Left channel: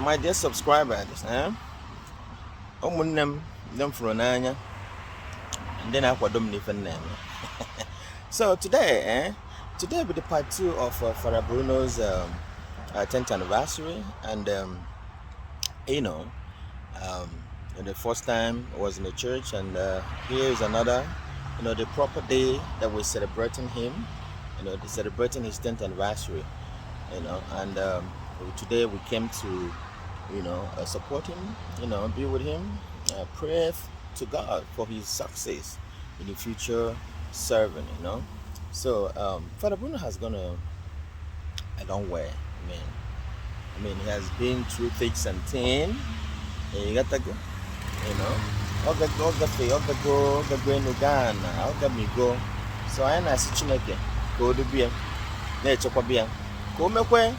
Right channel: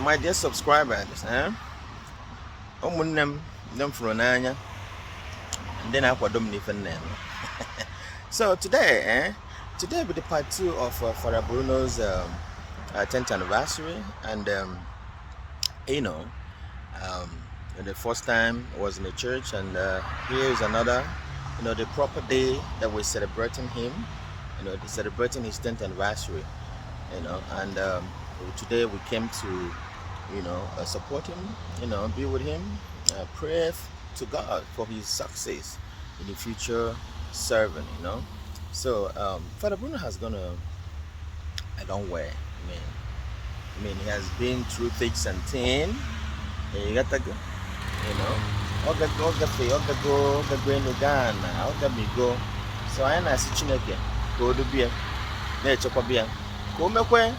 my dear subscribers, them from and then I got them different name. So today with the part 2 of Fr Bruno's 10th anniversary, and the first time I was in the church, and here is another, the proper day that we're celebrating him, celebrating his 10th anniversary, and today we came to, support him, be with him, pray to God for his success in the future serving, So Father Bruno has gone a long way. I mean, he has been through thick and thin. You got to go, so I na si Chineke ko do bia na echekwa bia ko mekwe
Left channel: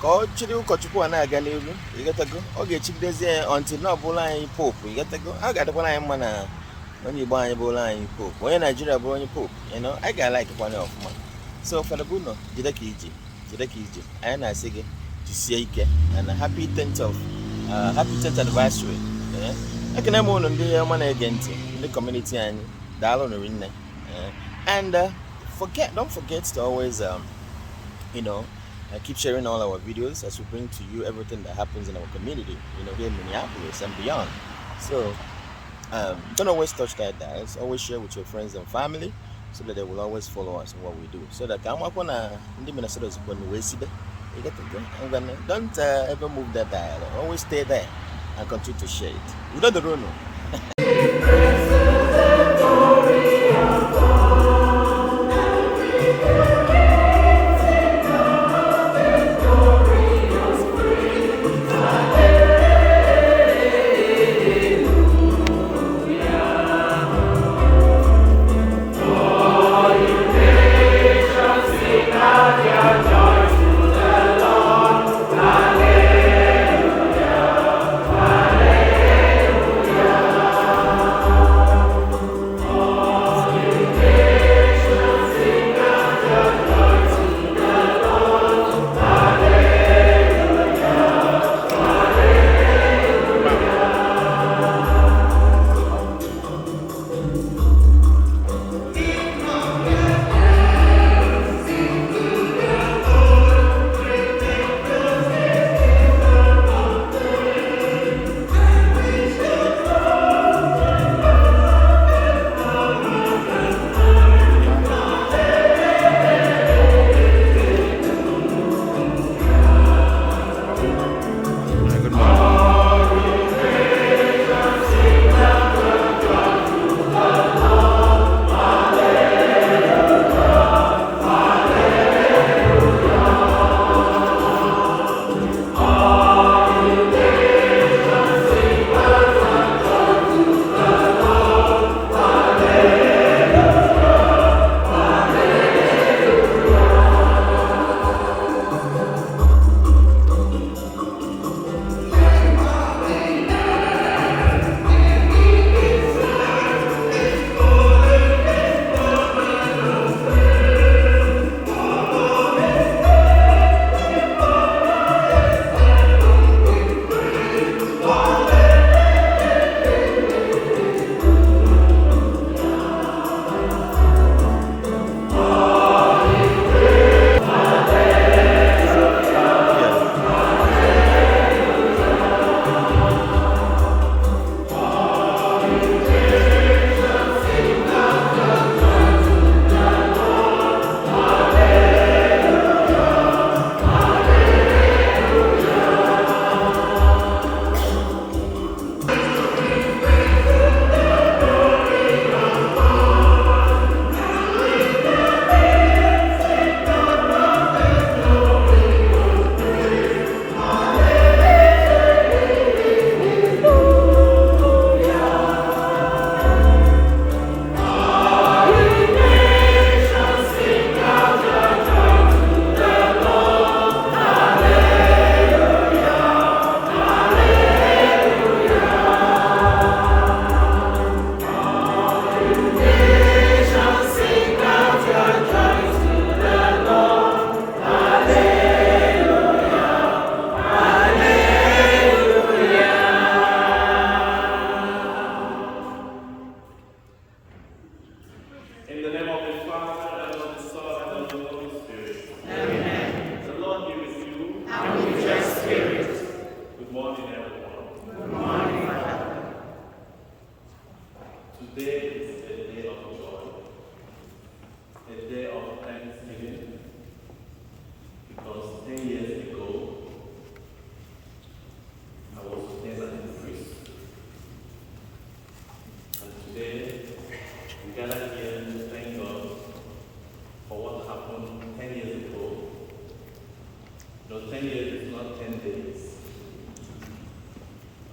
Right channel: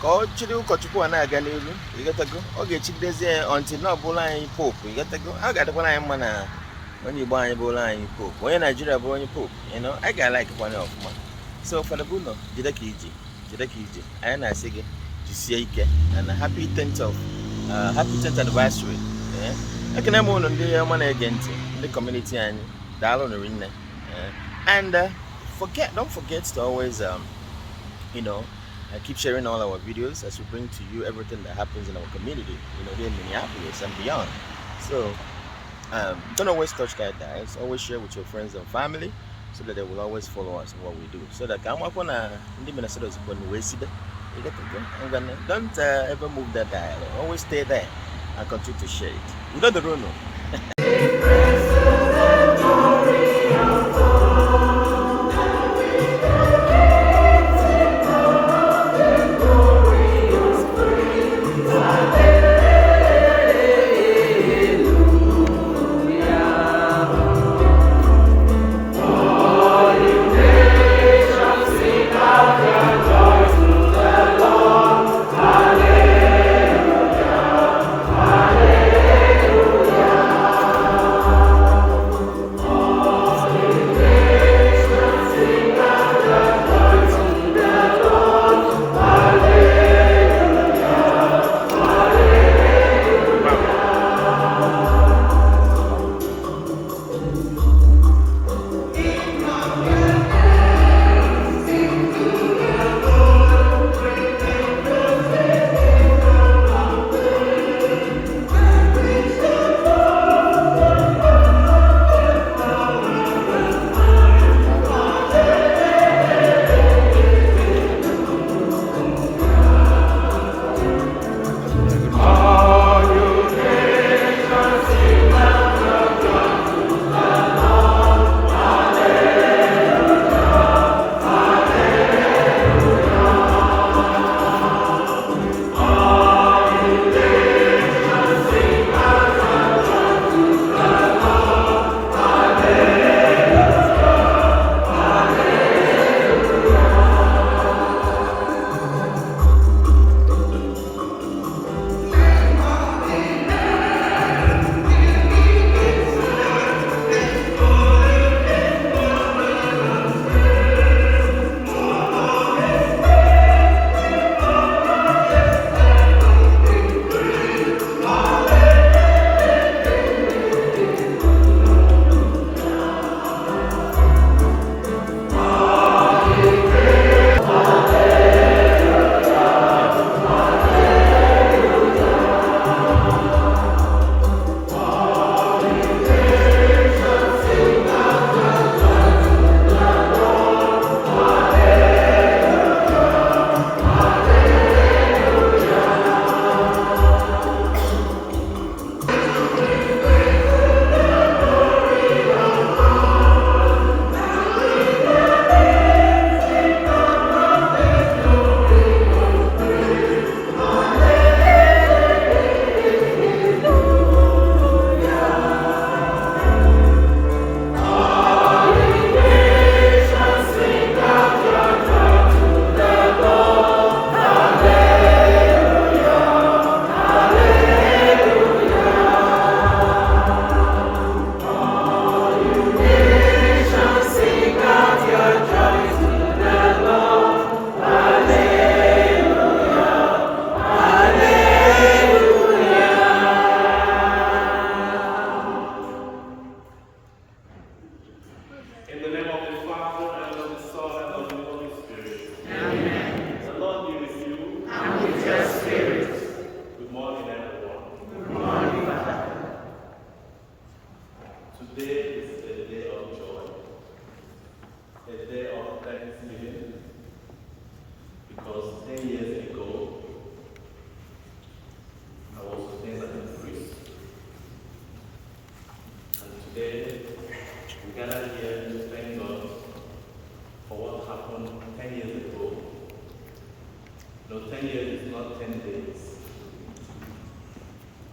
ko chiri ukochukwu na aga n'iru. You got to go. Oge chidezie until na bụla anyị pope. You got to go. I got to go na anyị mana onye Igbo anyị bụla anyị pope. Onye Nigeria bụ onye pope. I got like one of man. So Father Bruno, jide ka ije. I na asị gị jisie ike, and happy 10th anniversary. Ekene m unu ndị ọma na-ege ntị, ndị community anyị, daalụ nụ rinne. And don't forget to always keep sharing all our videos as we bring to you everything that happens in our community, here in Minneapolis and beyond. So don't always touch that dice. Always share with your friends and family, so that they will always follow us in what we do. So that Minnesota is going to waste it. Don't ever move that dial. Always stay there and continue to share it. We don't know.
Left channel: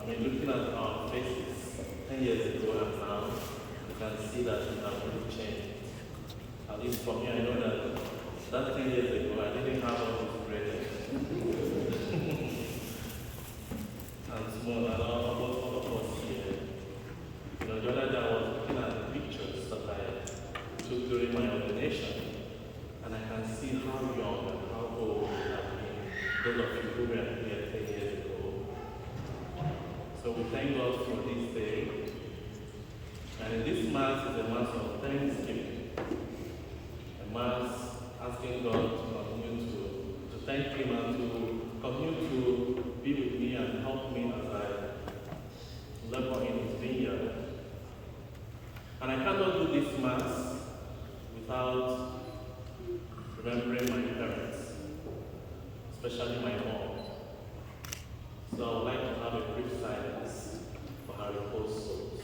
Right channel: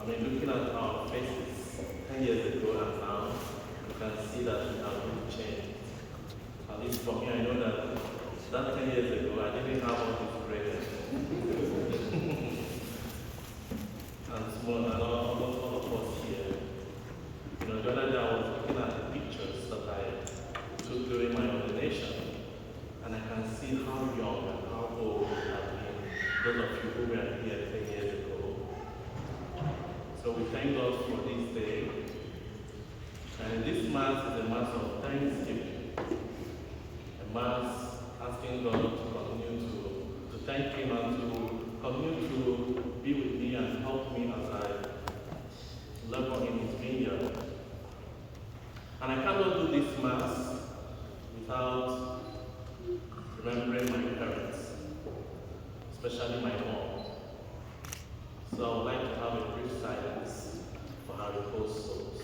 I mean, looking at our faces 10 years ago and now, you can see that we have really changed. At least for me, I know that 10 years ago, I didn't have all this prayer. And small, and almost all of us here. You know, the other day I was looking at the pictures that I took during my ordination, and I can see how young and how old I've been, those of you who were here 10 years ago. So we thank God for this day. And this Mass is a Mass of thanksgiving. A Mass asking God to continue to thank Him and to continue to be with me and help me as I labor in His vineyard. And I cannot do this Mass without remembering my parents, especially my mom. So I would like to have a brief silence for her reposed souls.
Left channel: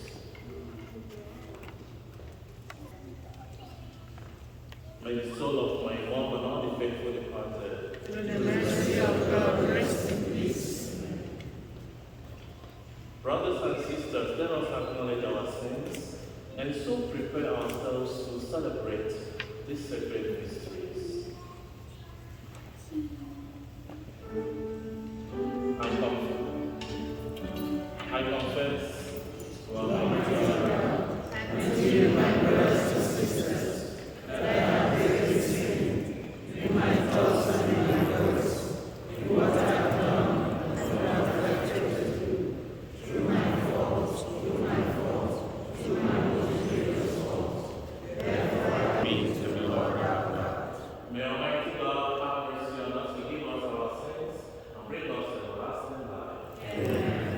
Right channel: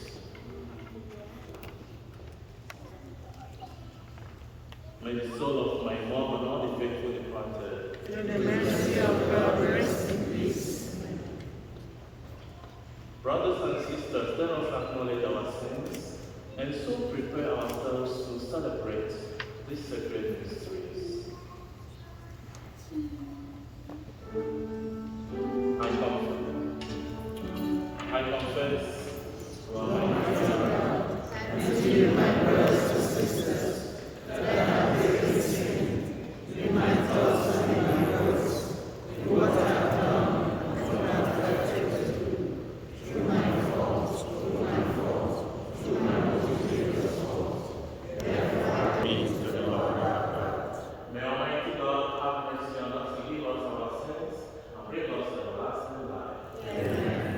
May the soul of my mom and all the faithful departed, through the mercy of God, rest in peace. brothers and sisters, let us acknowledge our sins and so prepare ourselves to celebrate these sacred mysteries. I confess to Almighty God And to you, my brothers and sisters, that I have greatly sinned in my thoughts and in my words, in what I have done and what I have neglected to do, through my fault, through my obligated fault. Therefore, Peace to the Lord our God. May Almighty God have mercy on us, forgive us our sins, and bring us to everlasting life. Amen.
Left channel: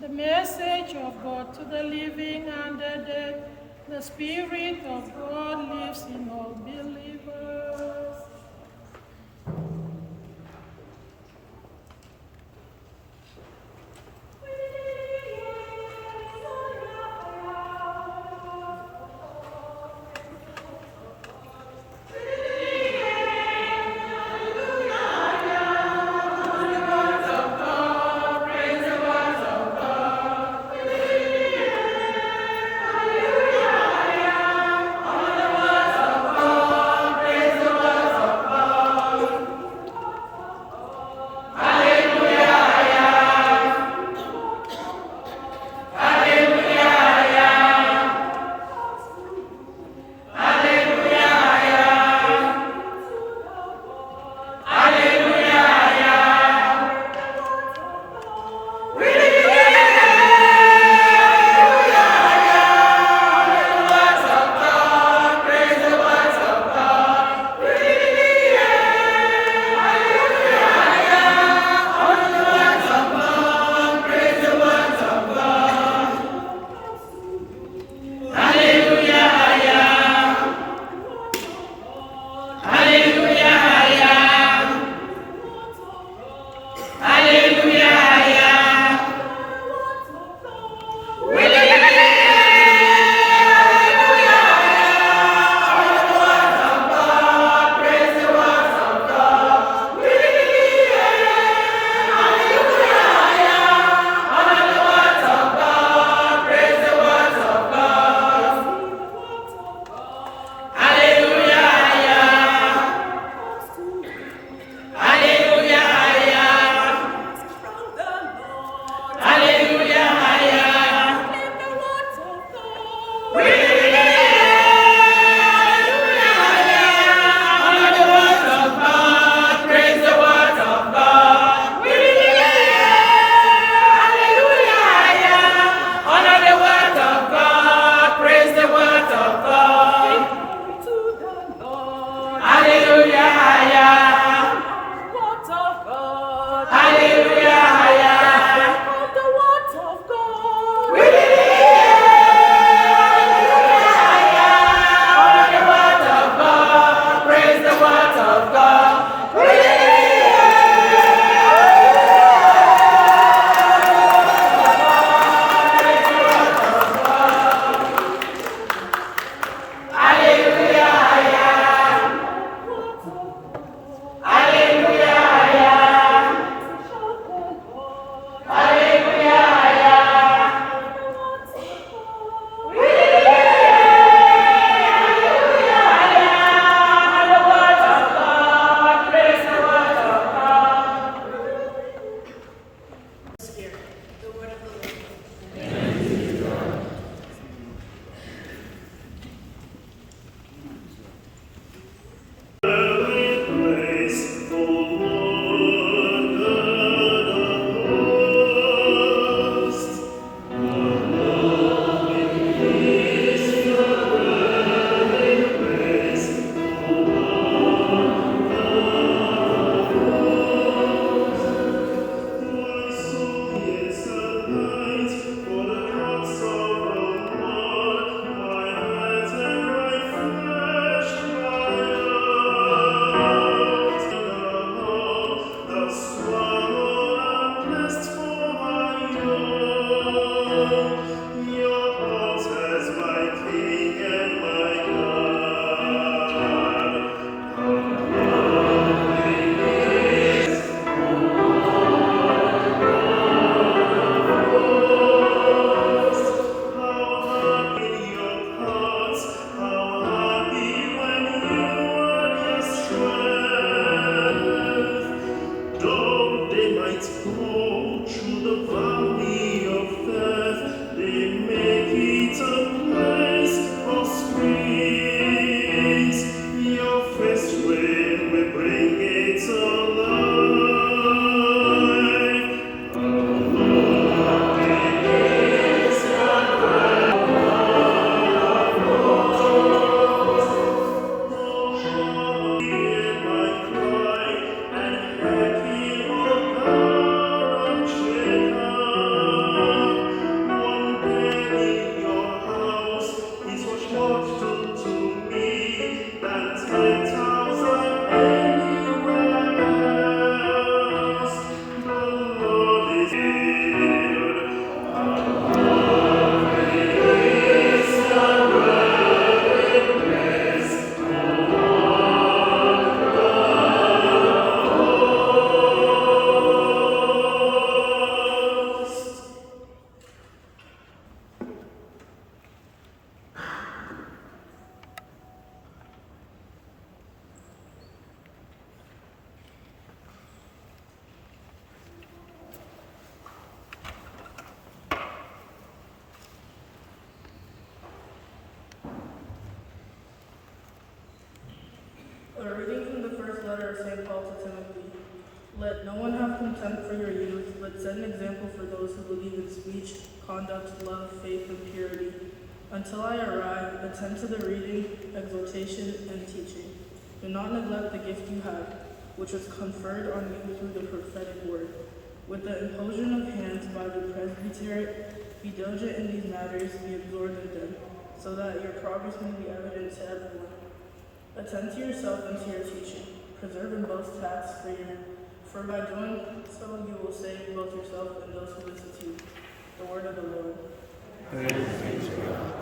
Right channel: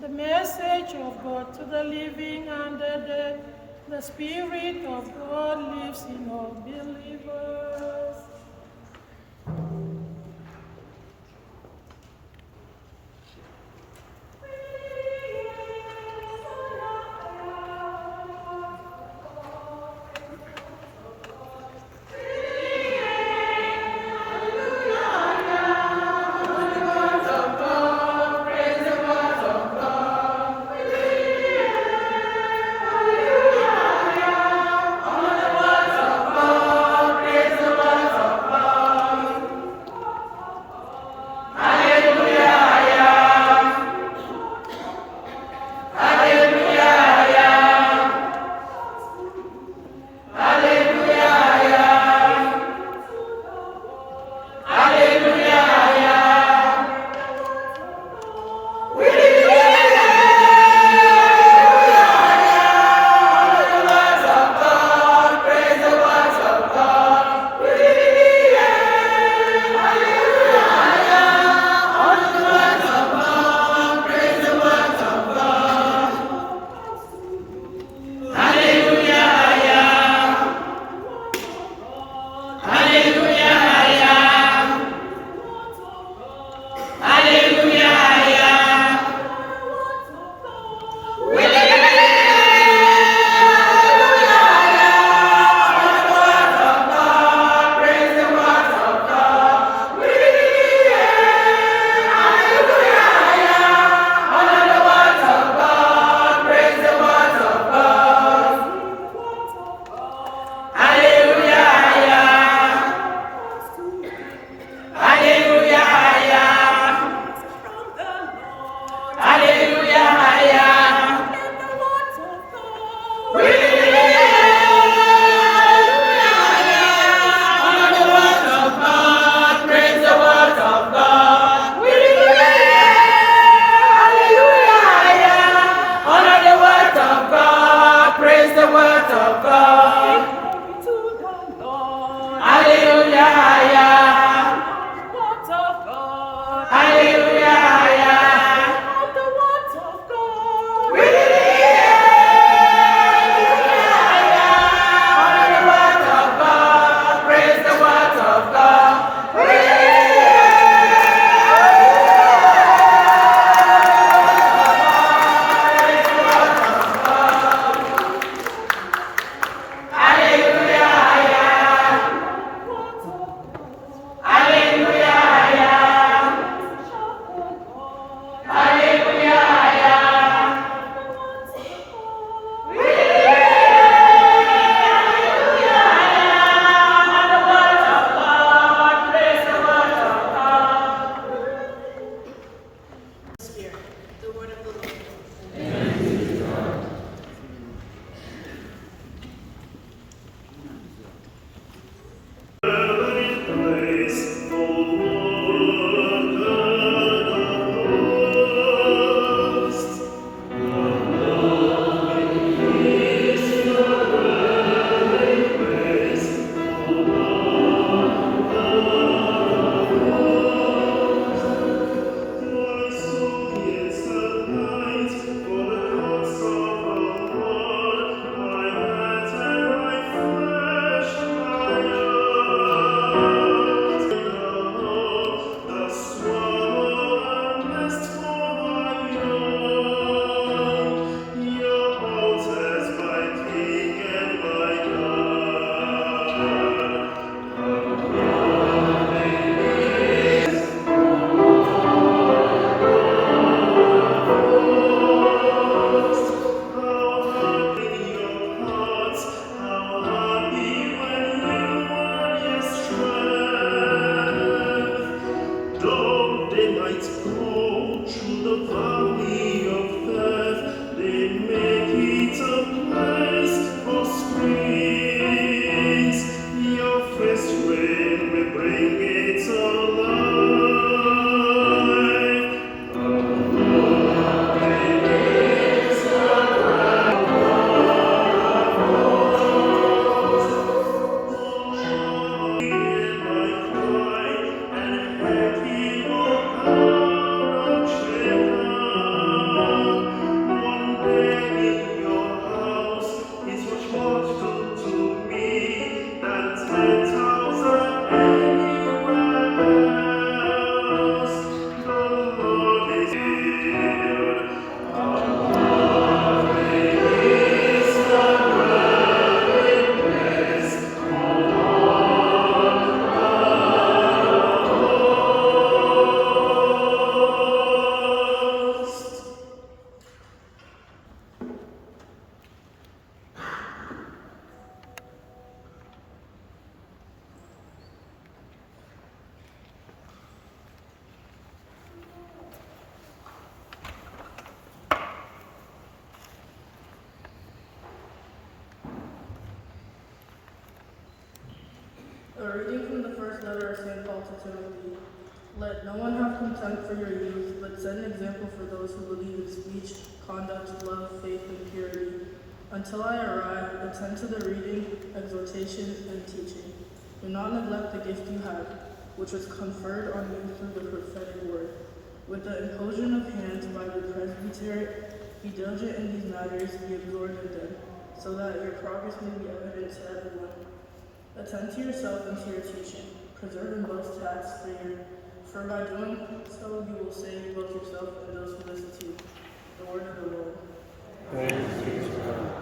the message of God to the living and the dead. The Spirit of God lives in all believers. Praise the Lord. A reading from the first letter of St. Paul to Timothy. Let no one have contempt for your youth, but set an example for those who believe in speech, conduct, love, faith, and purity. Until I arrive, attend to the reading, exhortation, and teaching. Do not neglect the gift you have, which was conferred on you through the prophetic word. With the imposition of hands by the presbyterate, be diligent in these matters, be absorbed in them, so that your progress may be evident to everyone. Attend to yourself and to your teaching. Preserve and both tasks for by doing so you will save both yourself and those who listen to you. The word of the Lord. Thanks be to God.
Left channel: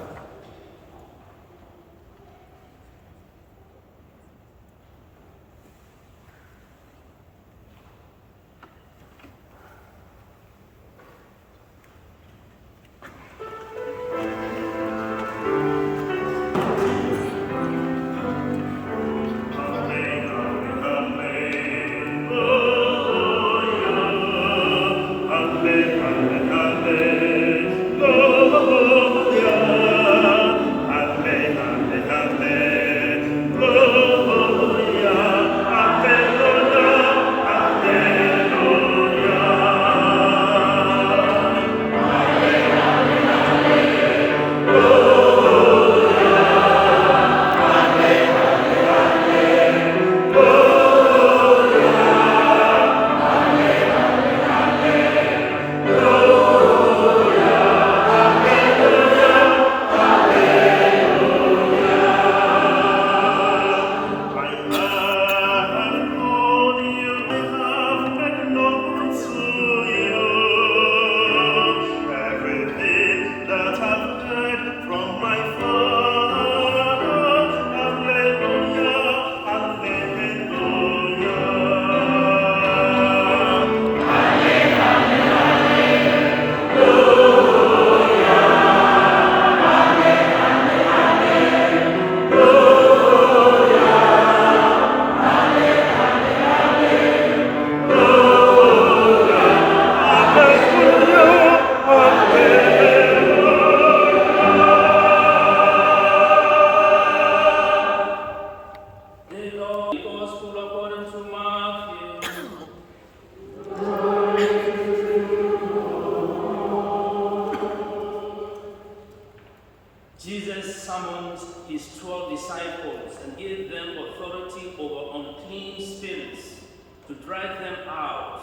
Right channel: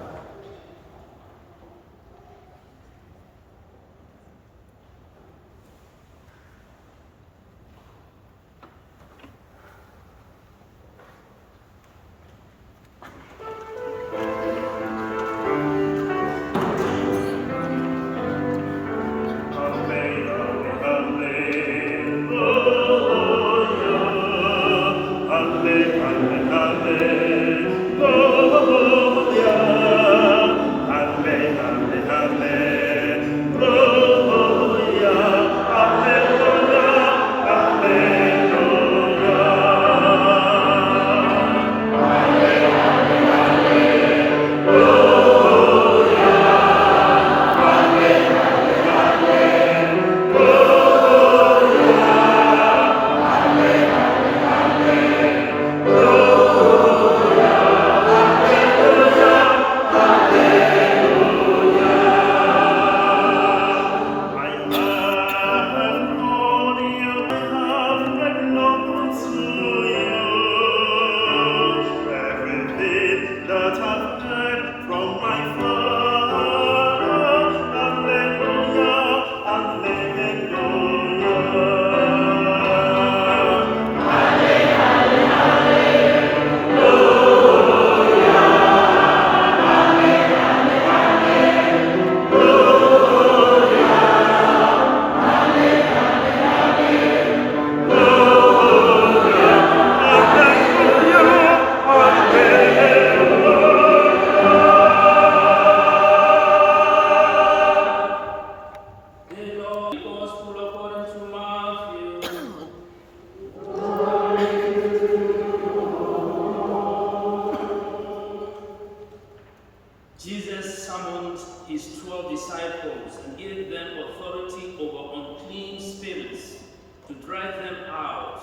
Jesus summoned his 12 disciples and gave them authority over unclean spirits to drive them out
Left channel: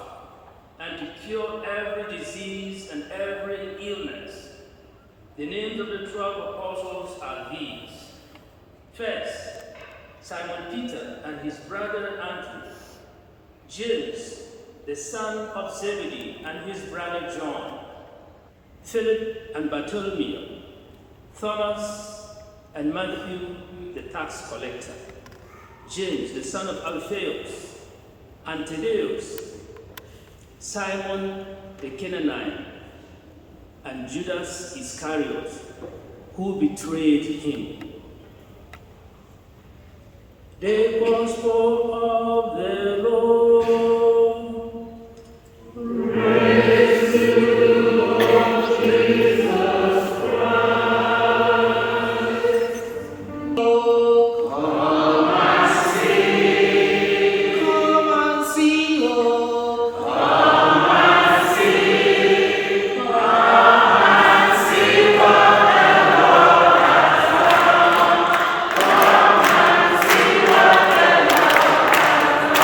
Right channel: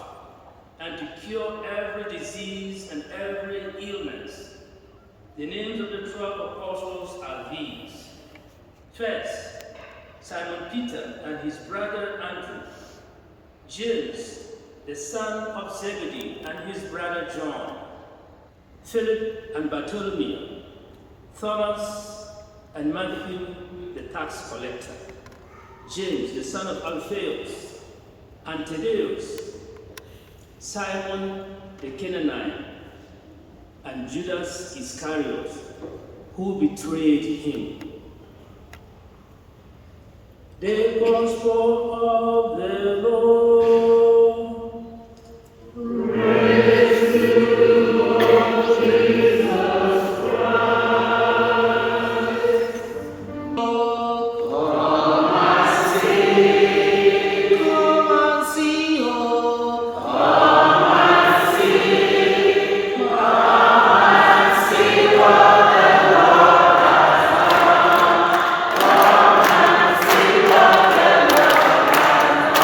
and to cure every disease and every illness. The names of the 12 apostles are these. First, Simon Peter and his brother Andrew, James, the son of Zebedee, and his brother John, Philip and Bartholomew, Thomas and Matthew, the tax collector, James, the son of Alphaeus, and Thaddeus, Simon the Canaanite, and Judas Iscariot, who betrayed him. The Gospel of the Lord. Praise to you, Lord Jesus Christ. Come and see. Come and see, oh. Come and see. Come and see what the Lord has done. Come and see what the Lord has done.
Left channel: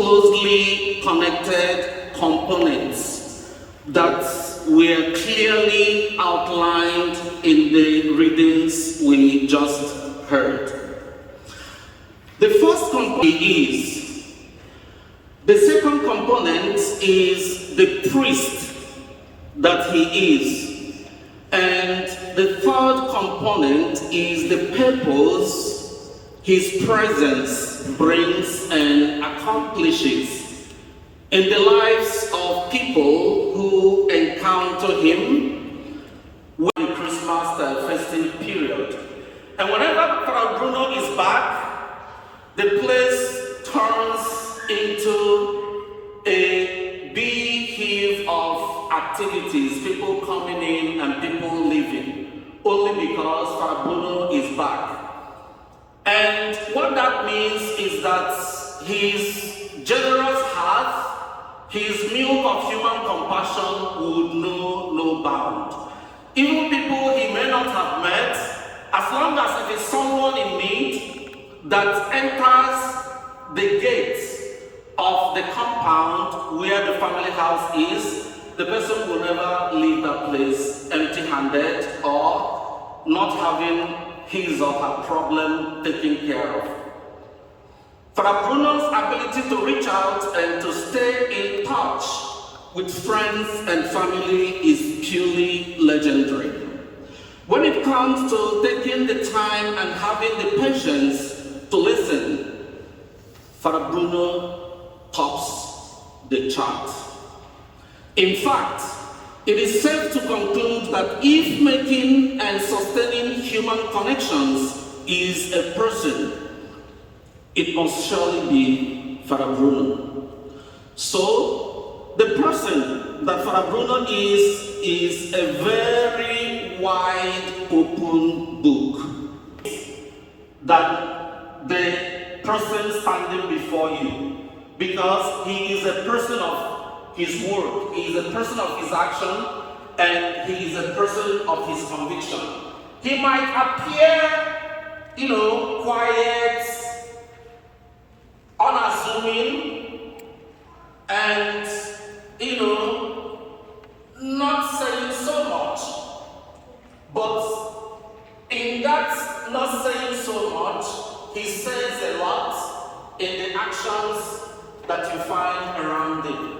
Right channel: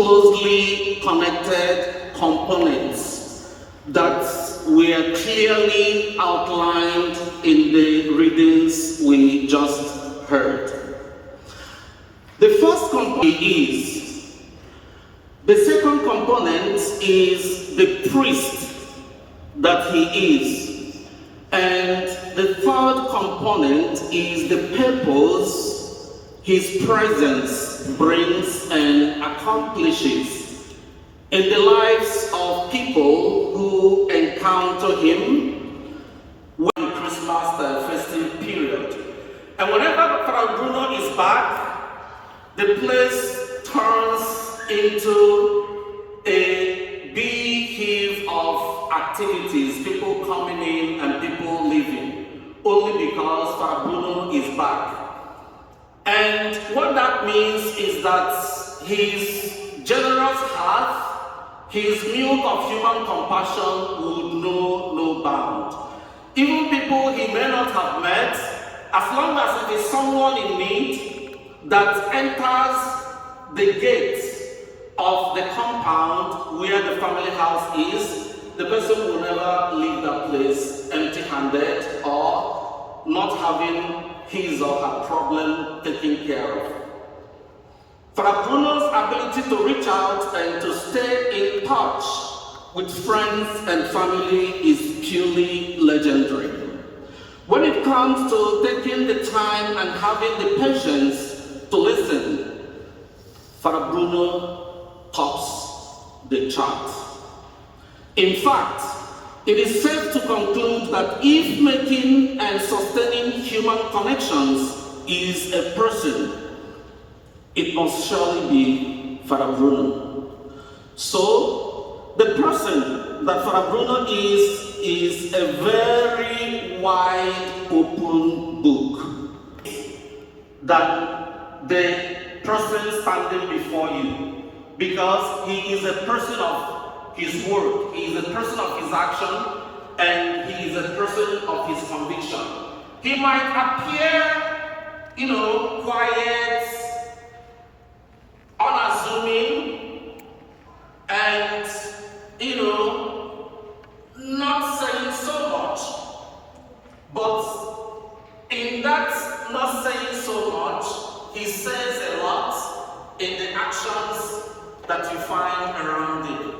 closely connected components that were clearly outlined in the readings we just heard. The first component is, the second component is the priest that he is, and the third component is the purpose his presence brings and accomplishes in the lives of people who encounter him when Christmas festive period. And whenever Fr Bruno is back, the place turns into a beehive of activities, people coming in and people leaving, only because Fr Bruno is back. And what that means is that his generous heart, his milk of human compassion would know no bound. Even people he may not have met, as long as it is someone in need that enters the gate of the compound where the family house is, the person will never leave that place empty-handed or not having his or her problem taken care of. Fr Bruno's ability to reach out and to stay in touch with friends and family is purely legendary. When it comes to taking the time and having the patience to listen, Fr Bruno tops the chart. In fact, it is safe to conclude that if making and sustaining human connections is a person, it must surely be Fr Bruno. So, the person that Fr Bruno is a very wide open book that the person standing before you, because he is a person of his word, he is a person of his action, and he is a person of his conviction. He might appear, quiet, unassuming, and, not saying so much. But in that not saying so much, he says a lot in the actions that you find around him.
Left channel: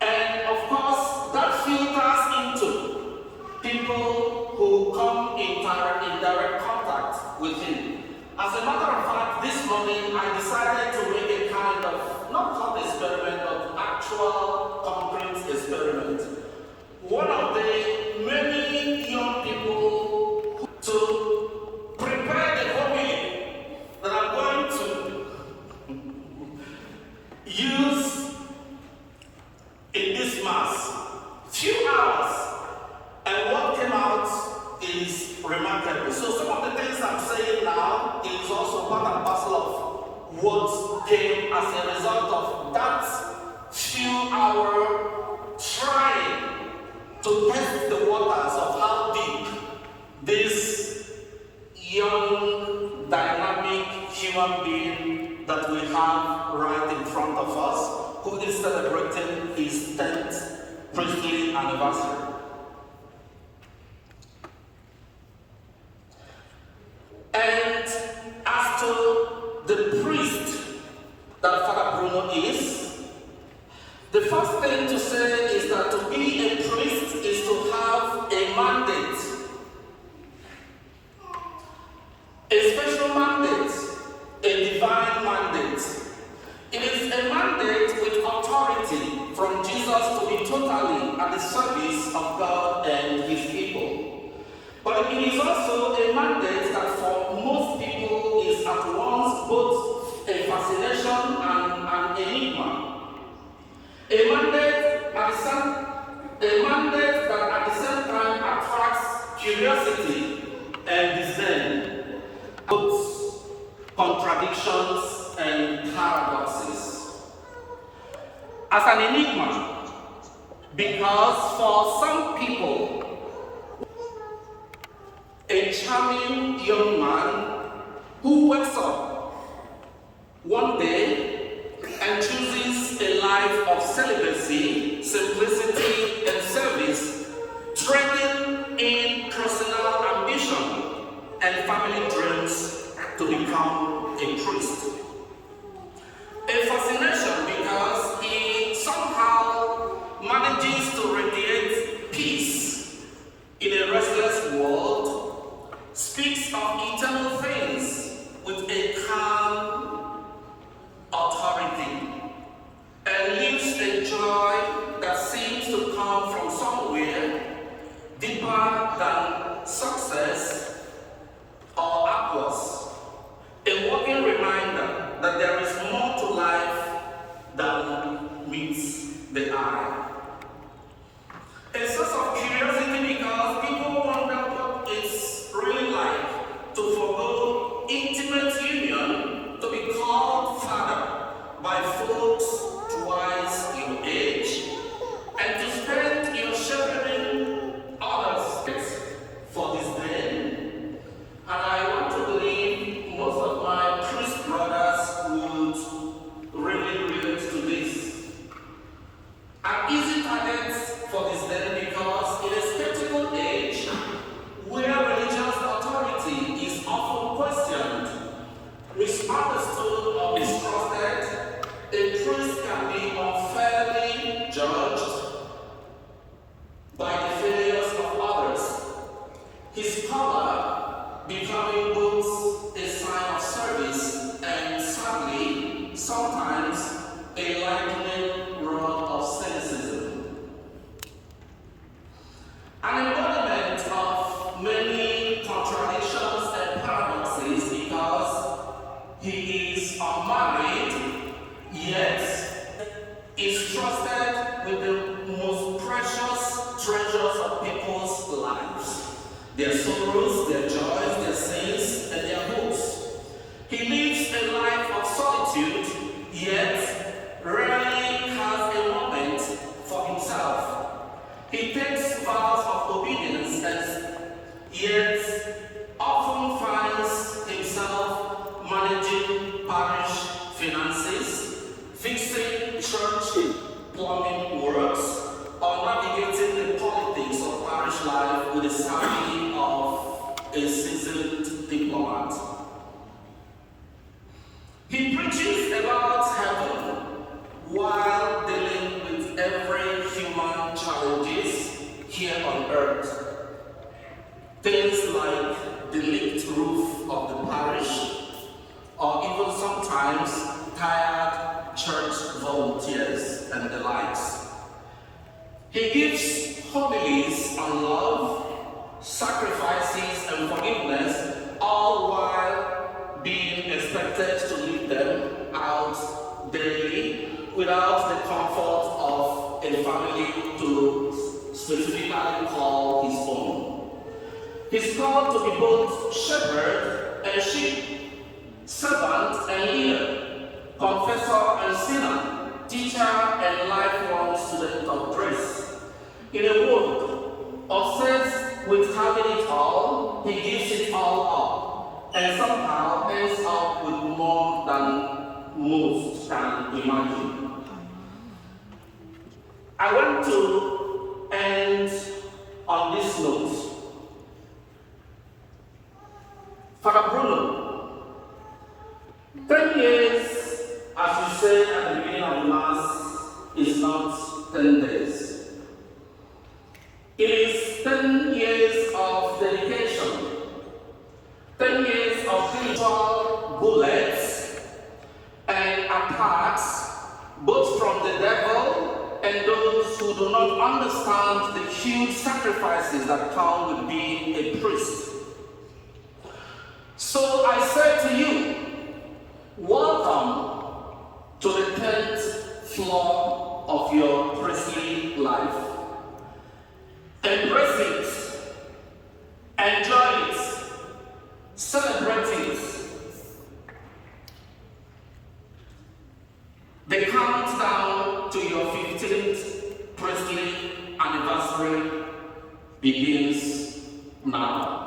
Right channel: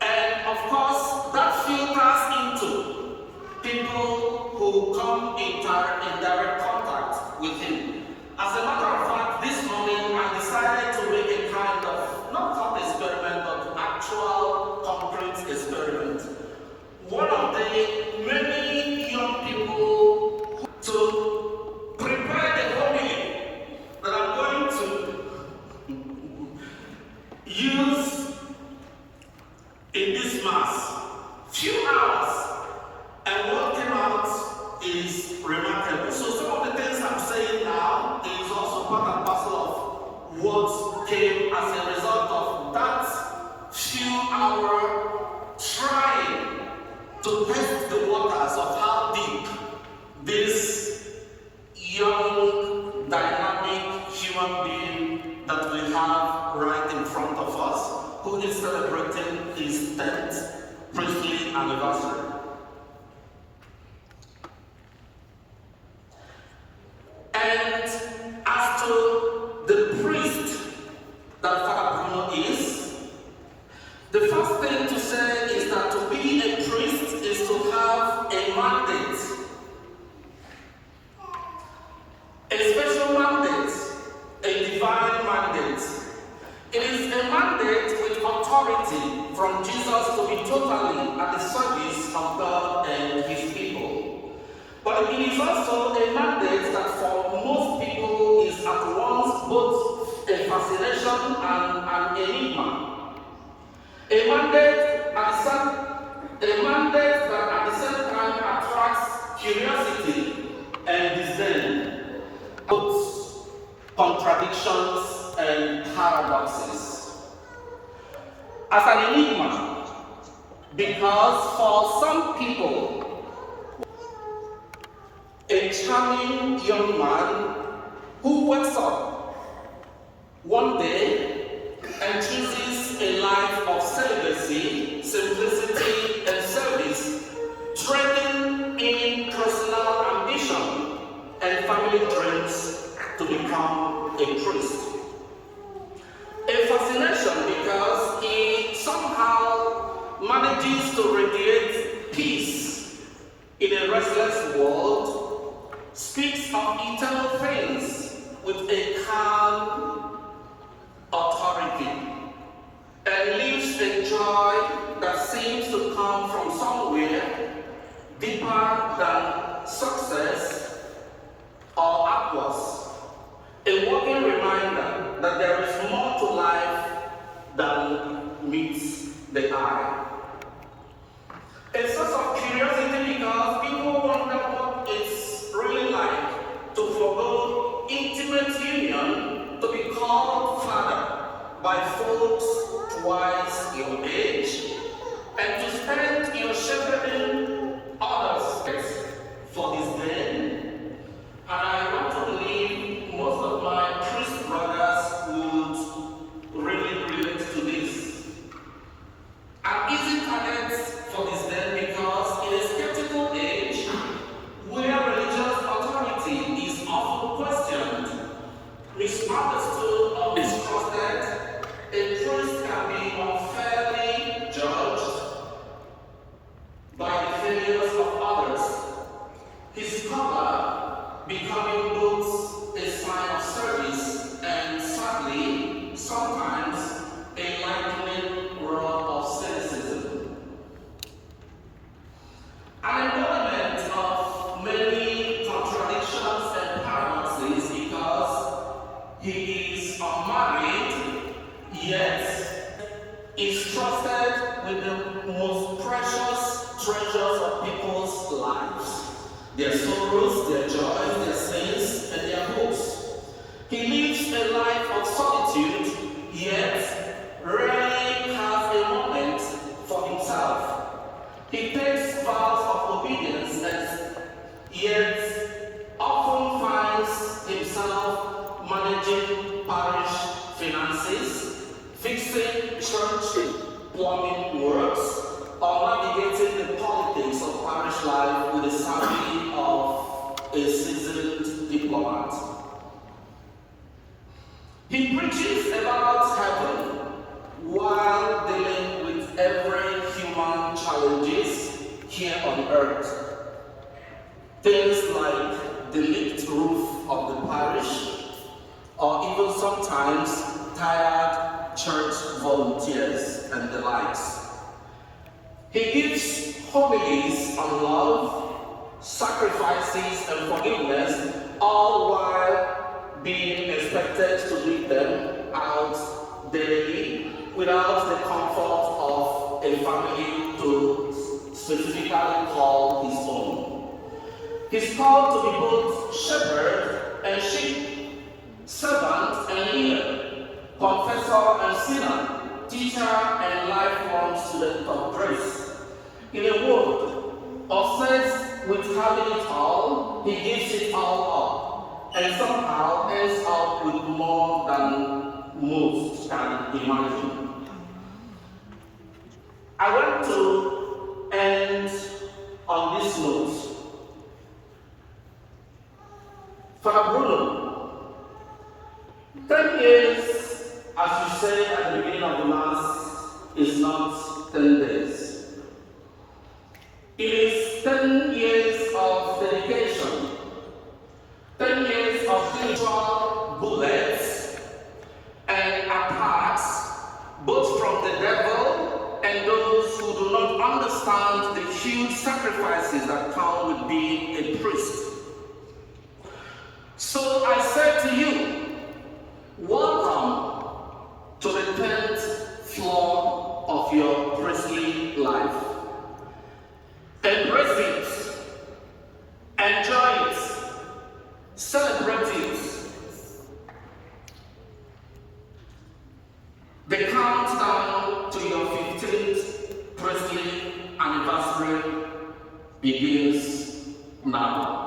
And of course, that filters into people who come in direct contact with him. As a matter of fact, this morning I decided to make a kind of, not called experiment, but actual concrete experiment. One of the many young people to prepare the homily that I'm going to use in this mass, few hours, and what came out is remarkable. So some of the things I'm saying now is also part and parcel of what came as a result of that few-hour trying to test the waters of how deep this young, dynamic human being that we have right in front of us, who is celebrating his 10th priestly anniversary. And as to the priest that Fr Bruno is, the first thing to say is that to be a priest is to have a mandate, a special mandate, a divine mandate. It is a mandate with authority from Jesus to be totally at the service of God and his people. But it is also a mandate that for most people is at once both a fascination and an enigma. A mandate that at the same time attracts curiosity and disdain, both contradictions and paradoxes. As an enigma, because for some people, a charming young man who wakes up one day and to become a priest. A fascination because he somehow manages to radiate peace in a restless world, speaks of eternal things with a calm authority, and lives a joy that seems to come from somewhere deeper than success or applause. A walking reminder that there is more to life than meets the eye. A source of curiosity because people wonder what it's really like to forgo intimate union to be called father by folks twice your age, and to spend your shepherding others for this day. And I want to believe most of my priest brothers would really relate to this. An easy target for this day because in a skeptical age where religious authority is often questioned, misunderstood, or mistrusted, a priest can be unfairly judged by the failures of others. His color becoming both a sign of service and, sadly, sometimes a lightning rod of cynicism. An embodiment of many contradictions and paradoxes because he is unmarried, yet is trusted with the most precious treasures of people's lives. Their sorrows, their joys, their sins, and their hopes. He lives a life of solitude, yet rarely has a moment for himself. He takes vows of obedience, and yet often finds himself managing parish finances, fixing church plumbing works, or navigating the politics of parish life with the savvy of a seasoned diplomat. He preaches about heaven while dealing with every human challenges here on earth. Things like the leaked roof of the parish, or even sometimes tired church volunteers and the likes. He gives homilies on love, sacrifices, and forgiveness, all while being expected to live them out daily without the comfort of a family to specifically call his own. He's called to be both shepherd and sheep, servant and leader, confessor and sinner, teacher and lifelong student of grace. In a word, obsessed with having it all, he gives it all up, and somehow ends up with more than most can imagine. I want to end on this note. Fr Bruno, 10 years, as you say at the beginning of the Mass, is not 10 days. It is 10 years of dedication, 10 years of spiritual bullets and attacks, both from the devil and those who do not understand the huge sacrifices that come with being a priest. So I say to you, welcome to the 10th floor of your priestly life. Embrace it, enjoy it, celebrate it. The countdown to your 15th priestly anniversary begins now.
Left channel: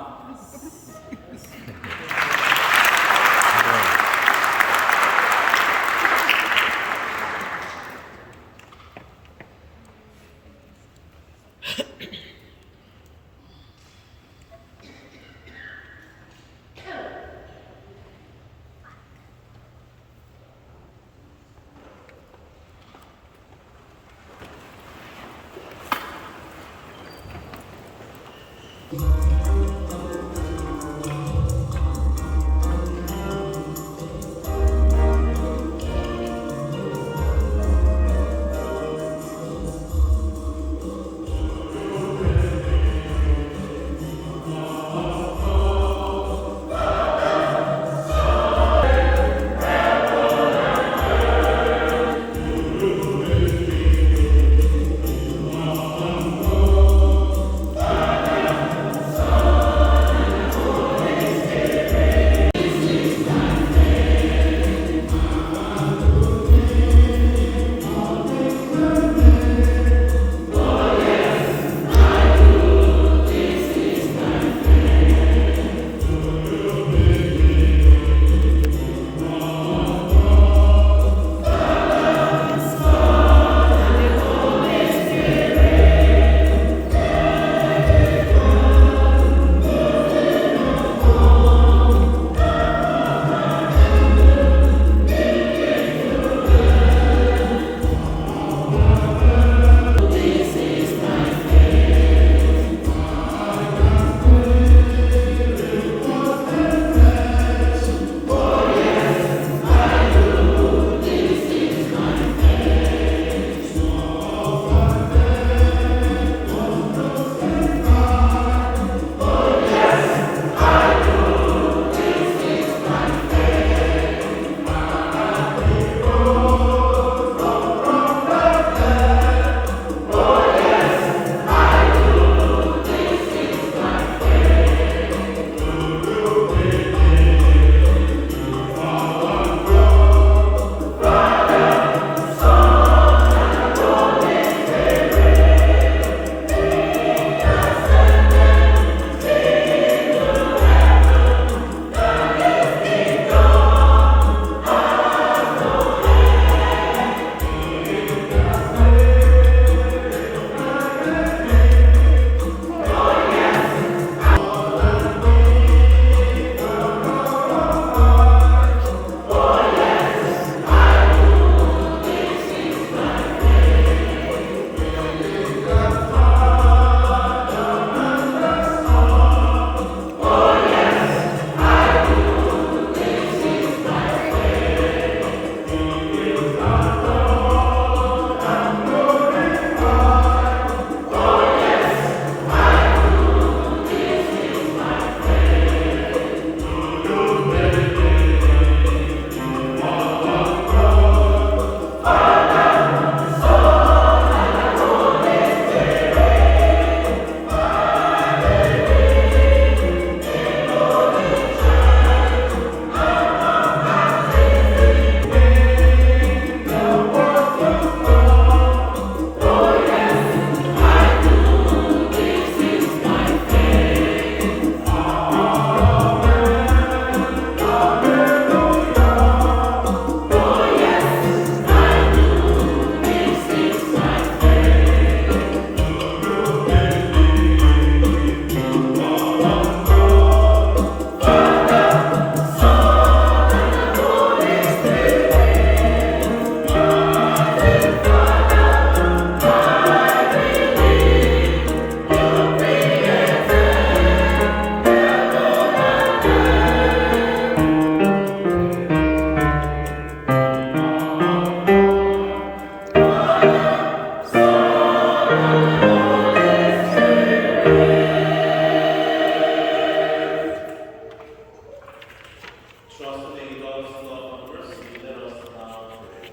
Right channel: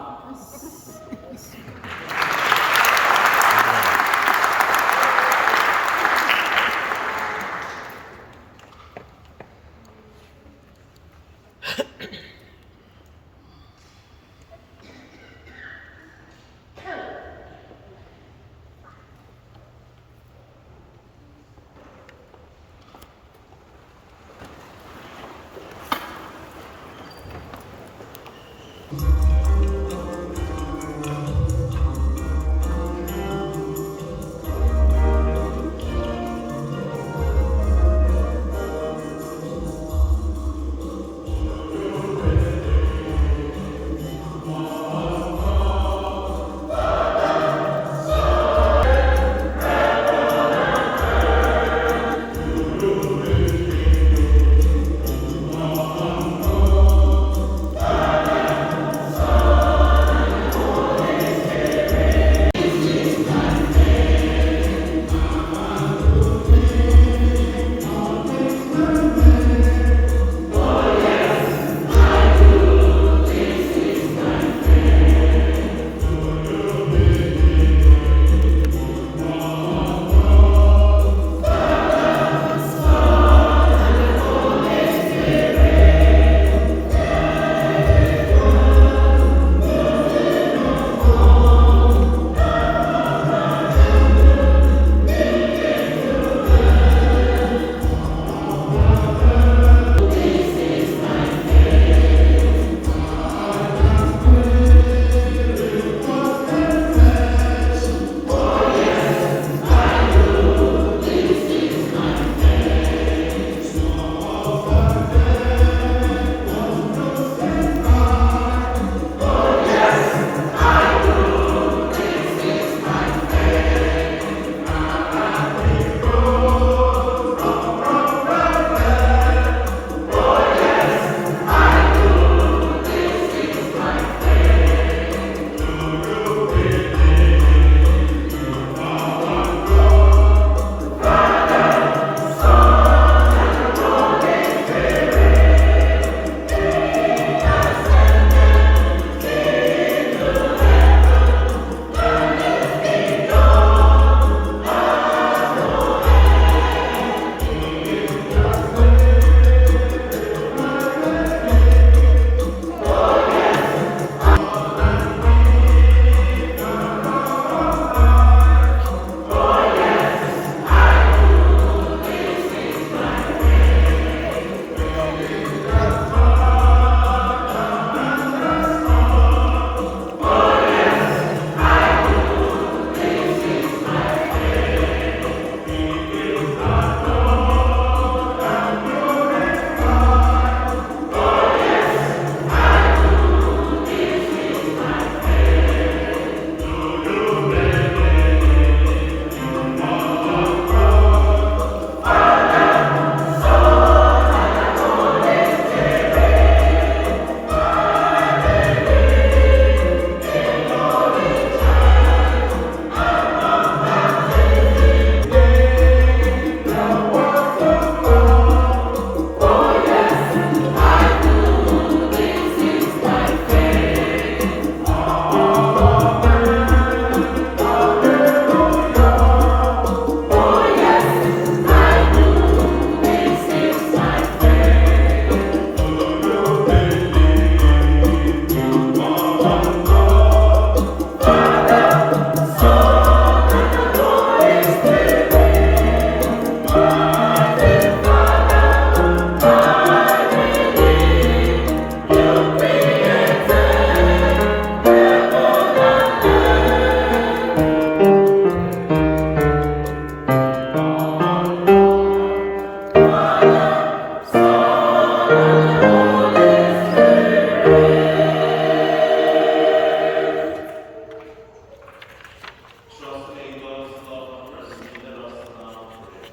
Trusting in God's love and mercy, let us now pray.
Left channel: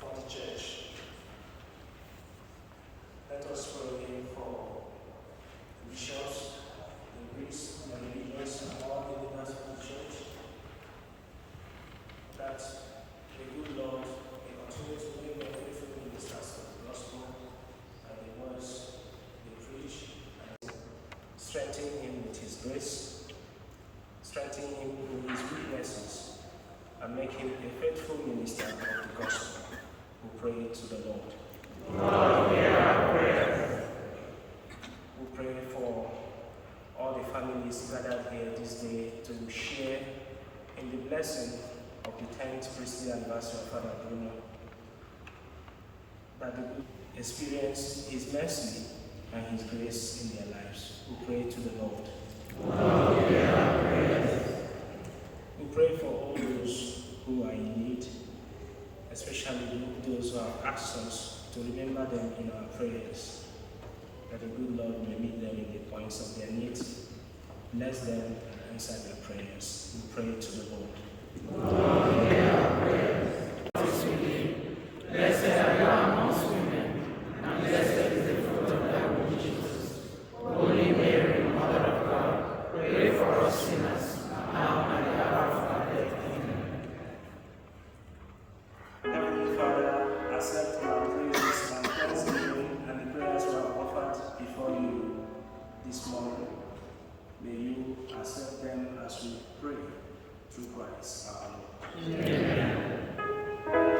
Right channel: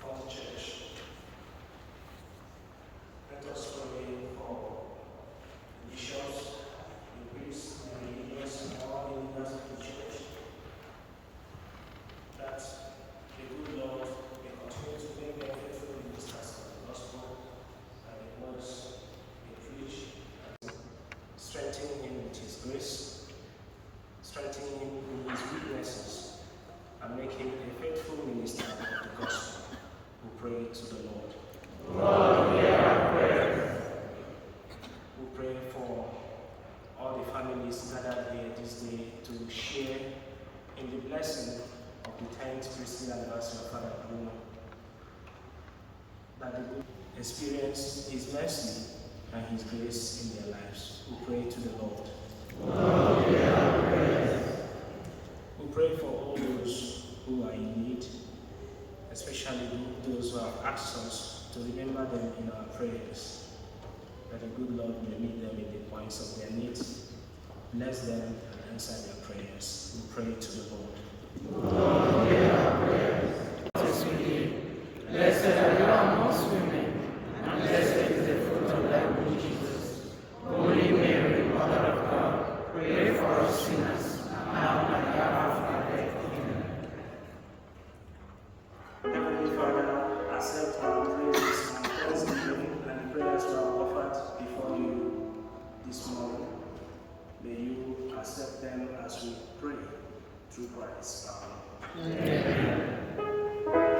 For the church, let us pray for bishops, the priests, the religious, and all believers of the church, that the good Lord may continue to bring their faithful ministers of the gospel and the words they preach, and strengthen him with his grace, strengthen him in his weaknesses, and make him a faithful minister of the gospel. We pray to the Lord. Lord, hear our prayer. We pray for all the families gathered here this day to share in the blessing of the 10th priestly anniversary of Father Bruno, that they will experience his mercy and his grace in their lives. We pray to the Lord. Lord, hear our prayer. We pray for all those who are in need, especially those who have asked us to remember them in our prayers, that the good Lord may meet them in the points of their needs, bless them and answer their prayers. We pray to the Lord. Lord, hear our prayer. Blessed are you amongst women, and blessed is the fruit of thy womb, Jesus. Holy Mary, Mother of God, pray for us sinners, now and at the hour of our death. Amen. Heavenly Father, accept our praises and thanksgiving and the prayers we have offered before you this morning. May you accept them as we pray through Christ our Lord. Amen. Amen.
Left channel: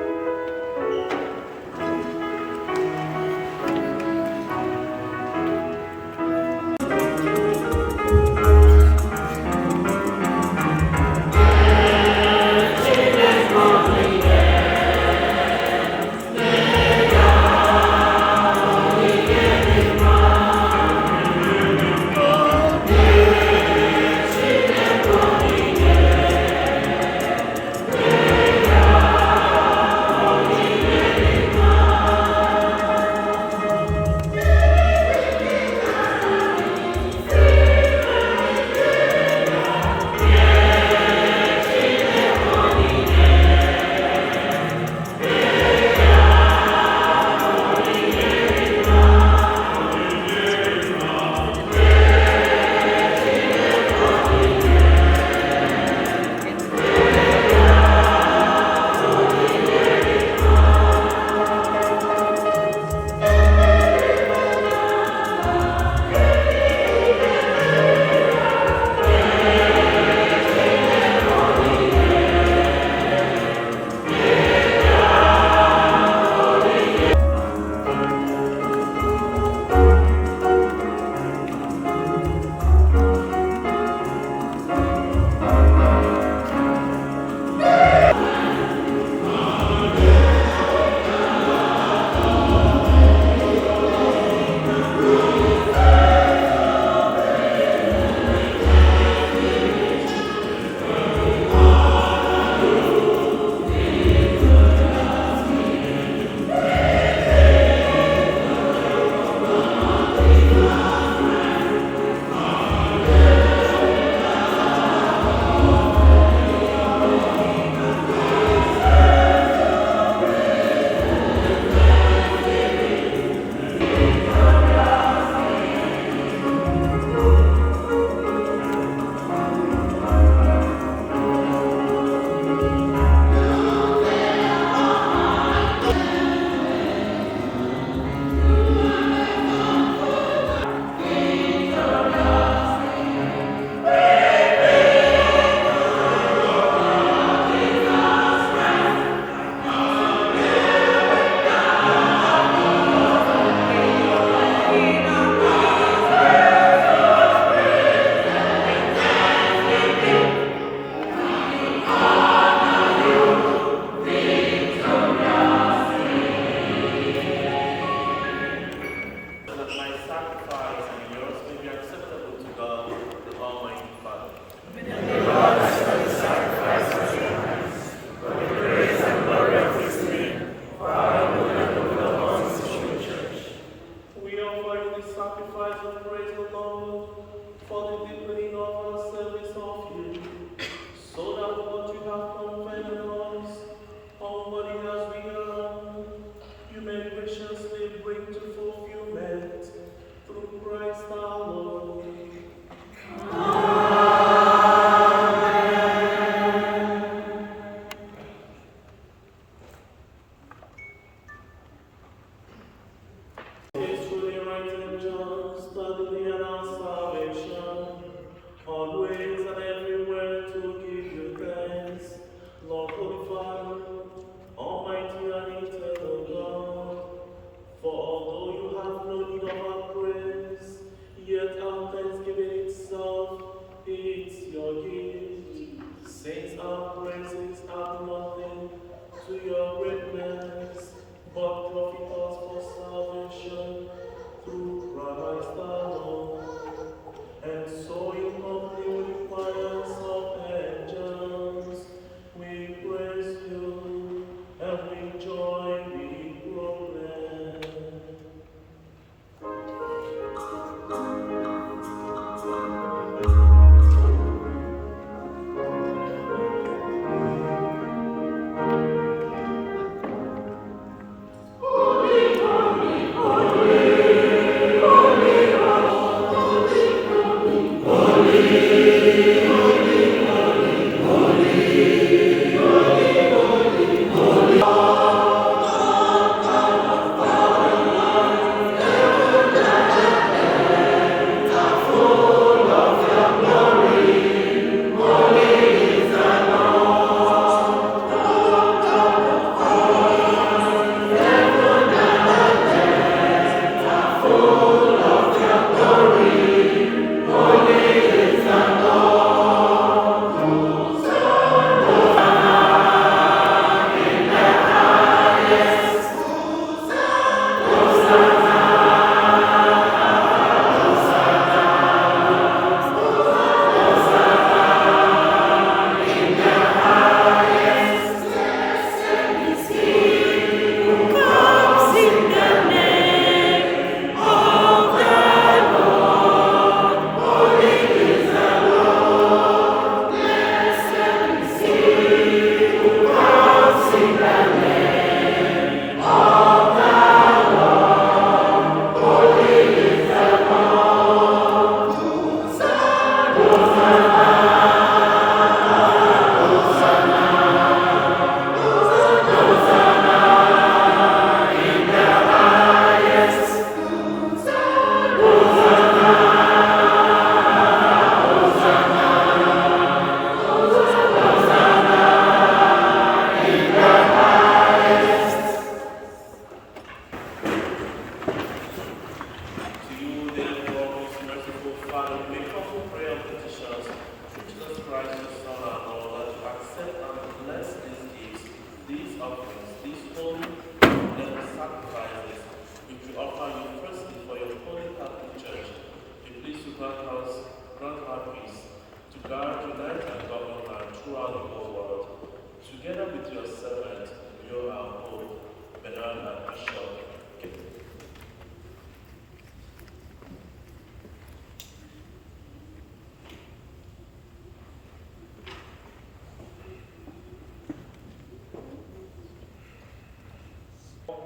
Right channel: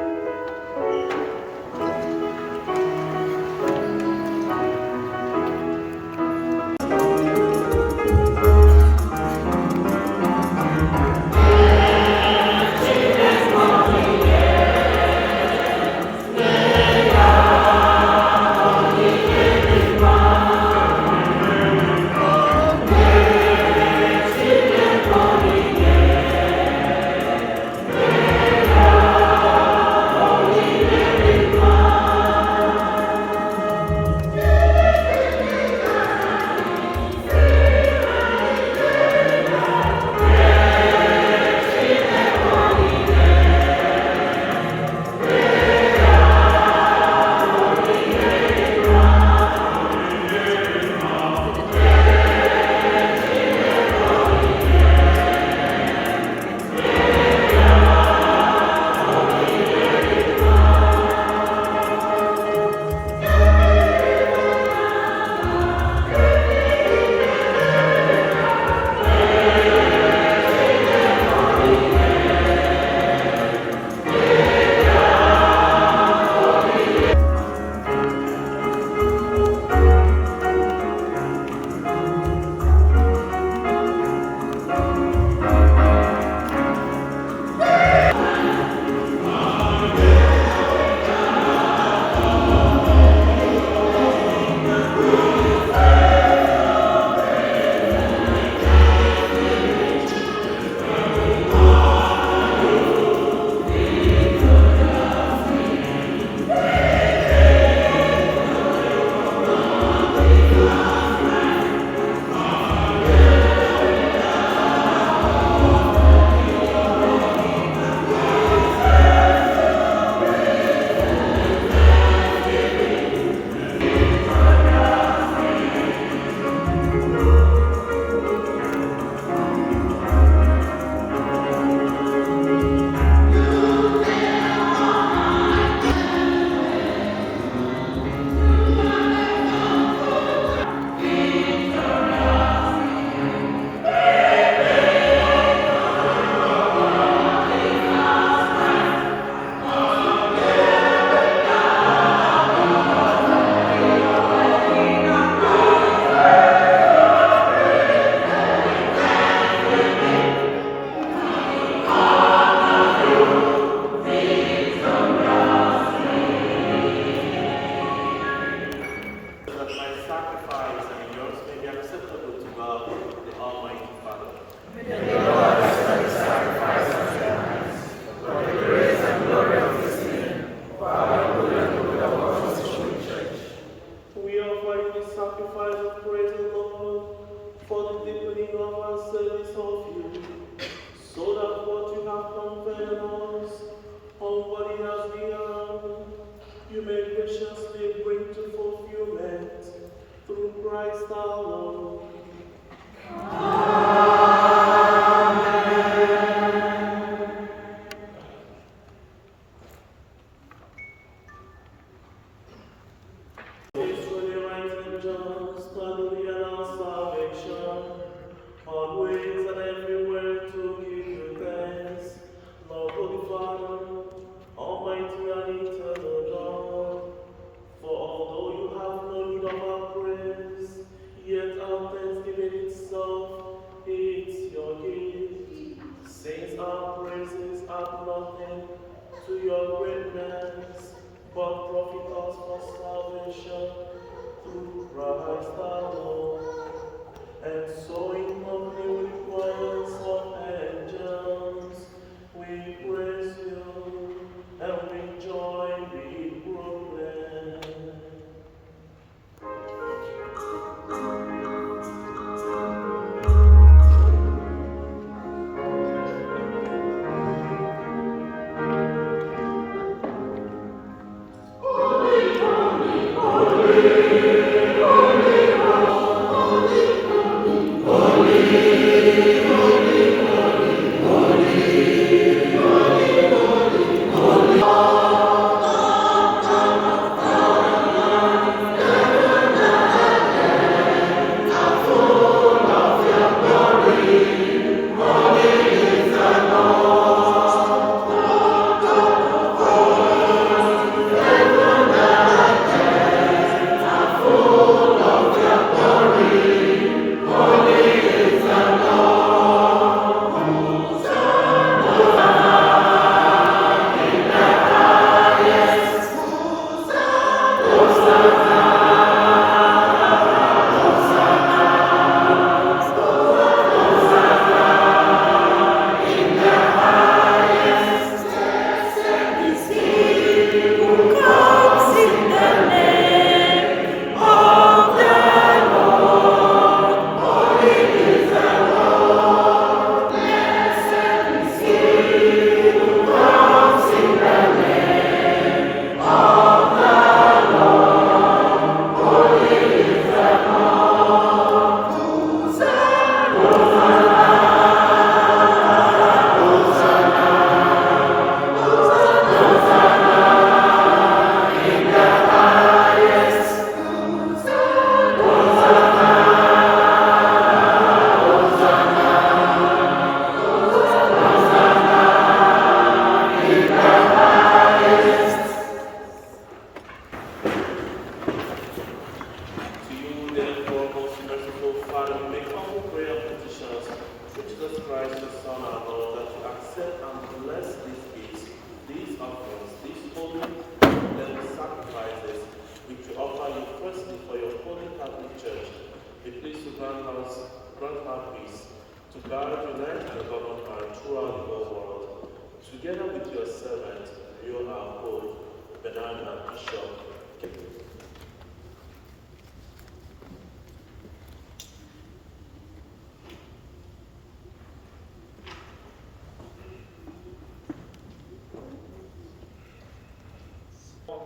and so in company with choirs of angels, we praise you, and we join the proclaim.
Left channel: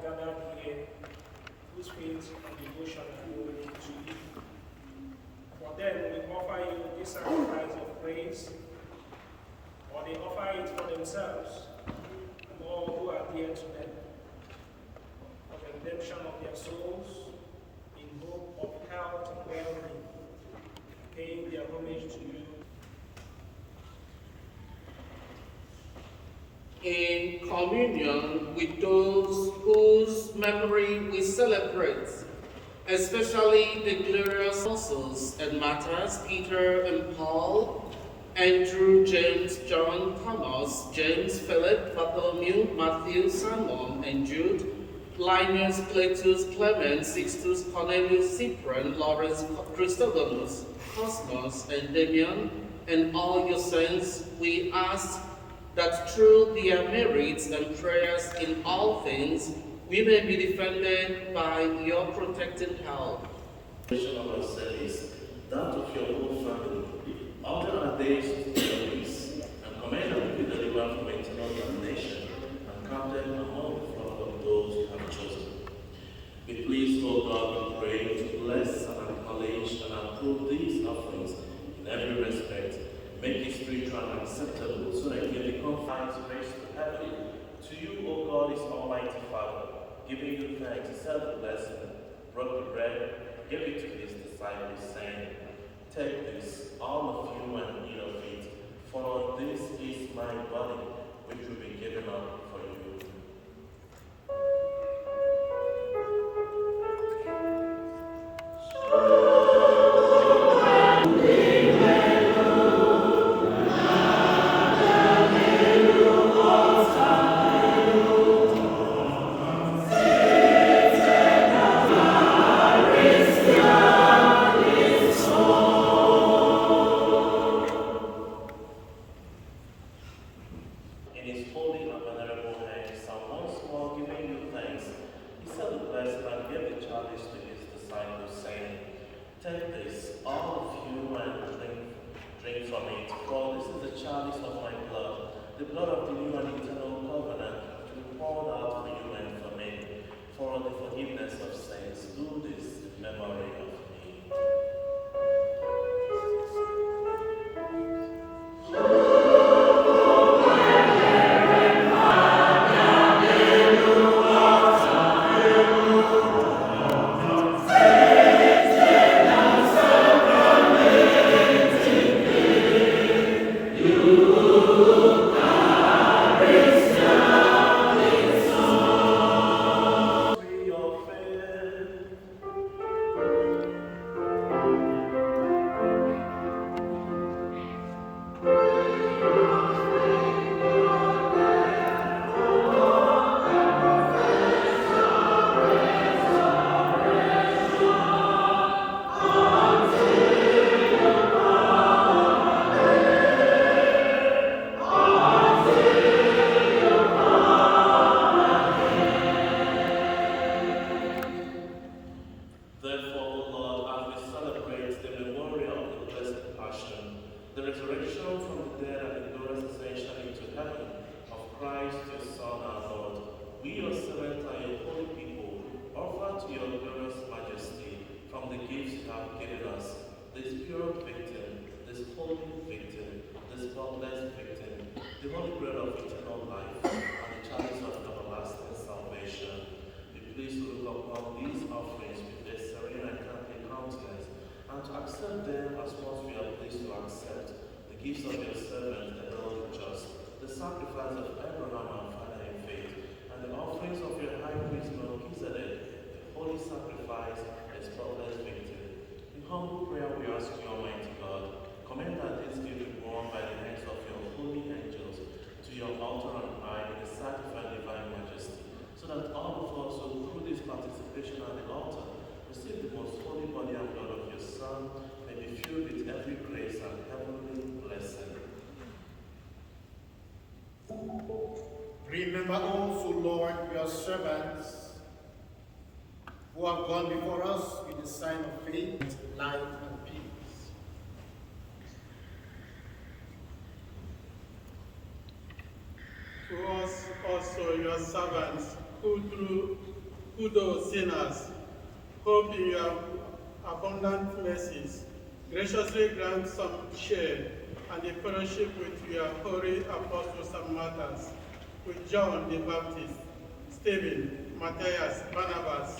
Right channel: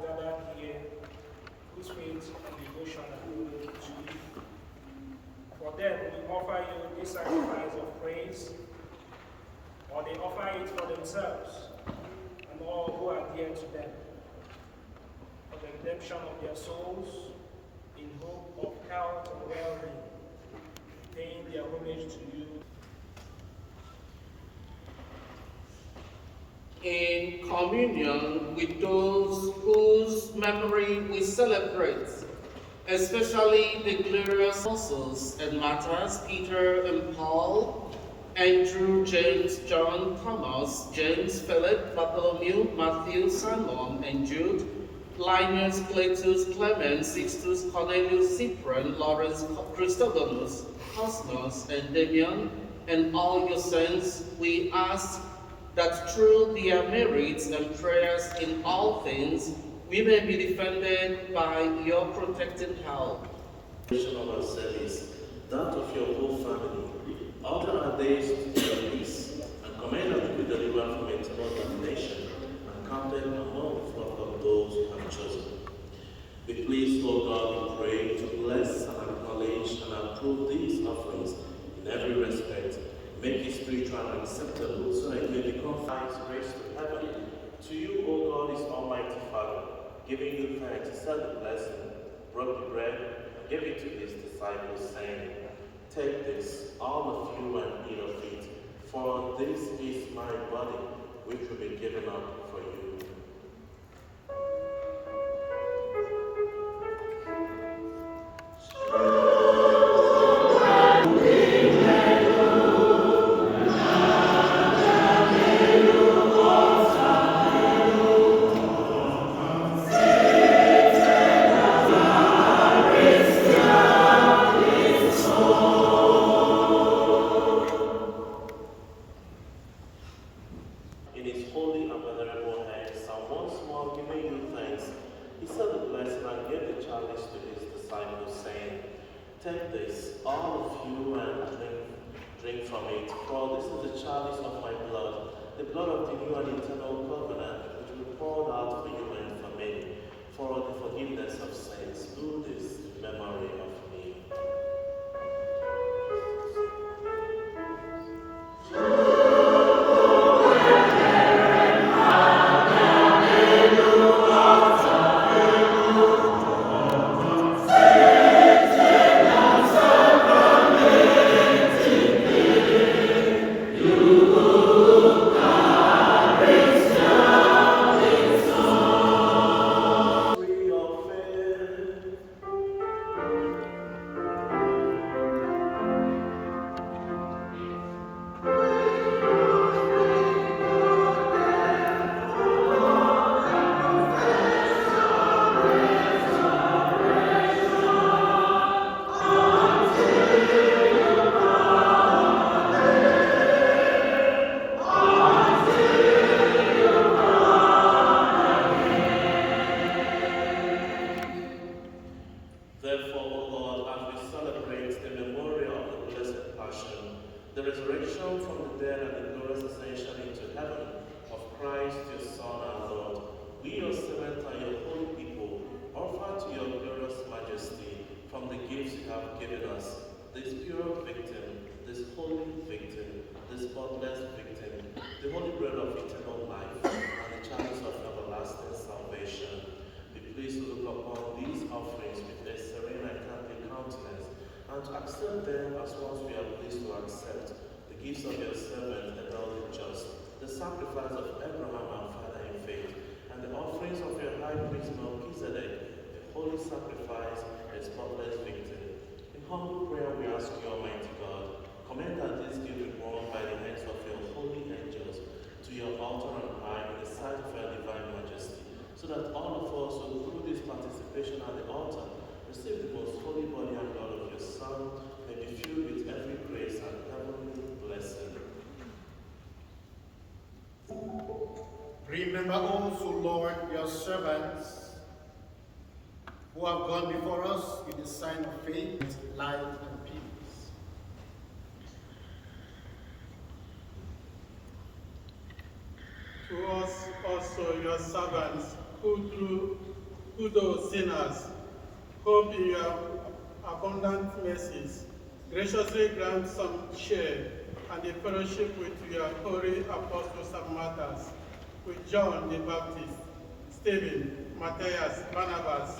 Gathered here, whose faith and devotion are unique to you. For them, we offer you this sacrifice of praise, or they offer it for themselves and all who are dear to them, for the redemption of their souls, in hope of health and well-being, paying their homage to you. In communion with those whose memory we celebrate, especially the glorious apostles and martyrs, Peter and Paul, Andrew, James, John, Thomas, James, Philip, Bartholomew, Matthew, Simon, and Jude, Linus, Cletus, Clement, Sixtus, Cornelius, Cyprian, Lawrence, Christogonus, Cosmos, and Damian, and all your saints, we ask that through their merits and prayers in all things, we may be defended by your protecting help. Of our service, that of your whole family, order our days to your peace, and command us to be delivered from eternal damnation, and count them among the flock of those you have chosen. Be pleased, O God, we pray, to bless and acknowledge and approve these offerings in every respect. Make it spiritual and acceptable, so that it may become thanks raised to heaven. To you, O God, is Almighty Father, giving you thanks, he said the blessing, broke the bread, gave it to his disciples, saying, take this, all of you, and eat of it, for this is my body, which will be given up for you. Oh chalice of my blood, the blood of the new and eternal covenant, which will be poured out for you and for me, for the forgiveness of sins. Do this in memory of me. Therefore, O Lord, as we celebrate the memorial of the Blessed Passion, the resurrection from the dead and the glorious ascension into heaven of Christ, your Son, our Lord, we, your servants and your holy people, offer to your glorious majesty from the gifts you have given us, this pure victim, this holy victim, this spotless victim, the holy bread of eternal life, and the chalice of everlasting salvation. Be pleased to look upon these offerings with a serene and kindly countenance, and to accept them as once we are pleased to accept the gifts of your servant and all the just, the sacrifice of Abraham our father in faith, and the offerings of your high priest Melchizedek, the holy sacrifice, a spotless victim. In humble prayer we ask you, Almighty God, commend that this gift be borne by the hands of your holy angels to your altar and high in the sight of your divine majesty, so that all of us who through this participation at the altar receive the most holy body and blood of your Son may be filled with every grace and heavenly blessing. Remember also, Lord, your servants who have gone before us with the sign of faith, life, and peace. To us also, your servants, who though sinners, hope in your abundant mercies, graciously grant some share and the fellowship with your holy apostles and martyrs, with John the Baptist, Stephen, Matthias, Barnabas,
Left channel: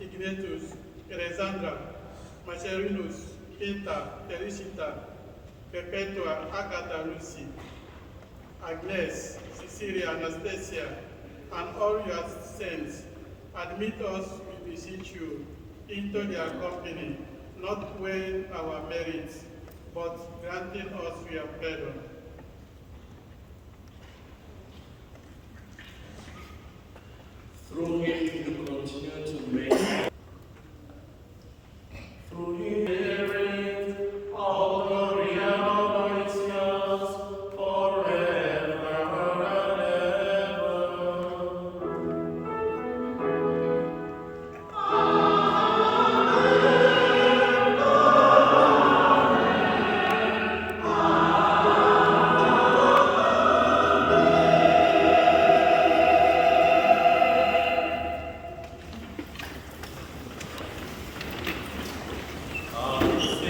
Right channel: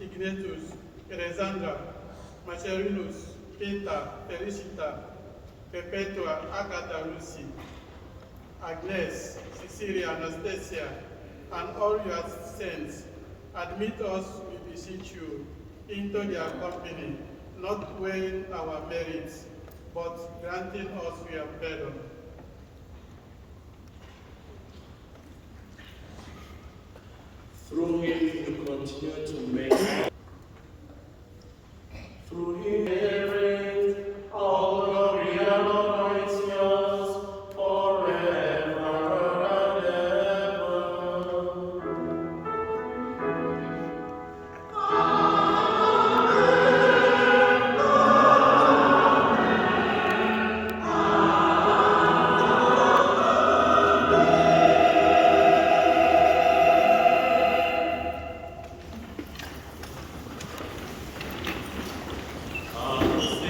Ignatius, Alexandra, Macerinus, Peter, Felicita, Perpetua, Agatha, Lucy, Agnes, Cecilia, Anastasia, and all your saints. Admit us, we beseech you, into their company, not weighing our merits, but granting us your pardon. Through him you continue to reign. Through him you reign. All glory and honor is yours forever and ever. Amen.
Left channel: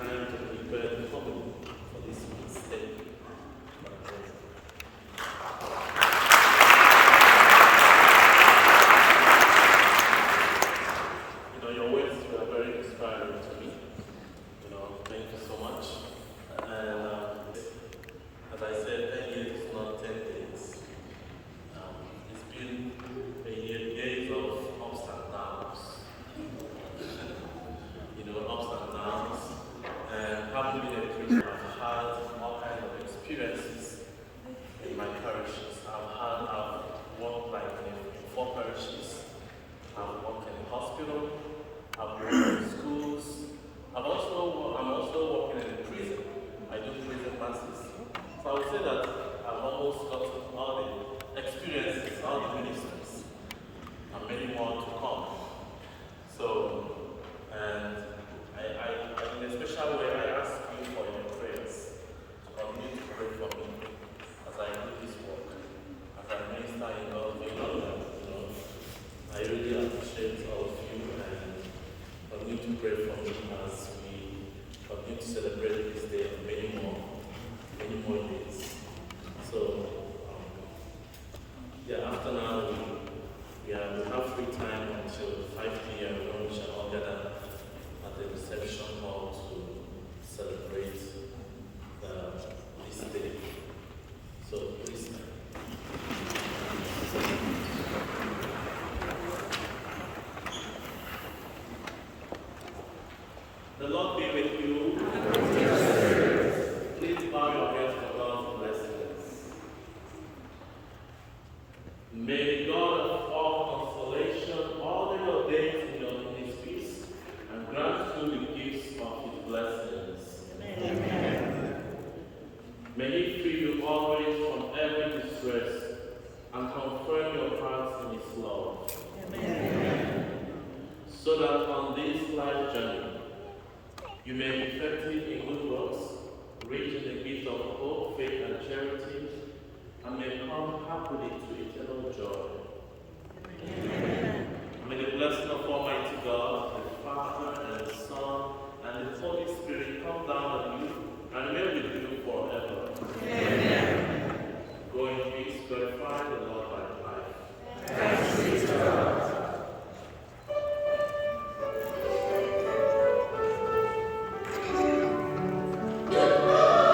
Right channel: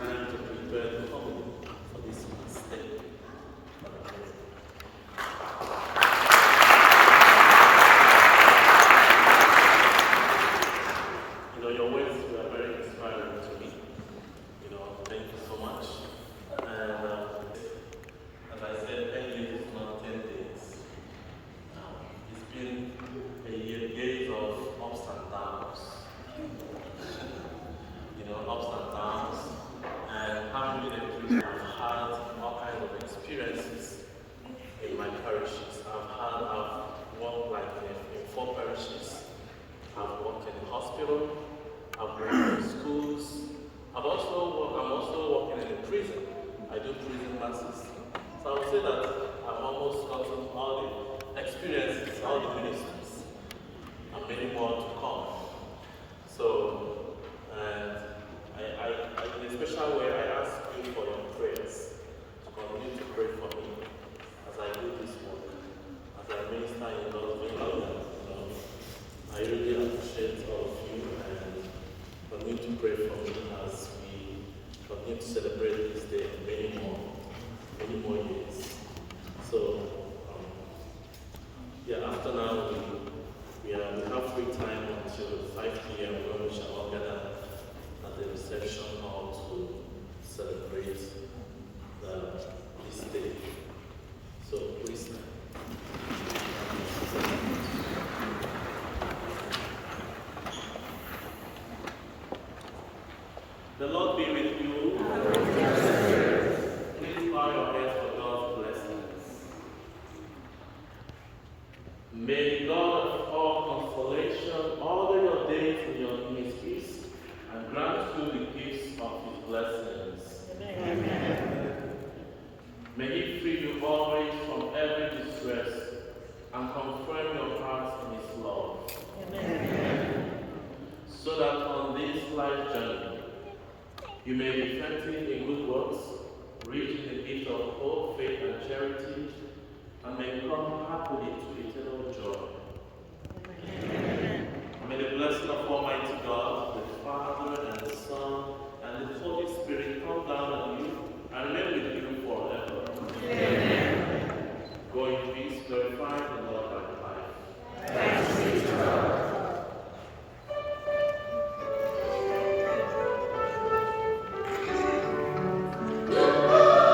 time to prepare the public for this mistake. You know, your words were very inspiring to me. You know, thank you so much. And as I said, 10 years is not 10 days. It's been a years of ups and downs. You know, ups and downs. And having been a priest, I've had all kinds of experiences in my parishes. I've worked like in 4 parishes. I've worked in the hospital. I've worked in schools. I'm also working in a prison. I do prison masses. So I would say that I've almost gotten all the experiences, all the ministries, and many more to come. So, and I in a special way, I ask you for your prayers to continue to pray for me as I do this work, as I minister in God's vineyard. You know, I really appreciate all of you and continue to pray for me as we continue to celebrate this day and many more days. So, yeah, after now, we have free time until 5 p.m. when we shall all gather at the reception hall to celebrate this day. So, please. The Lord be with you. Please bow your heads for God's blessings. May the God of all consolation order your days in His peace and grant you the gifts of His blessings. Amen. May He free you always from every distress and confirm your hearts in His love. Amen. So that on this life journey, you may be effective in good works, rich in the gift of hope, faith, and charity, and may come happily to eternal joy. Amen. May the blessing of Almighty God, the Father, and the Son, and the Holy Spirit come down on you and remain with you forever. Amen. Go in peace, glorify the Lord by life. Thanks be to God. Good morning,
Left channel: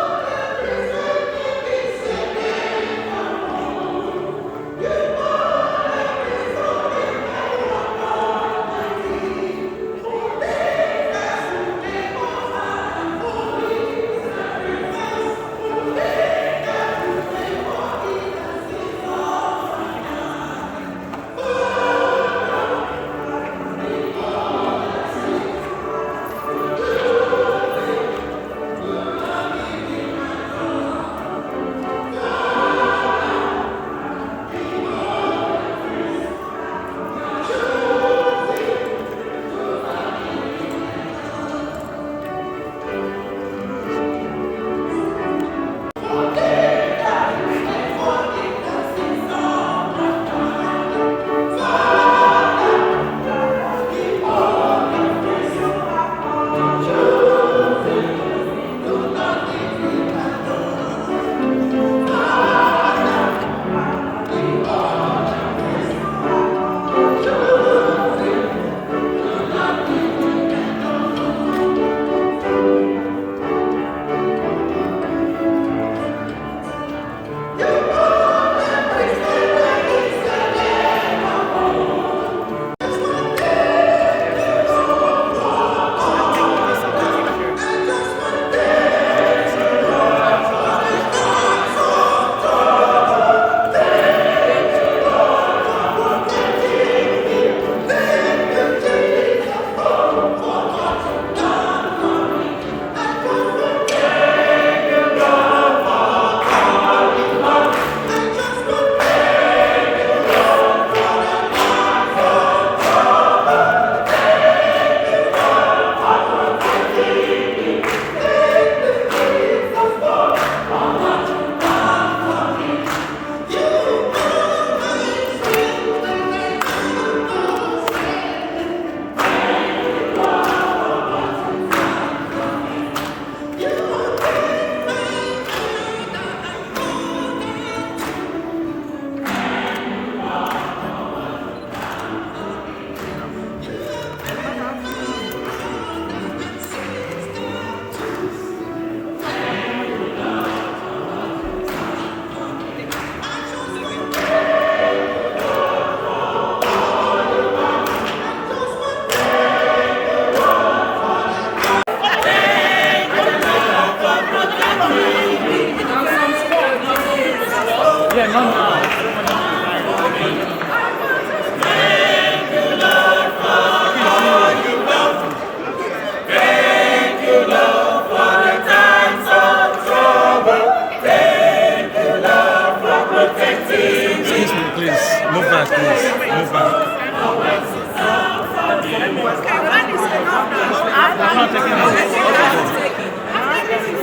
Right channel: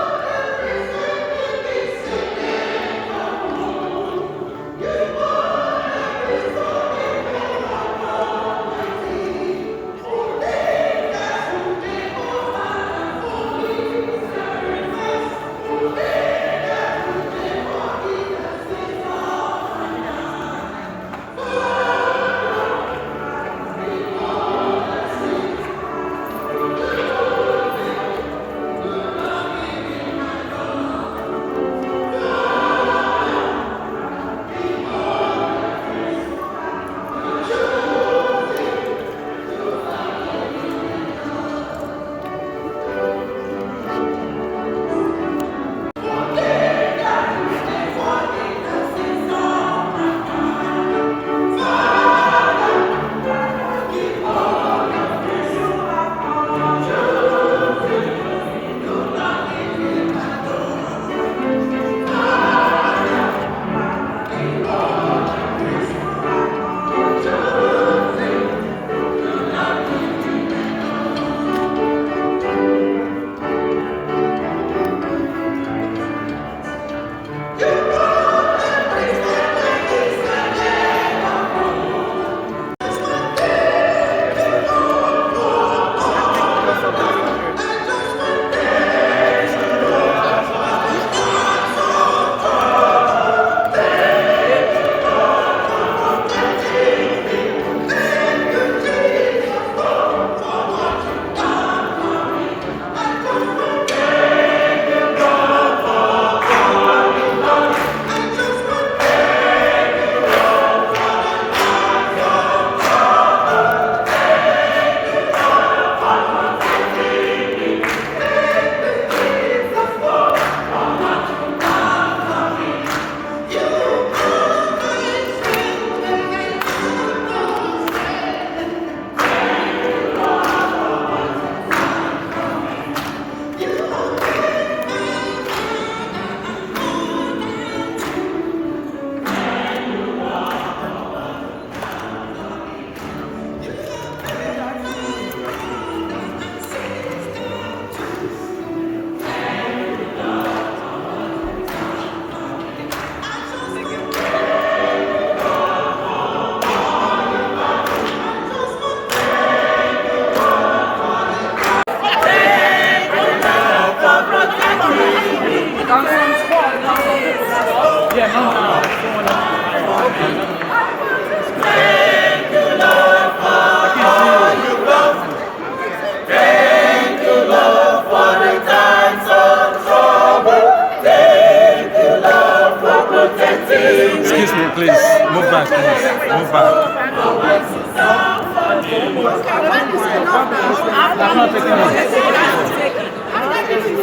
Excuse me, please. Move back, please. Move back.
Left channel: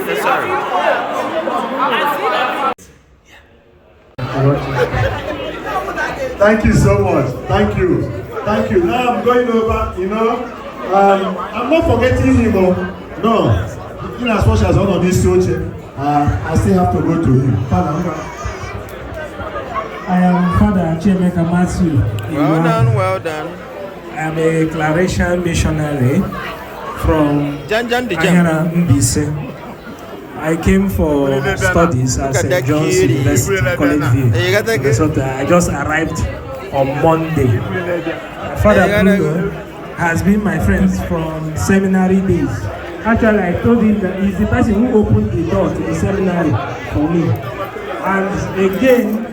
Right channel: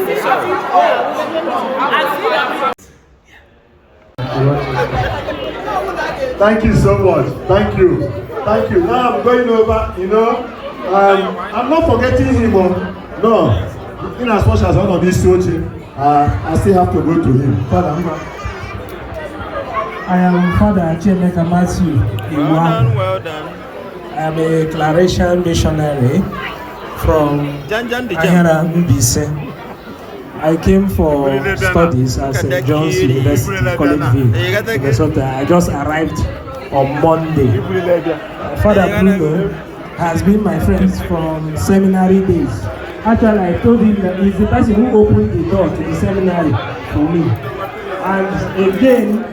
Yes, sir. Thank you so much. Thank you. Thank you. Now I'm going over, I'm not forgetting him. No. In as much as one of these children, I still have to go to him. Father, I am Father Ichie Nkeonyema. Well done, well done. I am a Claration missionary from Mbise. I came for studies at St. John's University College, Minnesota. I just arrived on Monday. Father Bruno has been my friend from seminary days. Actually, I told him that he's the person who opened the door to the seminary for me. And again,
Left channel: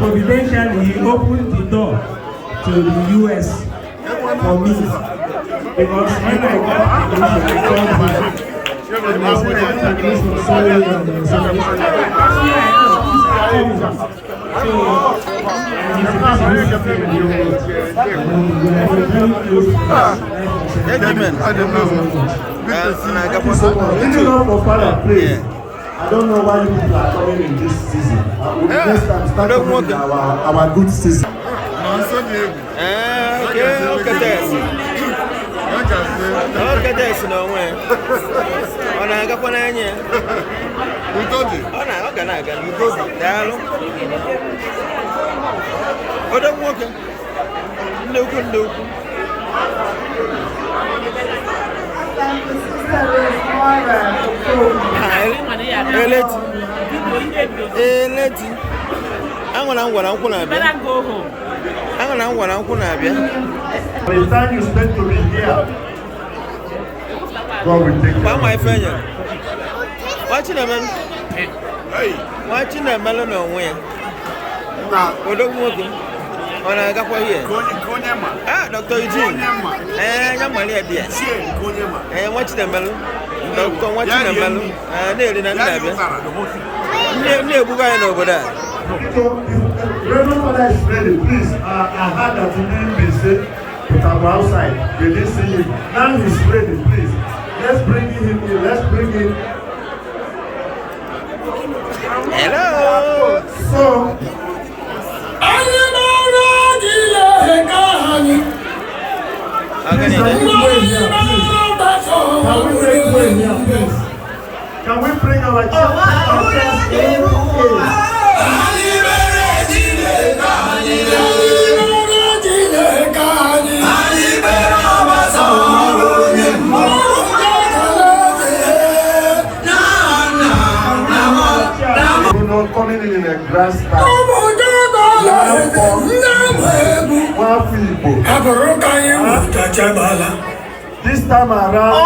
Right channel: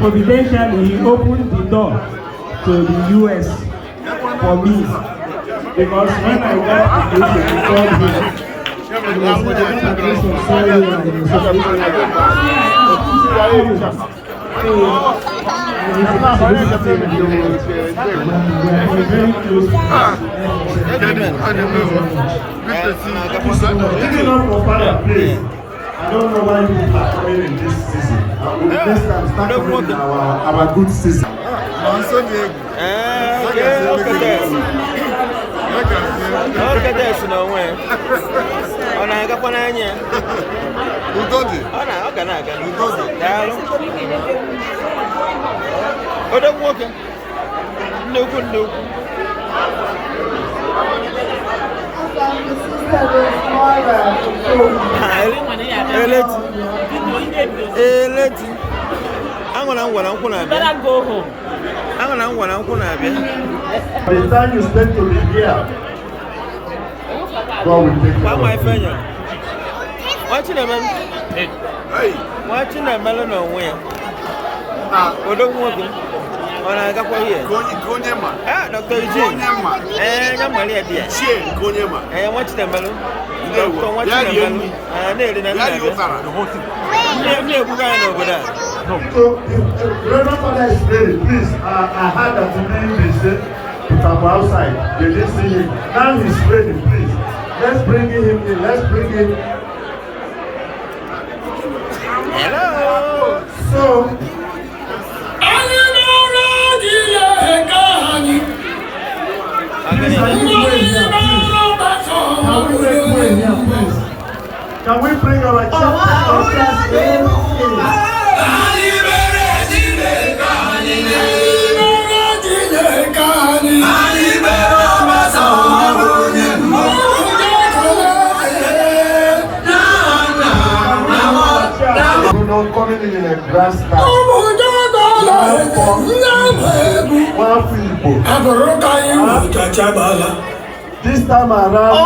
providentially, he opened the door to the US for me. Because when I got admitted, he told me, I don't know why people are calling in this season. Our good season. Okay, there's no way. On I got one anya. Liturgy. Oh, no, okay, no, okay. Liturgy. Dialogue. Oh, don't walk. No, couldn't do. I'm going to by the time you spend to be here, God will take my friend. Watching a man. Watching a melon on where? Oh, don't walk him. On I got here. Ah, Dr. Eugene. And I'm Maria dear. And watching the melon. Doctor watching the melon. Nearly none of it. Near Bugan over there. So, Rev Father is ready. Please, I heard that he didn't be safe to come outside. They didn't see him. Now he's ready, please. Let's bring him in. Let's bring him. Hello. So, can we bring our children? Coming in a grass this time around,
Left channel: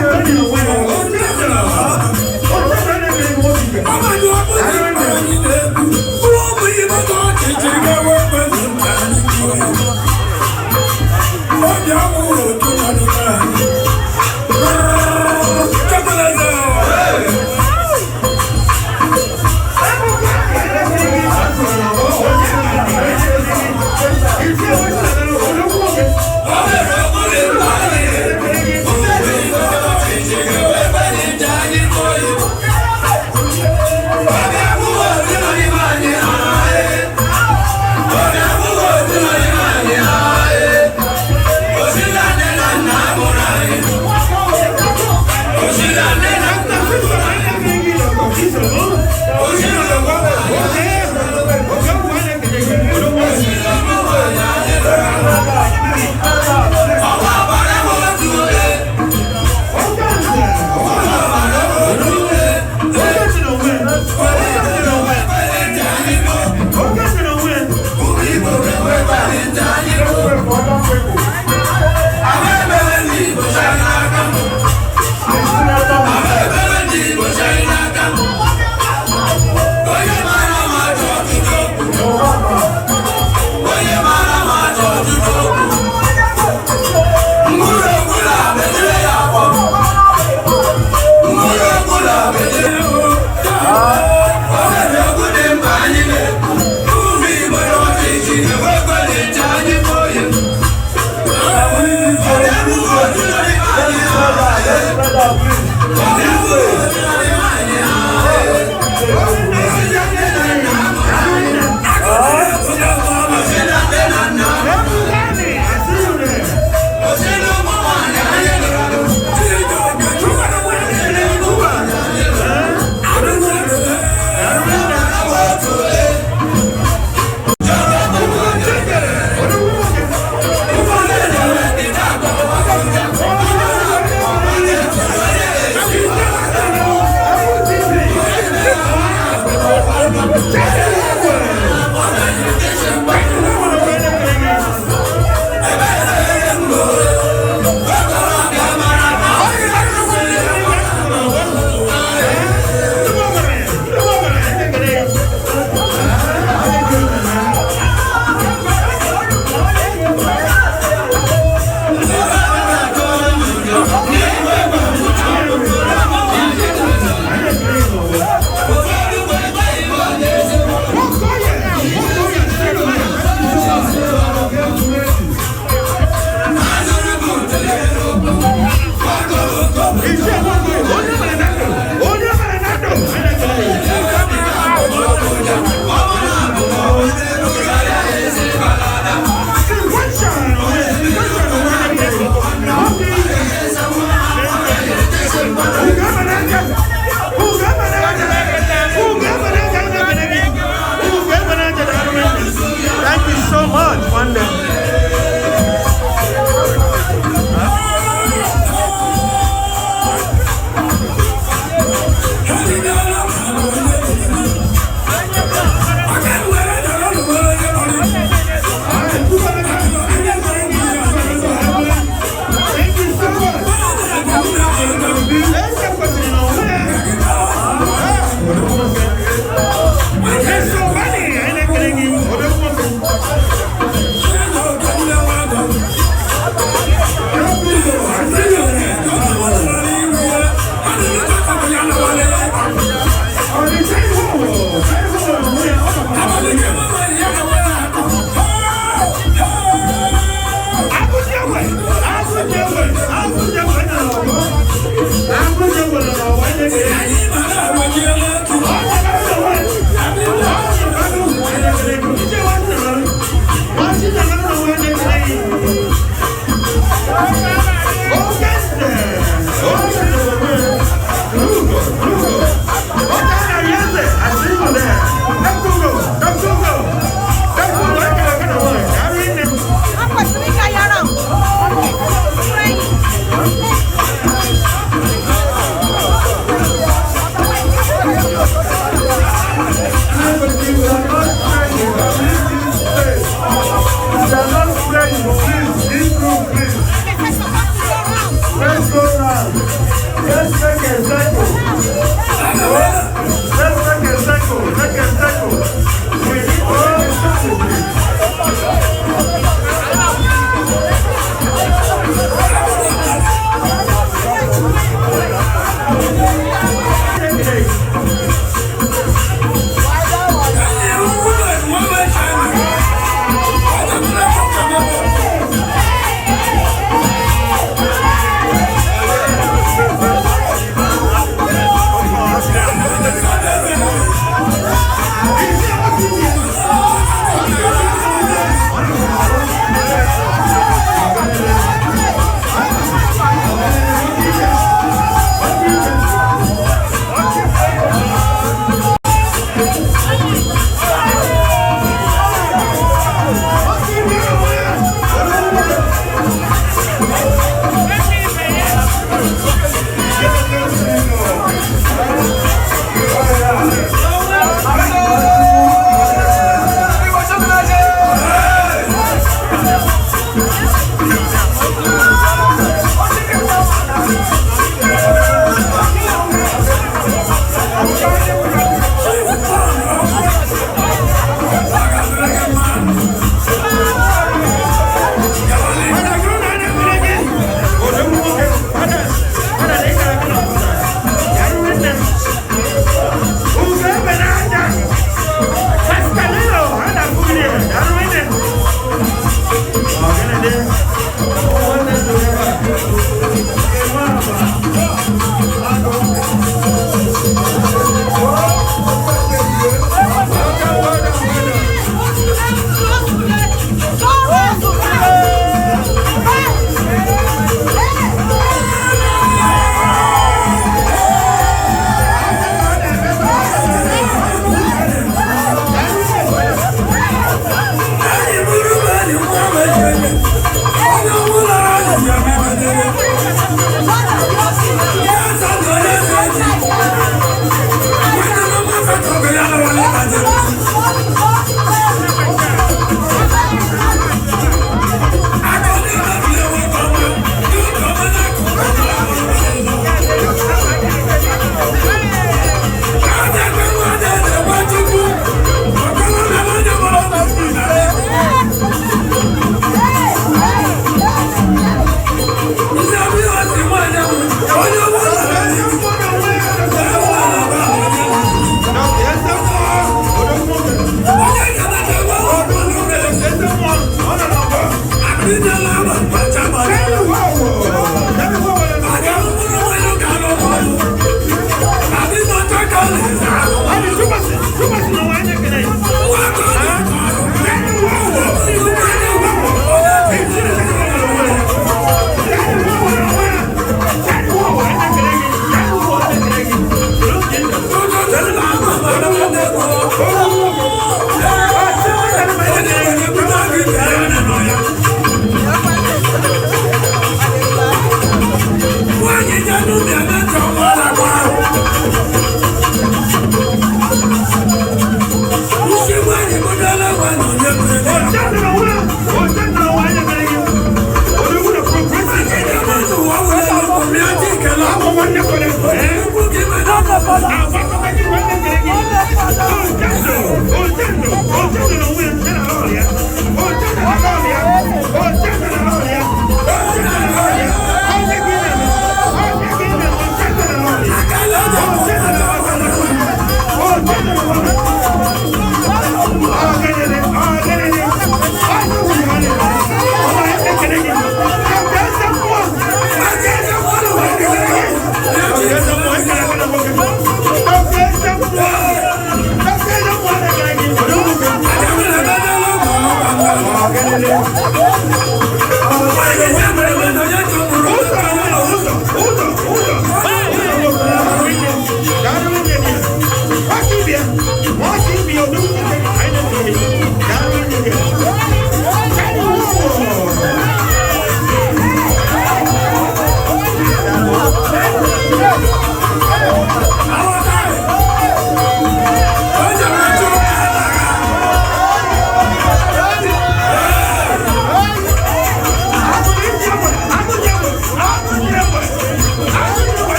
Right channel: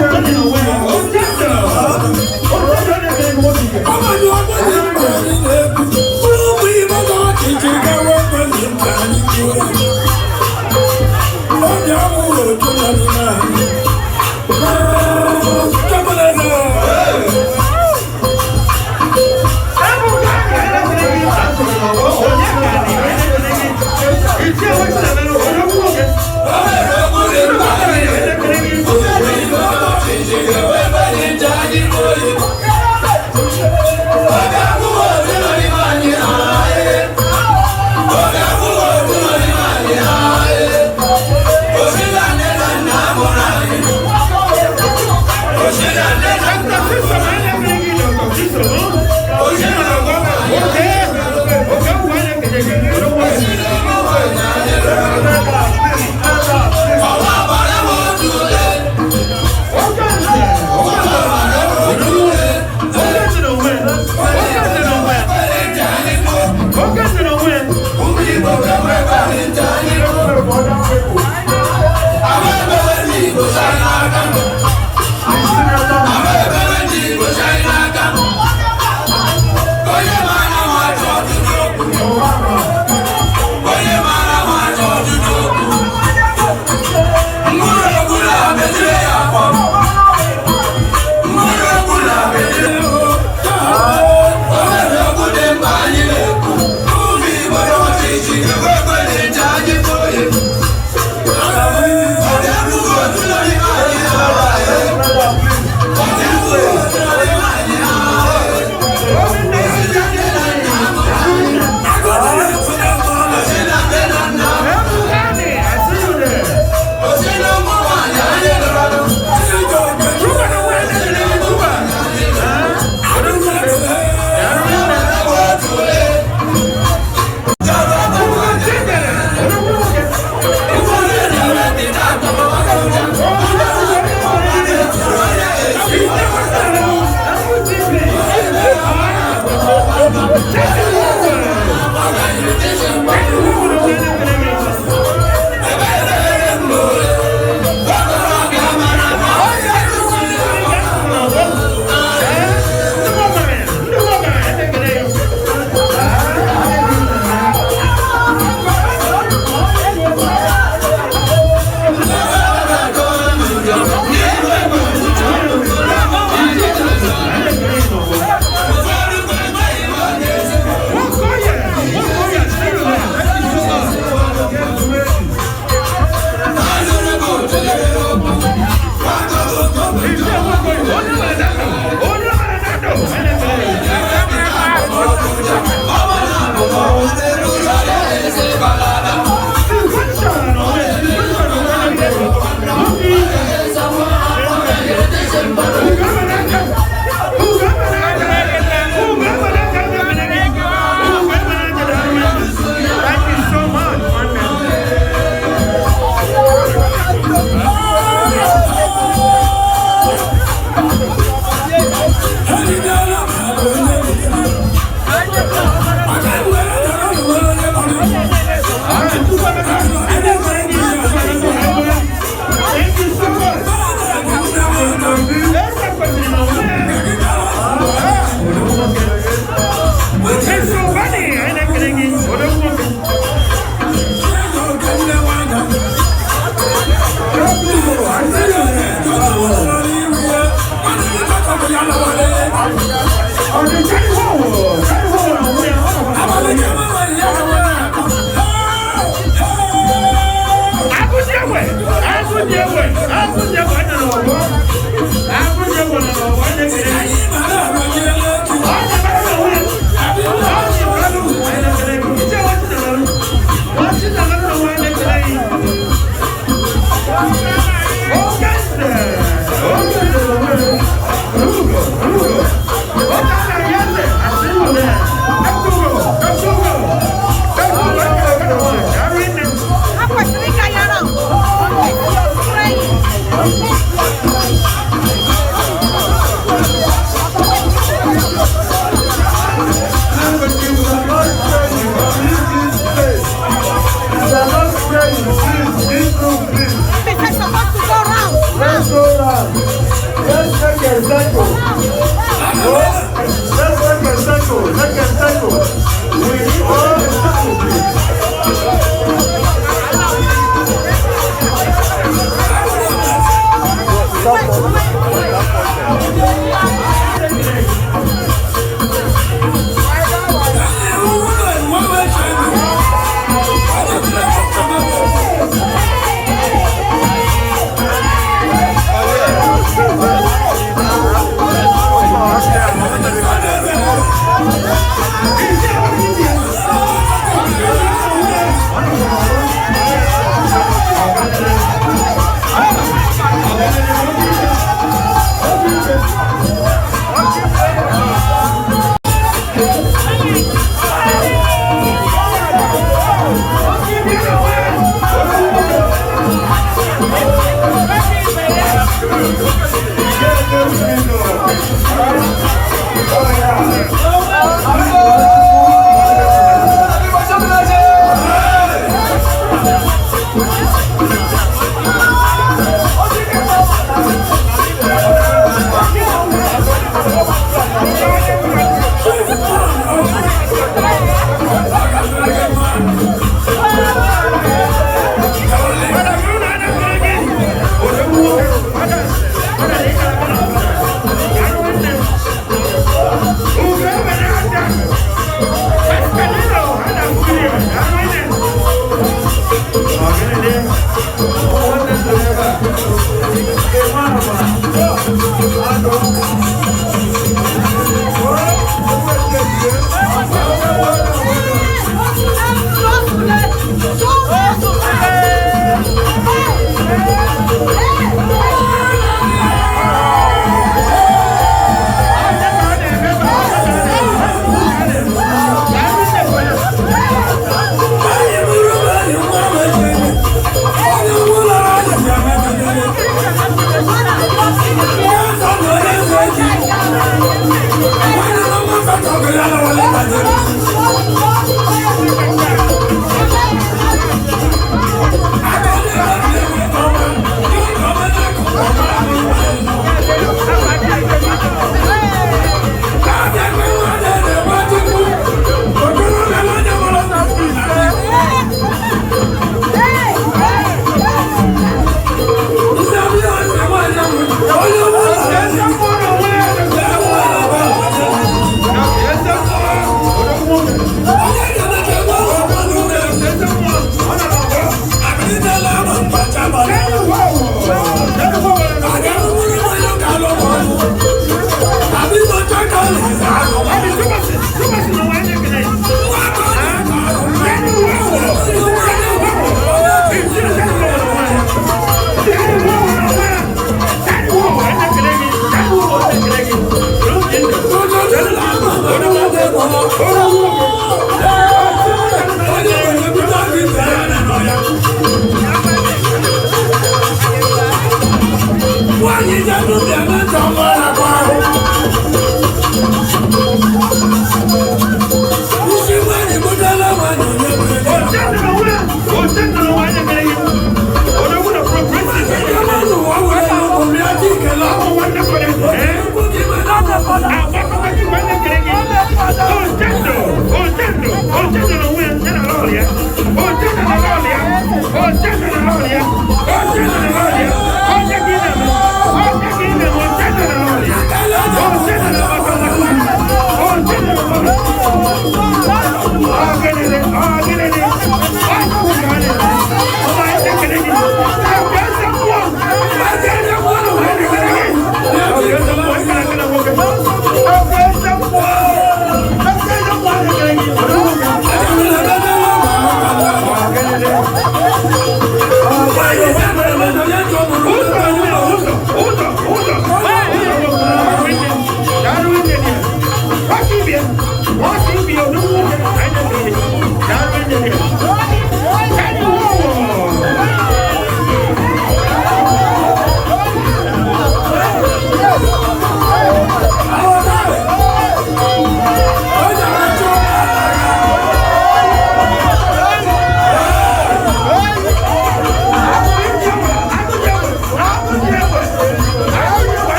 Thank you.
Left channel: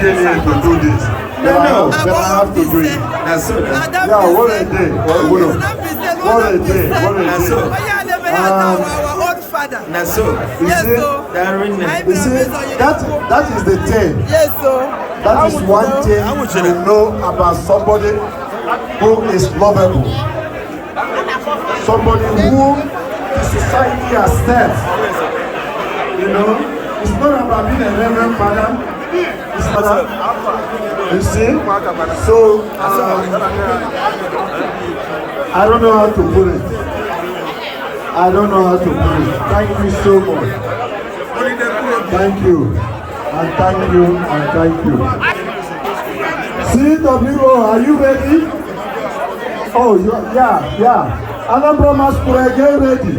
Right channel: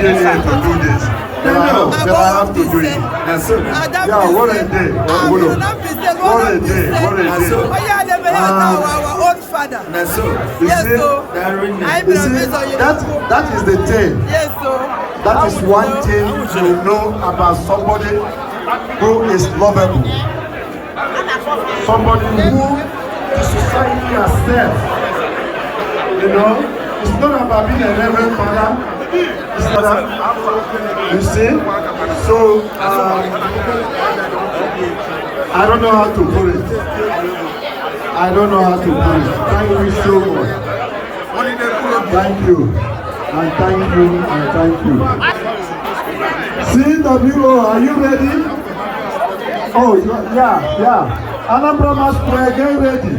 came here to do this. No. I have to do it. That's so. Yeah, what a day. What a day. That's so. Our own father. That's so. Yes, so. That is the thing. Yes, sir. That is one thing you know about somebody who is lovable. Somebody who the society has said. You know, it's not about being a reverend father. It's not you see? So, I don't know how to put it. I don't know how to put it. Thank you so much. Thank you. And thank you. And thank you. CWO, are you ready? Oh, yeah. Anambra Masquerade, get ready.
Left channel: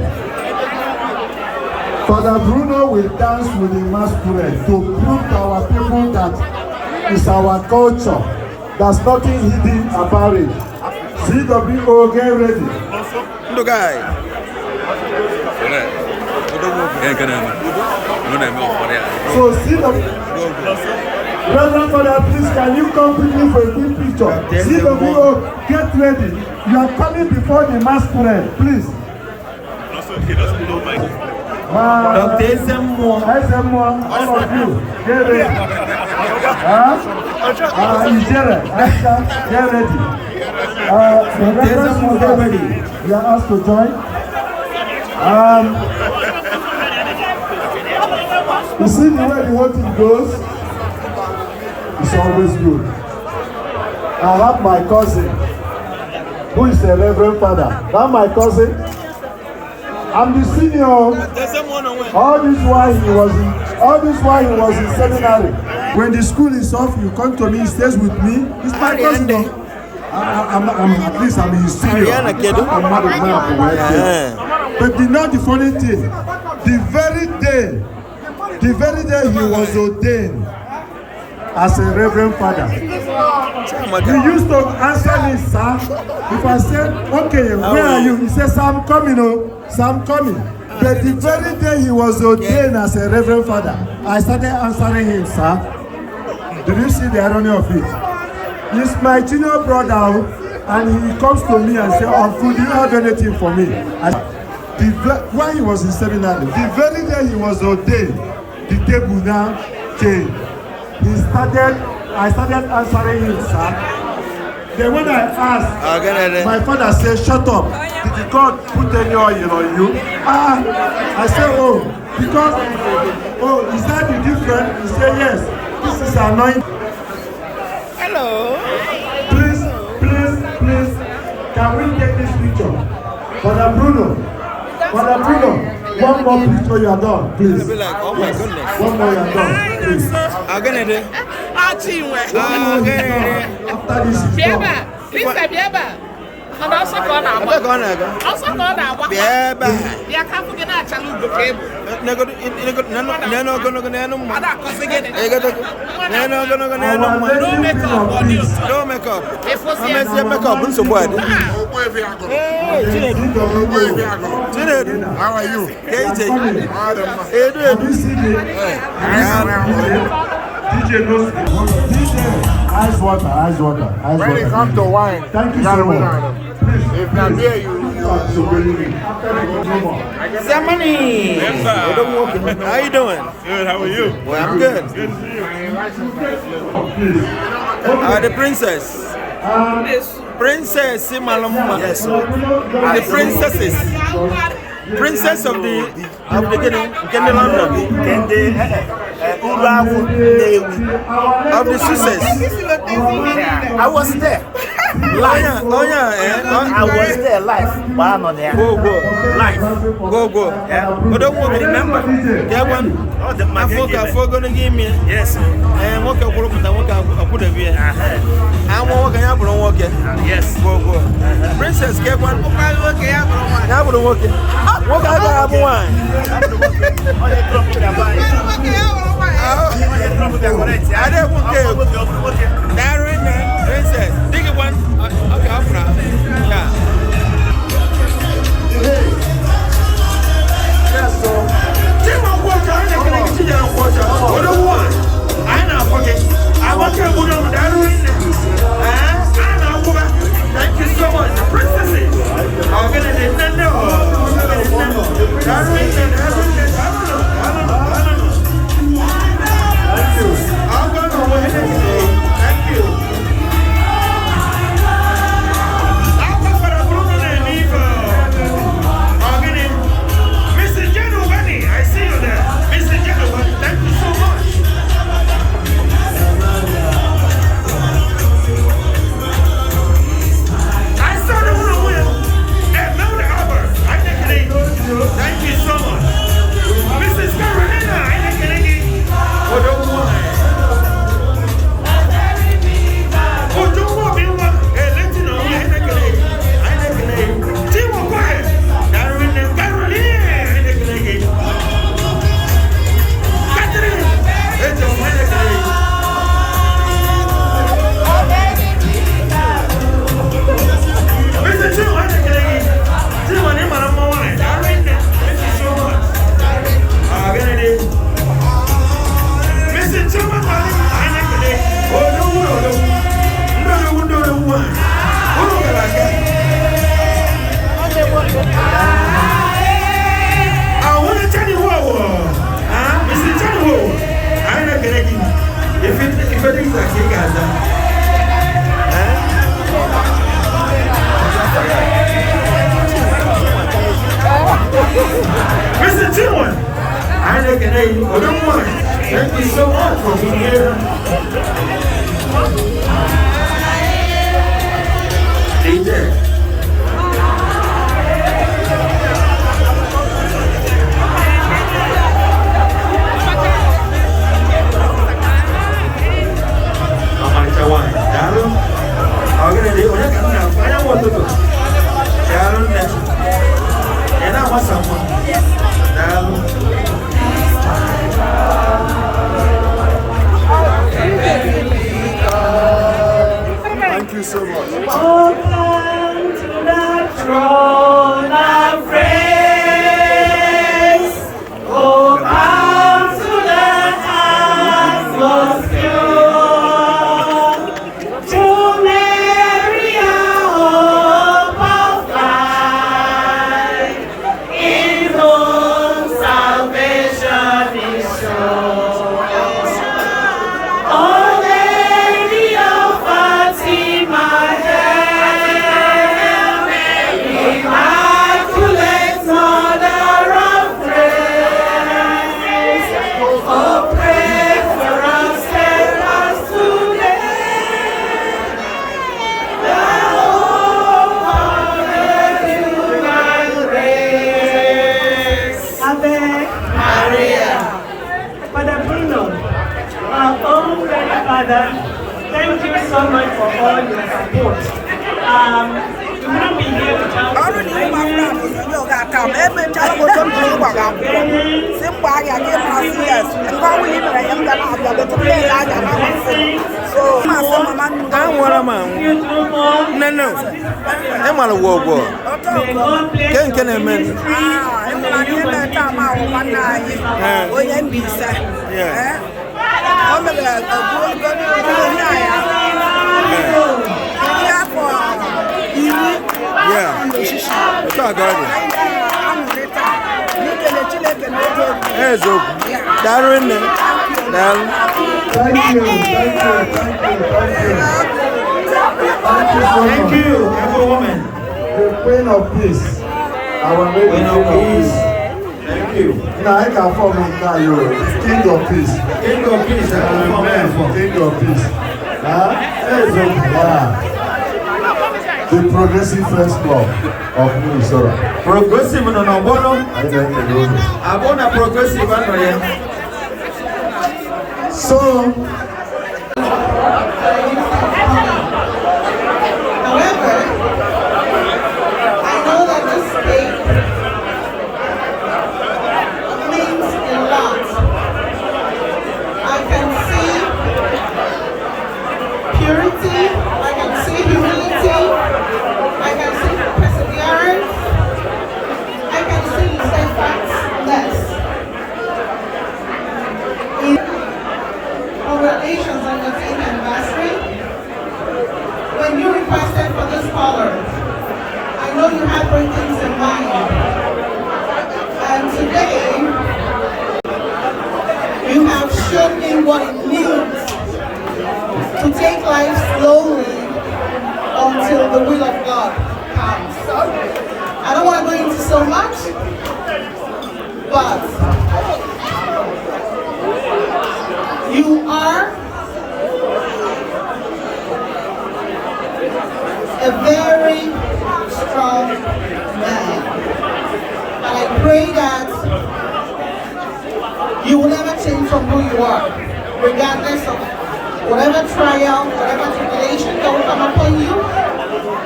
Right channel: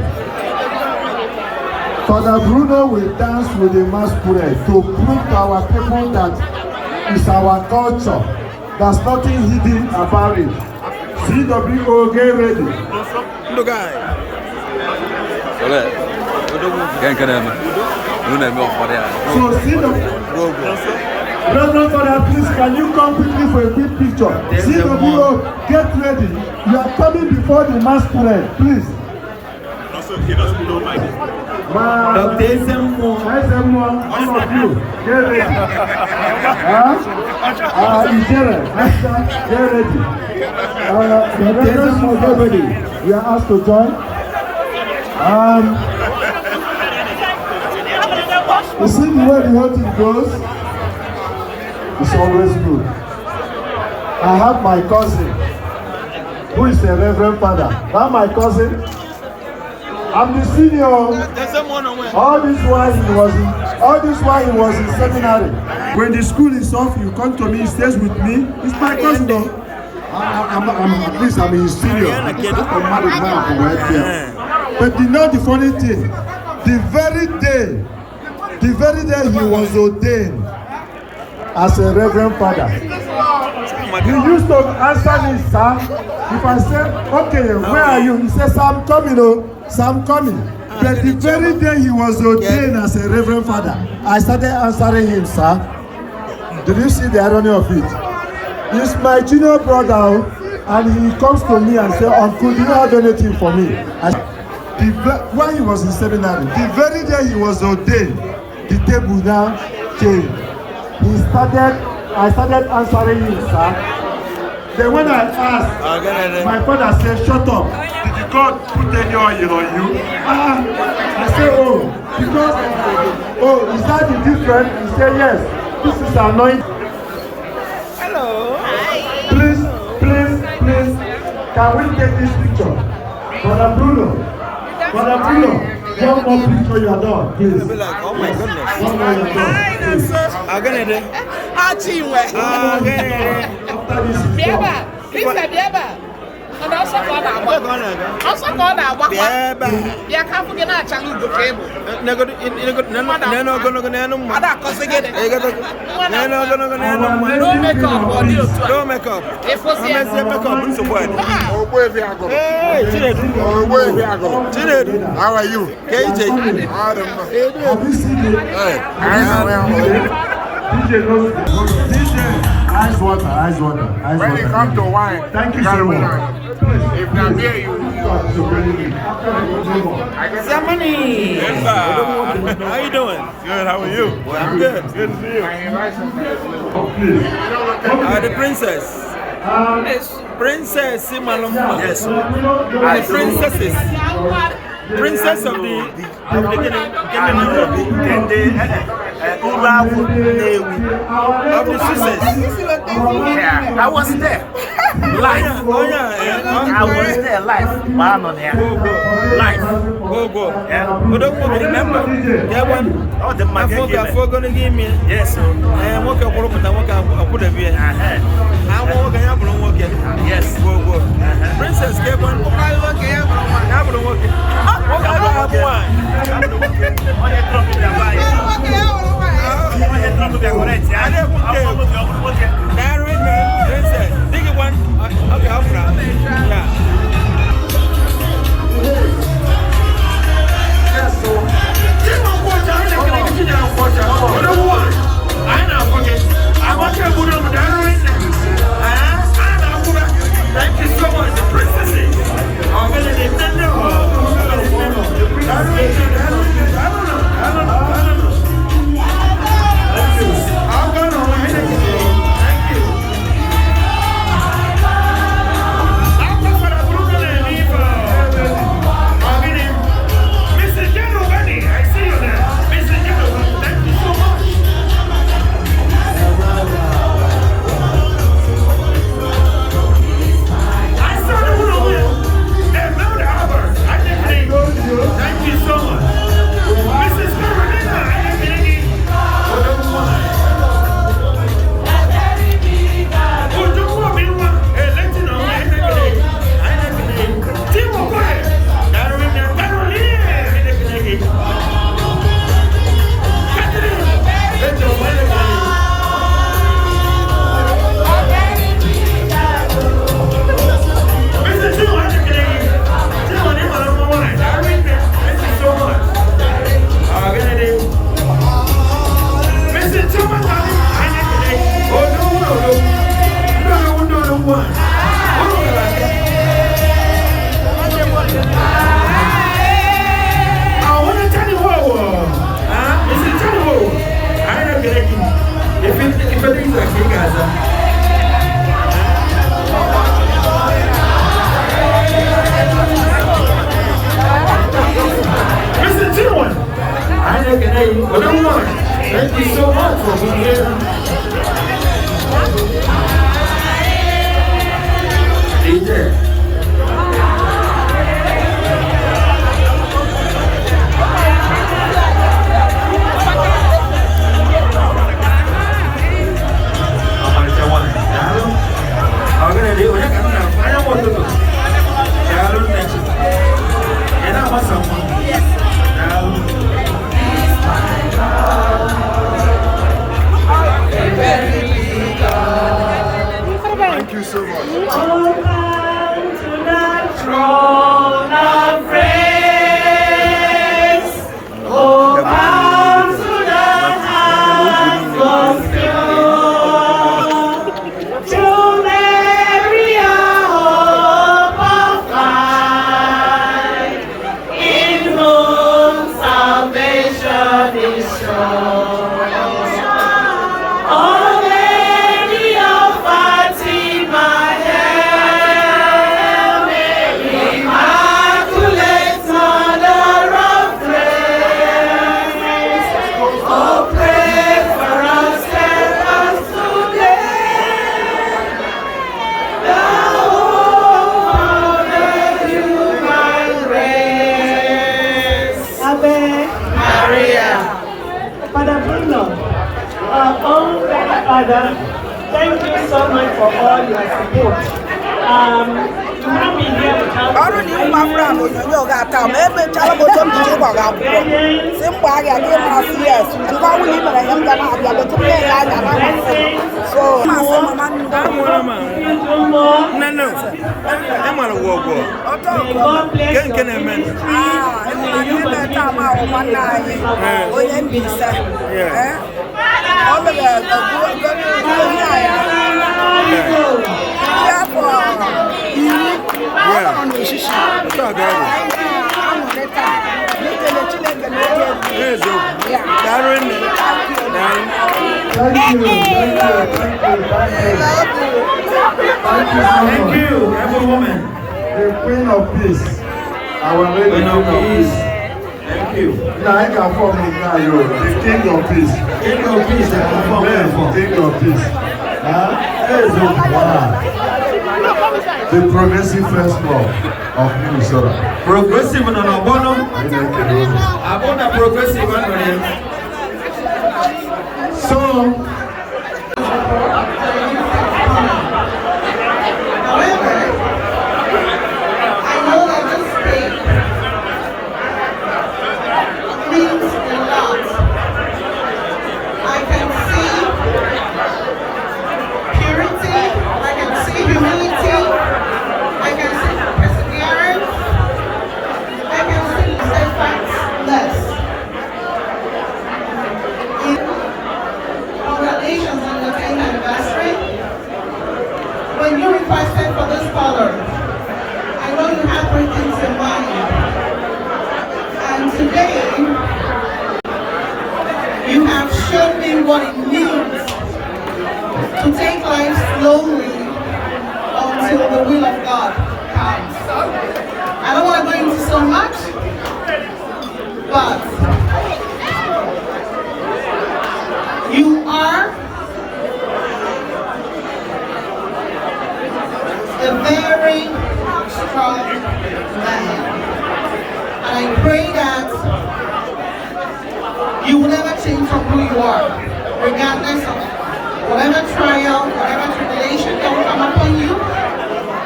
Father Bruno will dance with the masquerade to prove to our people that it's our culture. There's nothing hidden about it. CWO, get ready. No guy. So CWO, Reverend Father, please can you come quickly for a big picture? CWO, get ready. You are coming before the masquerade, please. Also, he doesn't know my. Dr. Esemmo, all of you, get ready. Ijere, get ready. Get ready. You are asked to join. You see the way the whole thing goes? It's always good. I have my cousin, who is a reverend father. That's my cousin. I'm the senior. All this while he was in seminary. When the school is off, you come to me, he stays with me. He's my cousin. At least I'm his senior. But you know the funny thing? The very day he was ordained as a reverend father, he used to answer me, sir. If I said, okay, where are you? He said, sir, I'm coming, sir, I'm coming. But the very day he was ordained as a reverend father, I started answering him, sir. Did you see the irony of it? He's my junior brother, and he comes to me and says, Uncle, do you have anything for me? When he was in seminary, the very day he was ordained, the table now changed. I started answering him, sir. Then when I asked, my father said, shut up. Did God put any oil on you? I said, because, is that the difference? He said, yes. This is anointing. Hello. Please, can we take this picture? Father Bruno, one more picture you are done, please. I'll be like, oh my goodness. One more you are done. I'm gonna do. And also go now. Also go now. Yeah, can't forget that challenge the table. No. Makeup. Hey, Chinedu. How are you? KJ. Ice water. Thank you so much. If not here, you Zamani. How you doing? Good, how are you? Well, I'm good. Good to see you. The princess. Princess Simaloma. Yes, the princesses. Princess of the London. Of the success. I was there. I was there live. Go. But don't want to remember. Get one. Oh, the man. I'm gonna give me. Yes, sir. And what can I put a beer? I want to walk. Yes. Go. Princess, get one. I will walk. I don't want to. Princess, take it one. Okay, up now. Yeah. I know. Mr. Chinwe, thank you so much for being here. DJ. Thank you so much. Open to the throne of grace. Oh, come to the house of pure. To Mary, our hope of life, in whom salvation is shown. Thank you so much for all your support. We won't be here without all of the going Thank you, every woman. The Queen of Peace. Queen of Peace. Thank you. Yeah, I can form it now, you. King of Peace. King of Peace, I can form it. King of Peace. The Progressive First Club of Minnesota. Progressive no no bono. Abona progressive ano. So. When you requested for this color, I know you had great things in mind. And today, you have shown me what it means to take life slowly until the will of God comes. I don't want to go into so much, but you are a very strong man. And I pray that you will never change from who you are, regardless of whatever trial, whatever tribulation that will come upon you,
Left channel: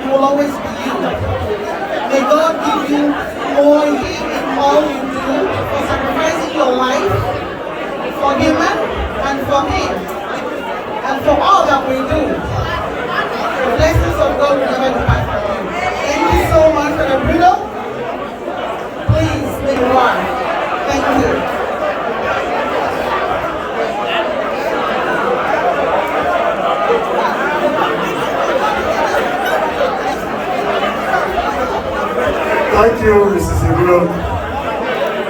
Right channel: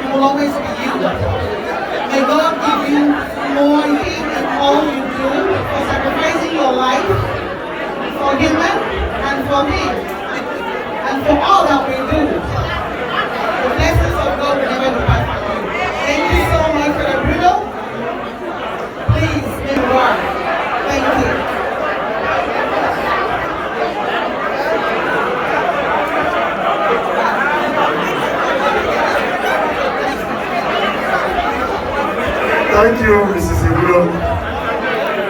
you will always be you. May God give you more in all you do for sacrificing your life for Him and for Him and for all that we do. The blessings of God will never depart from you. Thank you so much, Fr Bruno. Please, be the one. Thank you. Thank you, Mrs. Bruno.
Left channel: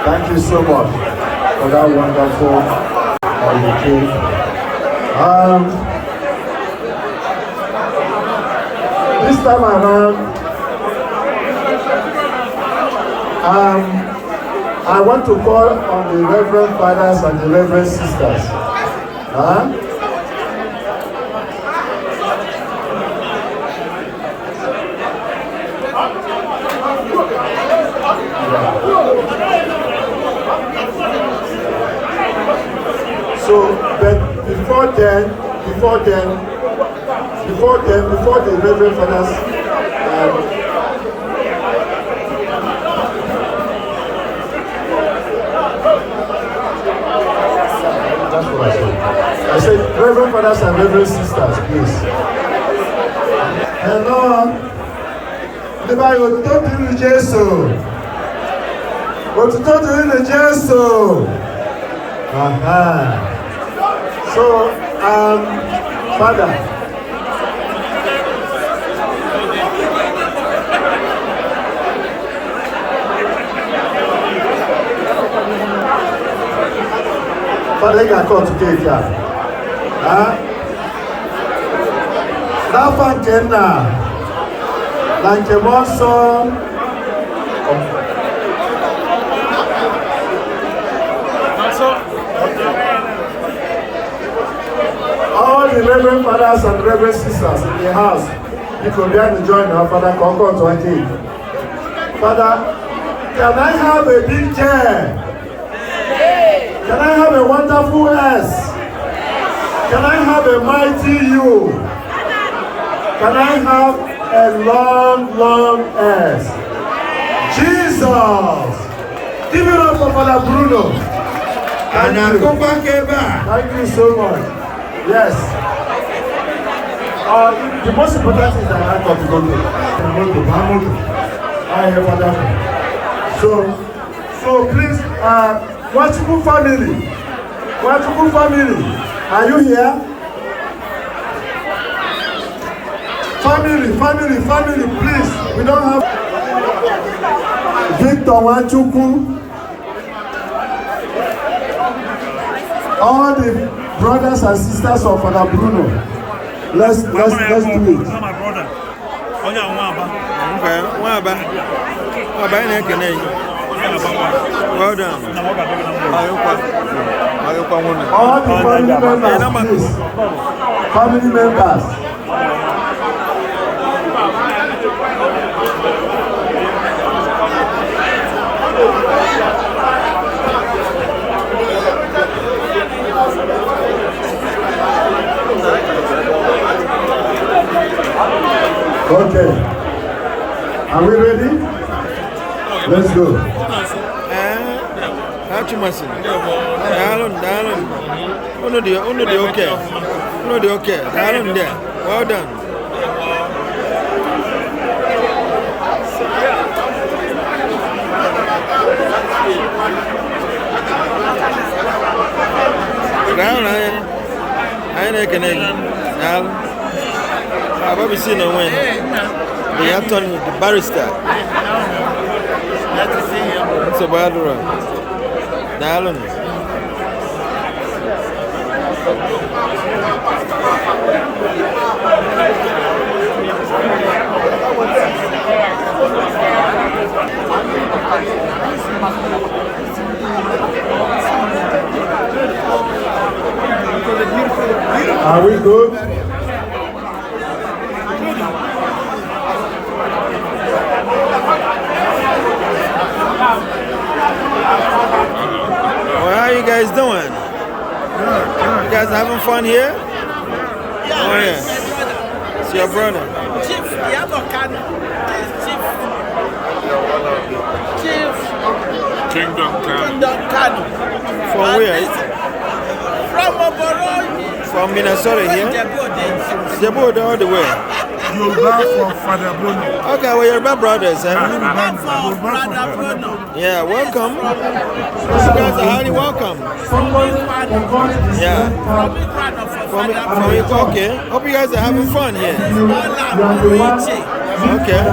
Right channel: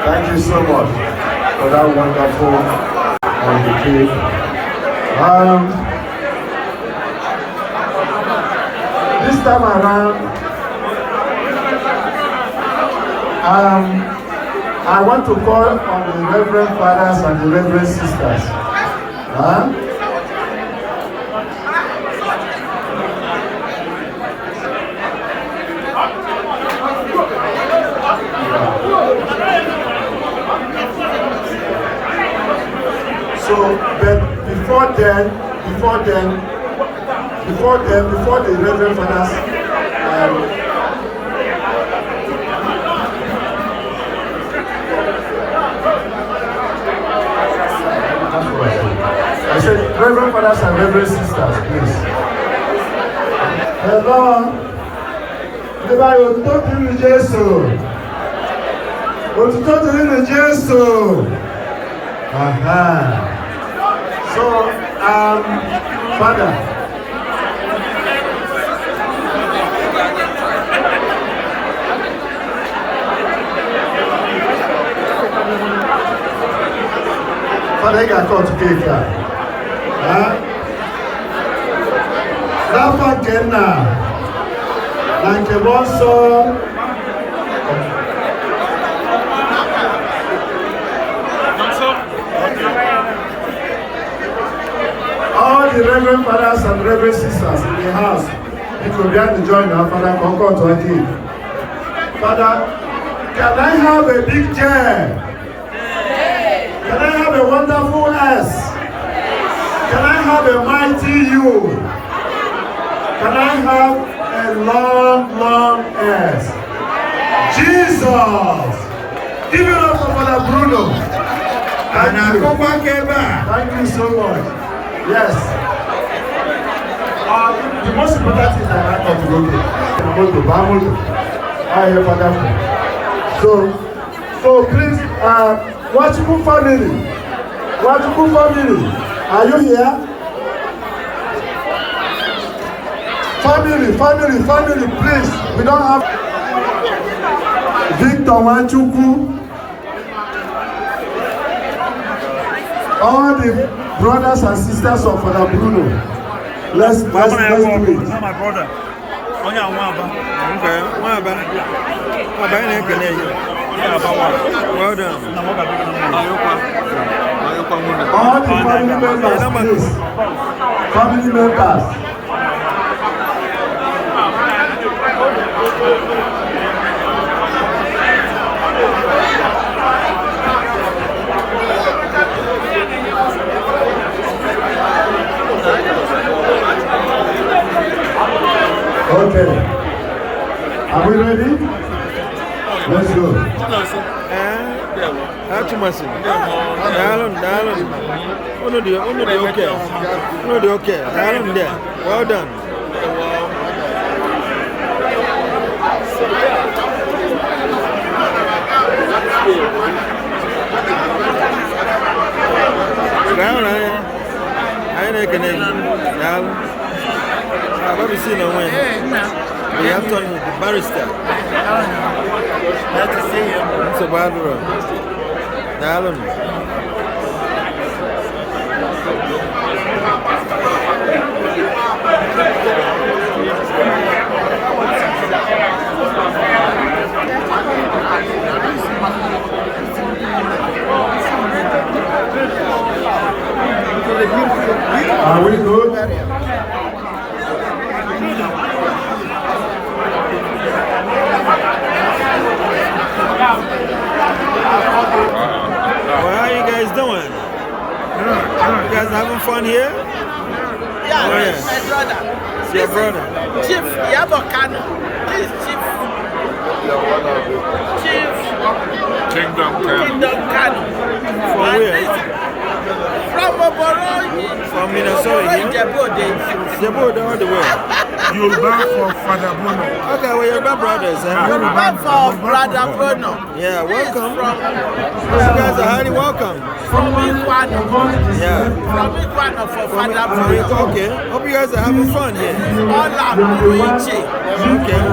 Thank you so much for that wonderful cake. this time around, I want to call on the Reverend Fathers and the Reverend Sisters. So, but before the Reverend Fathers I said, Reverend Fathers and Reverend Sisters, please. Hello. Everybody, òtítọ́ tó ń Jésù. Òtítọ́ tó ń Jésù. Aha. So, Father. Father, you got to take that. Rafa Kenna, like a one song. All the Reverend Fathers and Reverend Sisters in the house, you could be able to join our Father Concord 20. Father, can I have a big chair? Can I have a wonderful S? Can I have a mighty U? Can I have a long, long S? Jesus! Give it up for Father Bruno. And I go back here. Thank you so much. Yes. The most important thing is that I got to go to. I am Father. So please, Nwachukwu family, are you here? Family, please. We don't have Victor Nwachukwu. All the brothers and sisters of Father Bruno. Let's do it. That's my brother. Okay, Waba. Well done. All the family members, please. Family members. Okay. Are we ready? Let's go. Too much. Darling. Uno the okay. Darling there. Well done. I've ever seen him when the Anthony, the barrister. Glad to see you. It's a bad run. Darling. Are we good? Well, how are you guys doing? You guys having fun here? Yeah, oh, yeah. My brother. It's your brother. Chief Yabokano. This is Chief Kingdom Kano. From where? From Oboro. From Minnesota, yeah? Jebode all the way. Yoruba for Father Bruno. Okay, well, you're my brothers, huh? Yoruba for Brother Bruno. Yeah, welcome. You guys are highly welcome. From Ikwano. Yeah. From Ikwano for Father Bruno. Okay. Hope you guys are having fun here. Hola, Ichie. Okay.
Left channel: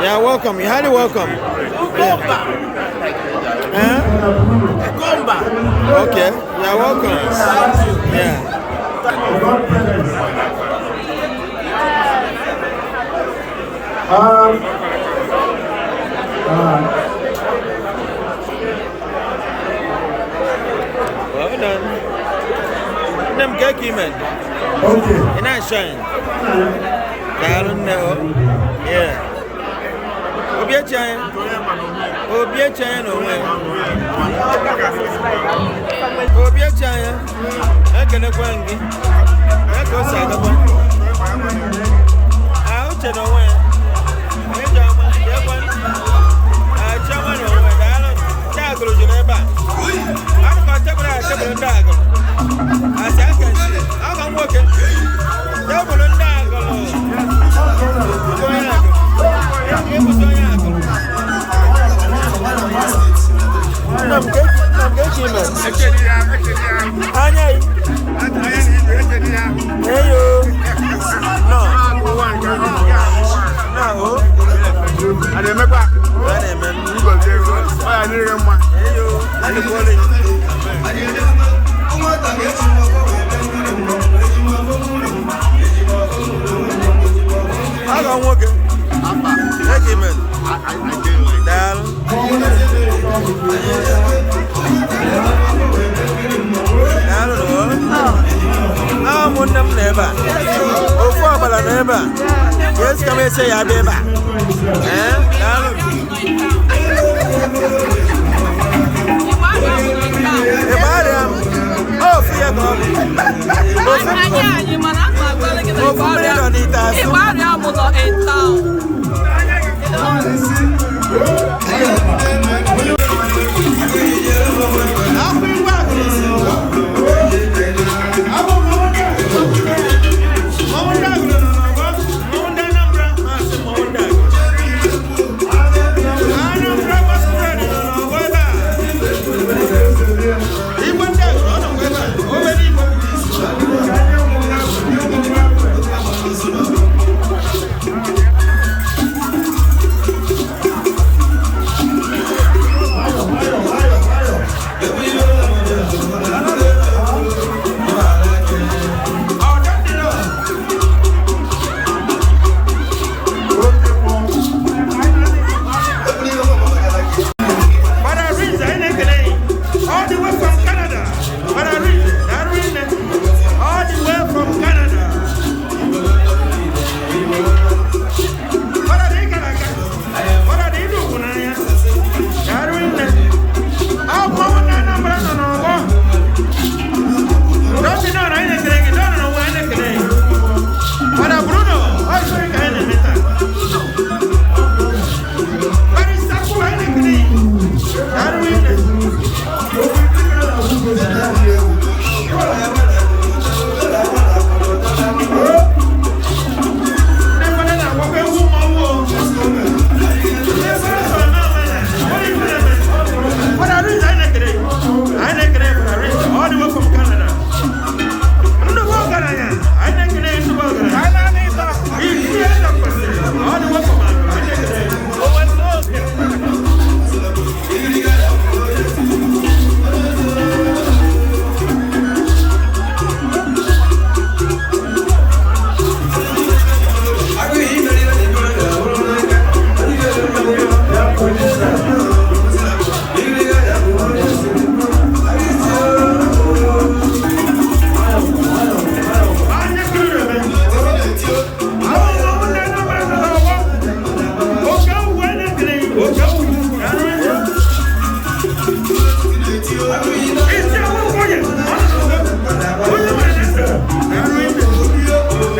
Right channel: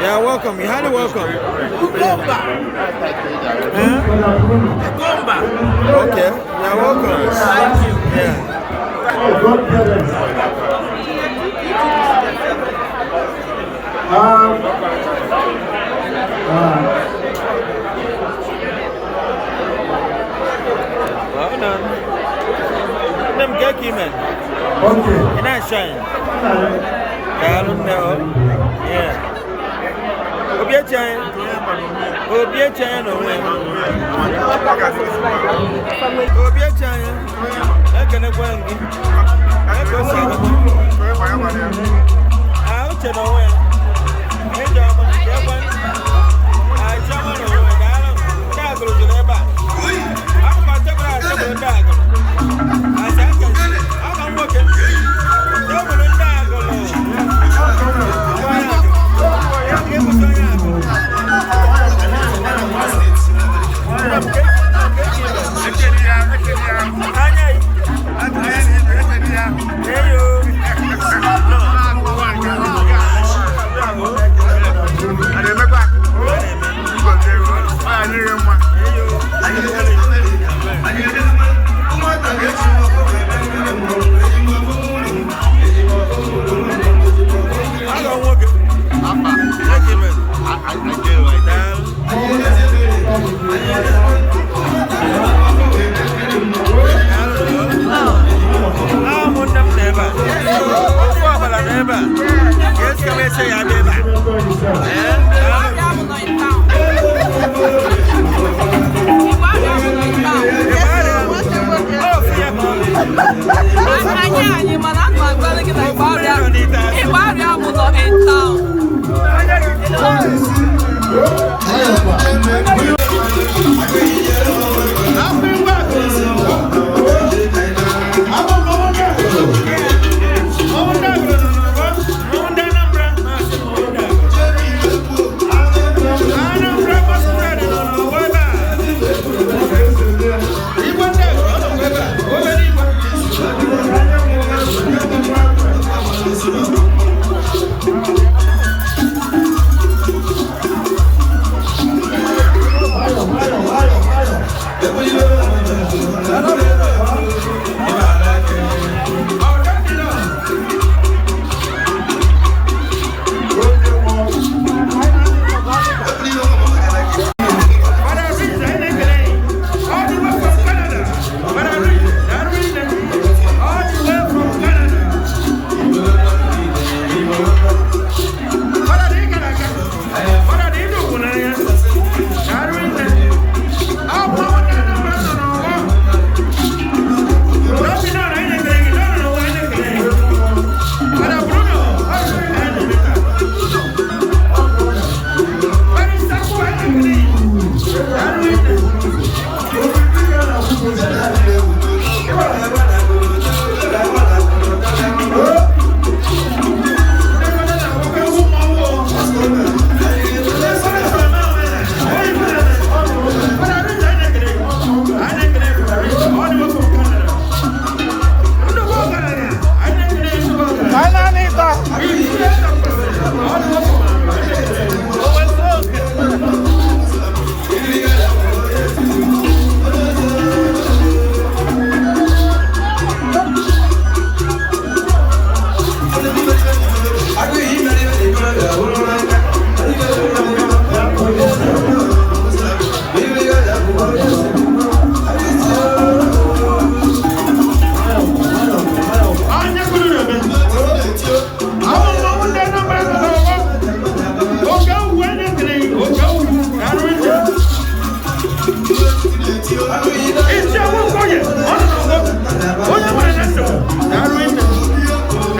Yeah, welcome. You're highly welcome. Ugomba. Huh? Ugomba. Okay. Yeah, welcome. Yeah. Well done. Them cake, man. Okay. You're not shine. I don't know. Yeah. Obia China. Obia China, no way. Obia China. I can't go. I go Sagaban. I'll tell no way. Hey, Jama, yeah, one. I Jama, no way. I don't tackle you never. I'm about to tackle. As I can see, I'm working. Double and tackle. I do like that.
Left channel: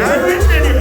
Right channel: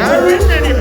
Narwin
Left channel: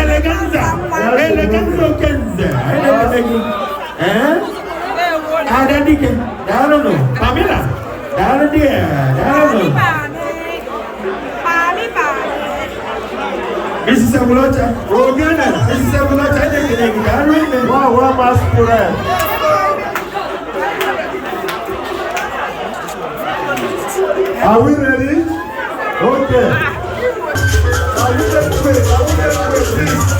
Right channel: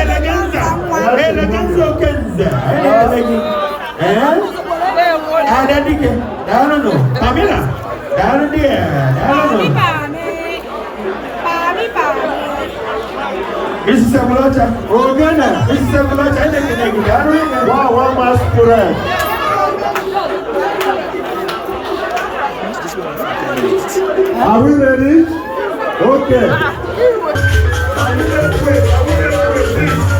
Eleganza, eleganza, kenza. Adadike, Darano, Pamela, Daradia, Darano. Mrs. Abulata, Rogana, Mrs. Abulata, I think Darwin, wow, was prayer. Are we ready? Okay. Are we ready? Please.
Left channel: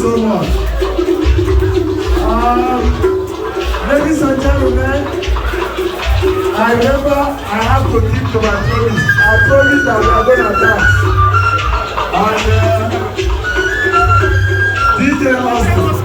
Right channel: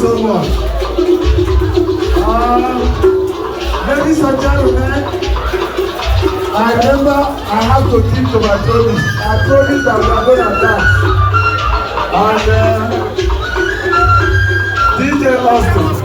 so much. Ladies and gentlemen, I remember I have to keep to my promise. I promised that we are going to dance. And DJ Austin.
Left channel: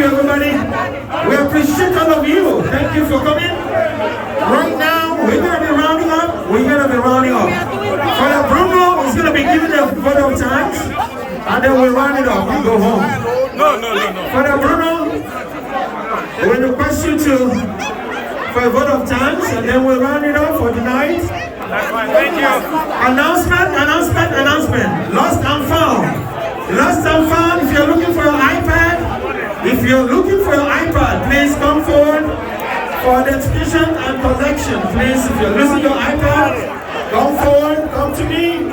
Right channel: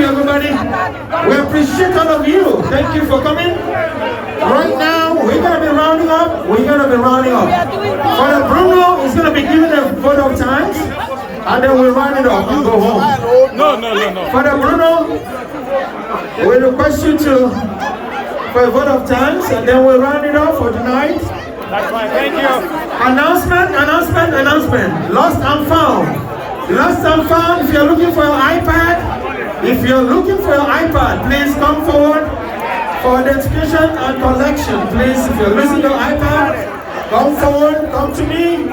you, everybody. We appreciate all of you. Thank you for coming. Right now, we're going to be rounding up. Father Bruno is going to be giving a vote of thanks, and then we'll round it up and go home. No. Father Bruno, we request you to for a vote of thanks, and then we'll round it up for tonight. That's fine, thank you. Announcement. Lost and found. If you're looking for your iPad, please come forward for identification and collection. Please, if you're losing your iPad, come forward, come to me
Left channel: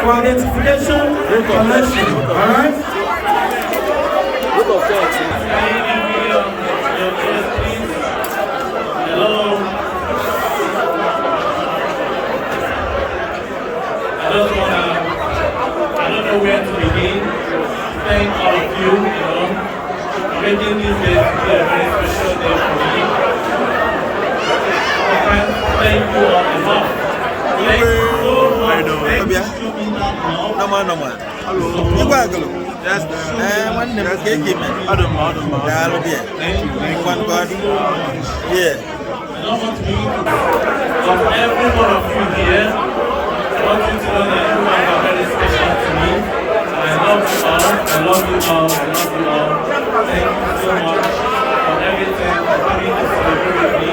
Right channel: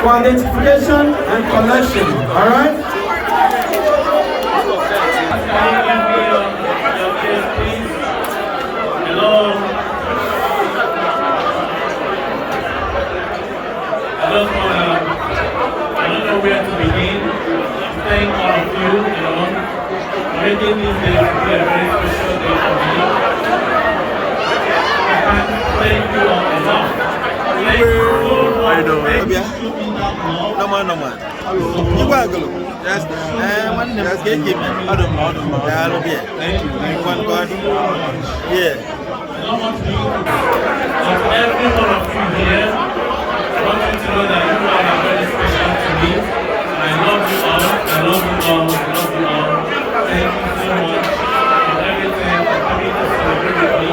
for identification and collection. All right? Can you give me your case, please? Hello? I don't know where to begin. Thank all of you, for making this day to be a very special day for me. I can't thank you all enough. Thank you so much. Thank you so much. Of every one of you here, I want you to know that you all are very special to me. I love you all. Thank you so much for everything, for coming to celebrate with me.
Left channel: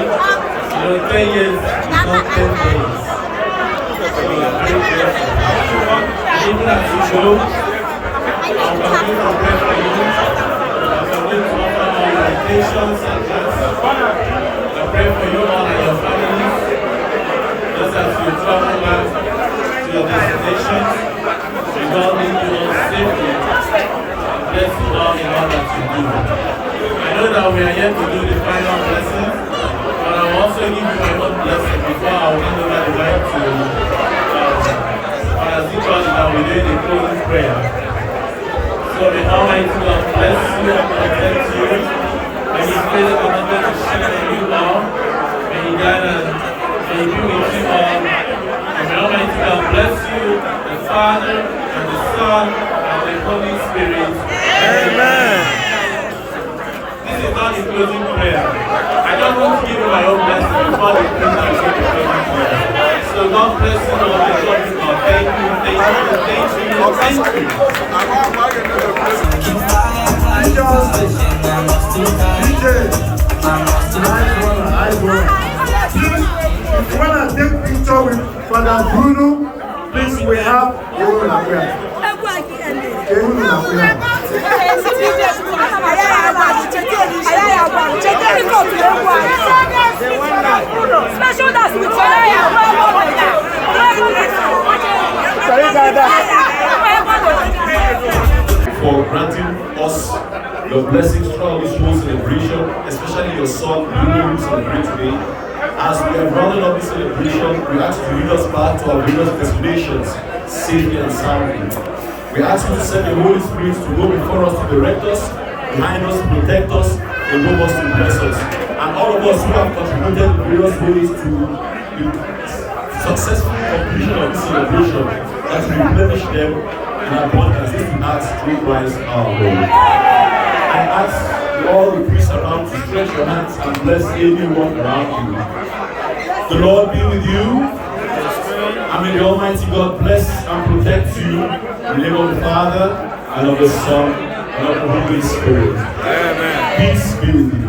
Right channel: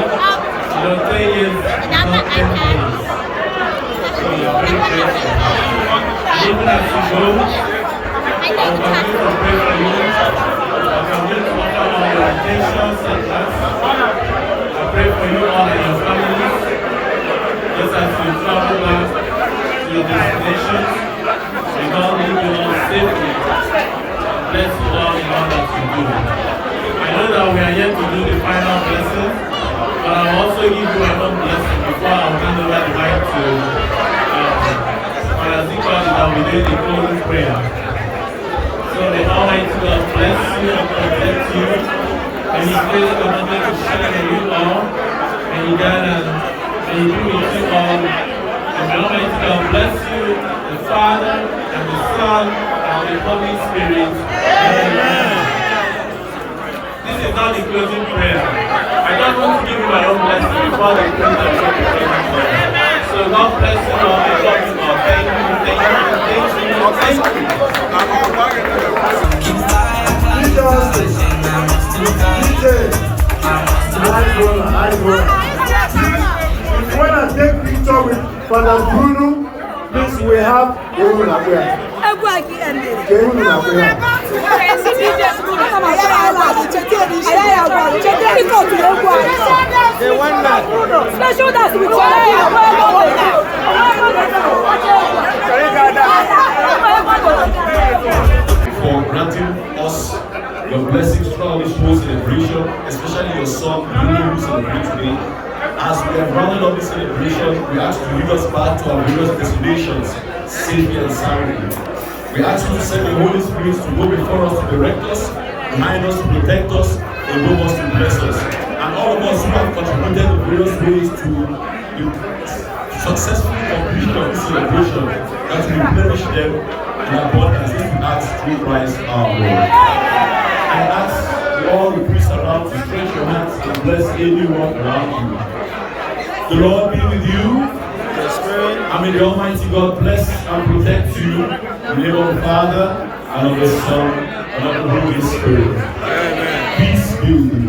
10 years is not 10 days. So we are very grateful. And even as you go, I'll continue to pray for you. I'll continue to offer all your intentions and plans. I pray for you all and your families. Just as you travel back to your destinations, may God lead you all safely. Bless you all in all that you do. I know that we are yet to do the final blessing, but I will also give you my own blessing before I will hand over the mic to Liturgical that we do the closing prayer. So may Almighty God bless you and protect you, and His face continue to shine on you all, and He guide and He be with you all. And may Almighty God bless you, the Father, and the Son, and the Holy Spirit. Amen. This is not the closing prayer. I just want to give you my own blessing before the closing prayer. So God bless you all. May God be God. Thank you. If you want to take picture with Father Bruno, please we have for granting us your blessings throughout this whole celebration, especially your son Bruno, who celebrates today. As we have rounded up this celebration, we ask you to lead us back to our various destinations safely and soundly. We ask you to send the Holy Spirit to go before us, to direct us, behind us, to protect us, above us, to bless us. And all of us who have contributed in various ways to the successful completion of this celebration, that we replenish them in abundance. This we ask through Christ our Lord. I ask all the priests around to stretch your hands and bless anyone around you. The Lord be with you. And may the Almighty God bless and protect you in the name of the Father, and of the Son, and of the Holy Spirit. Amen. Peace be with you.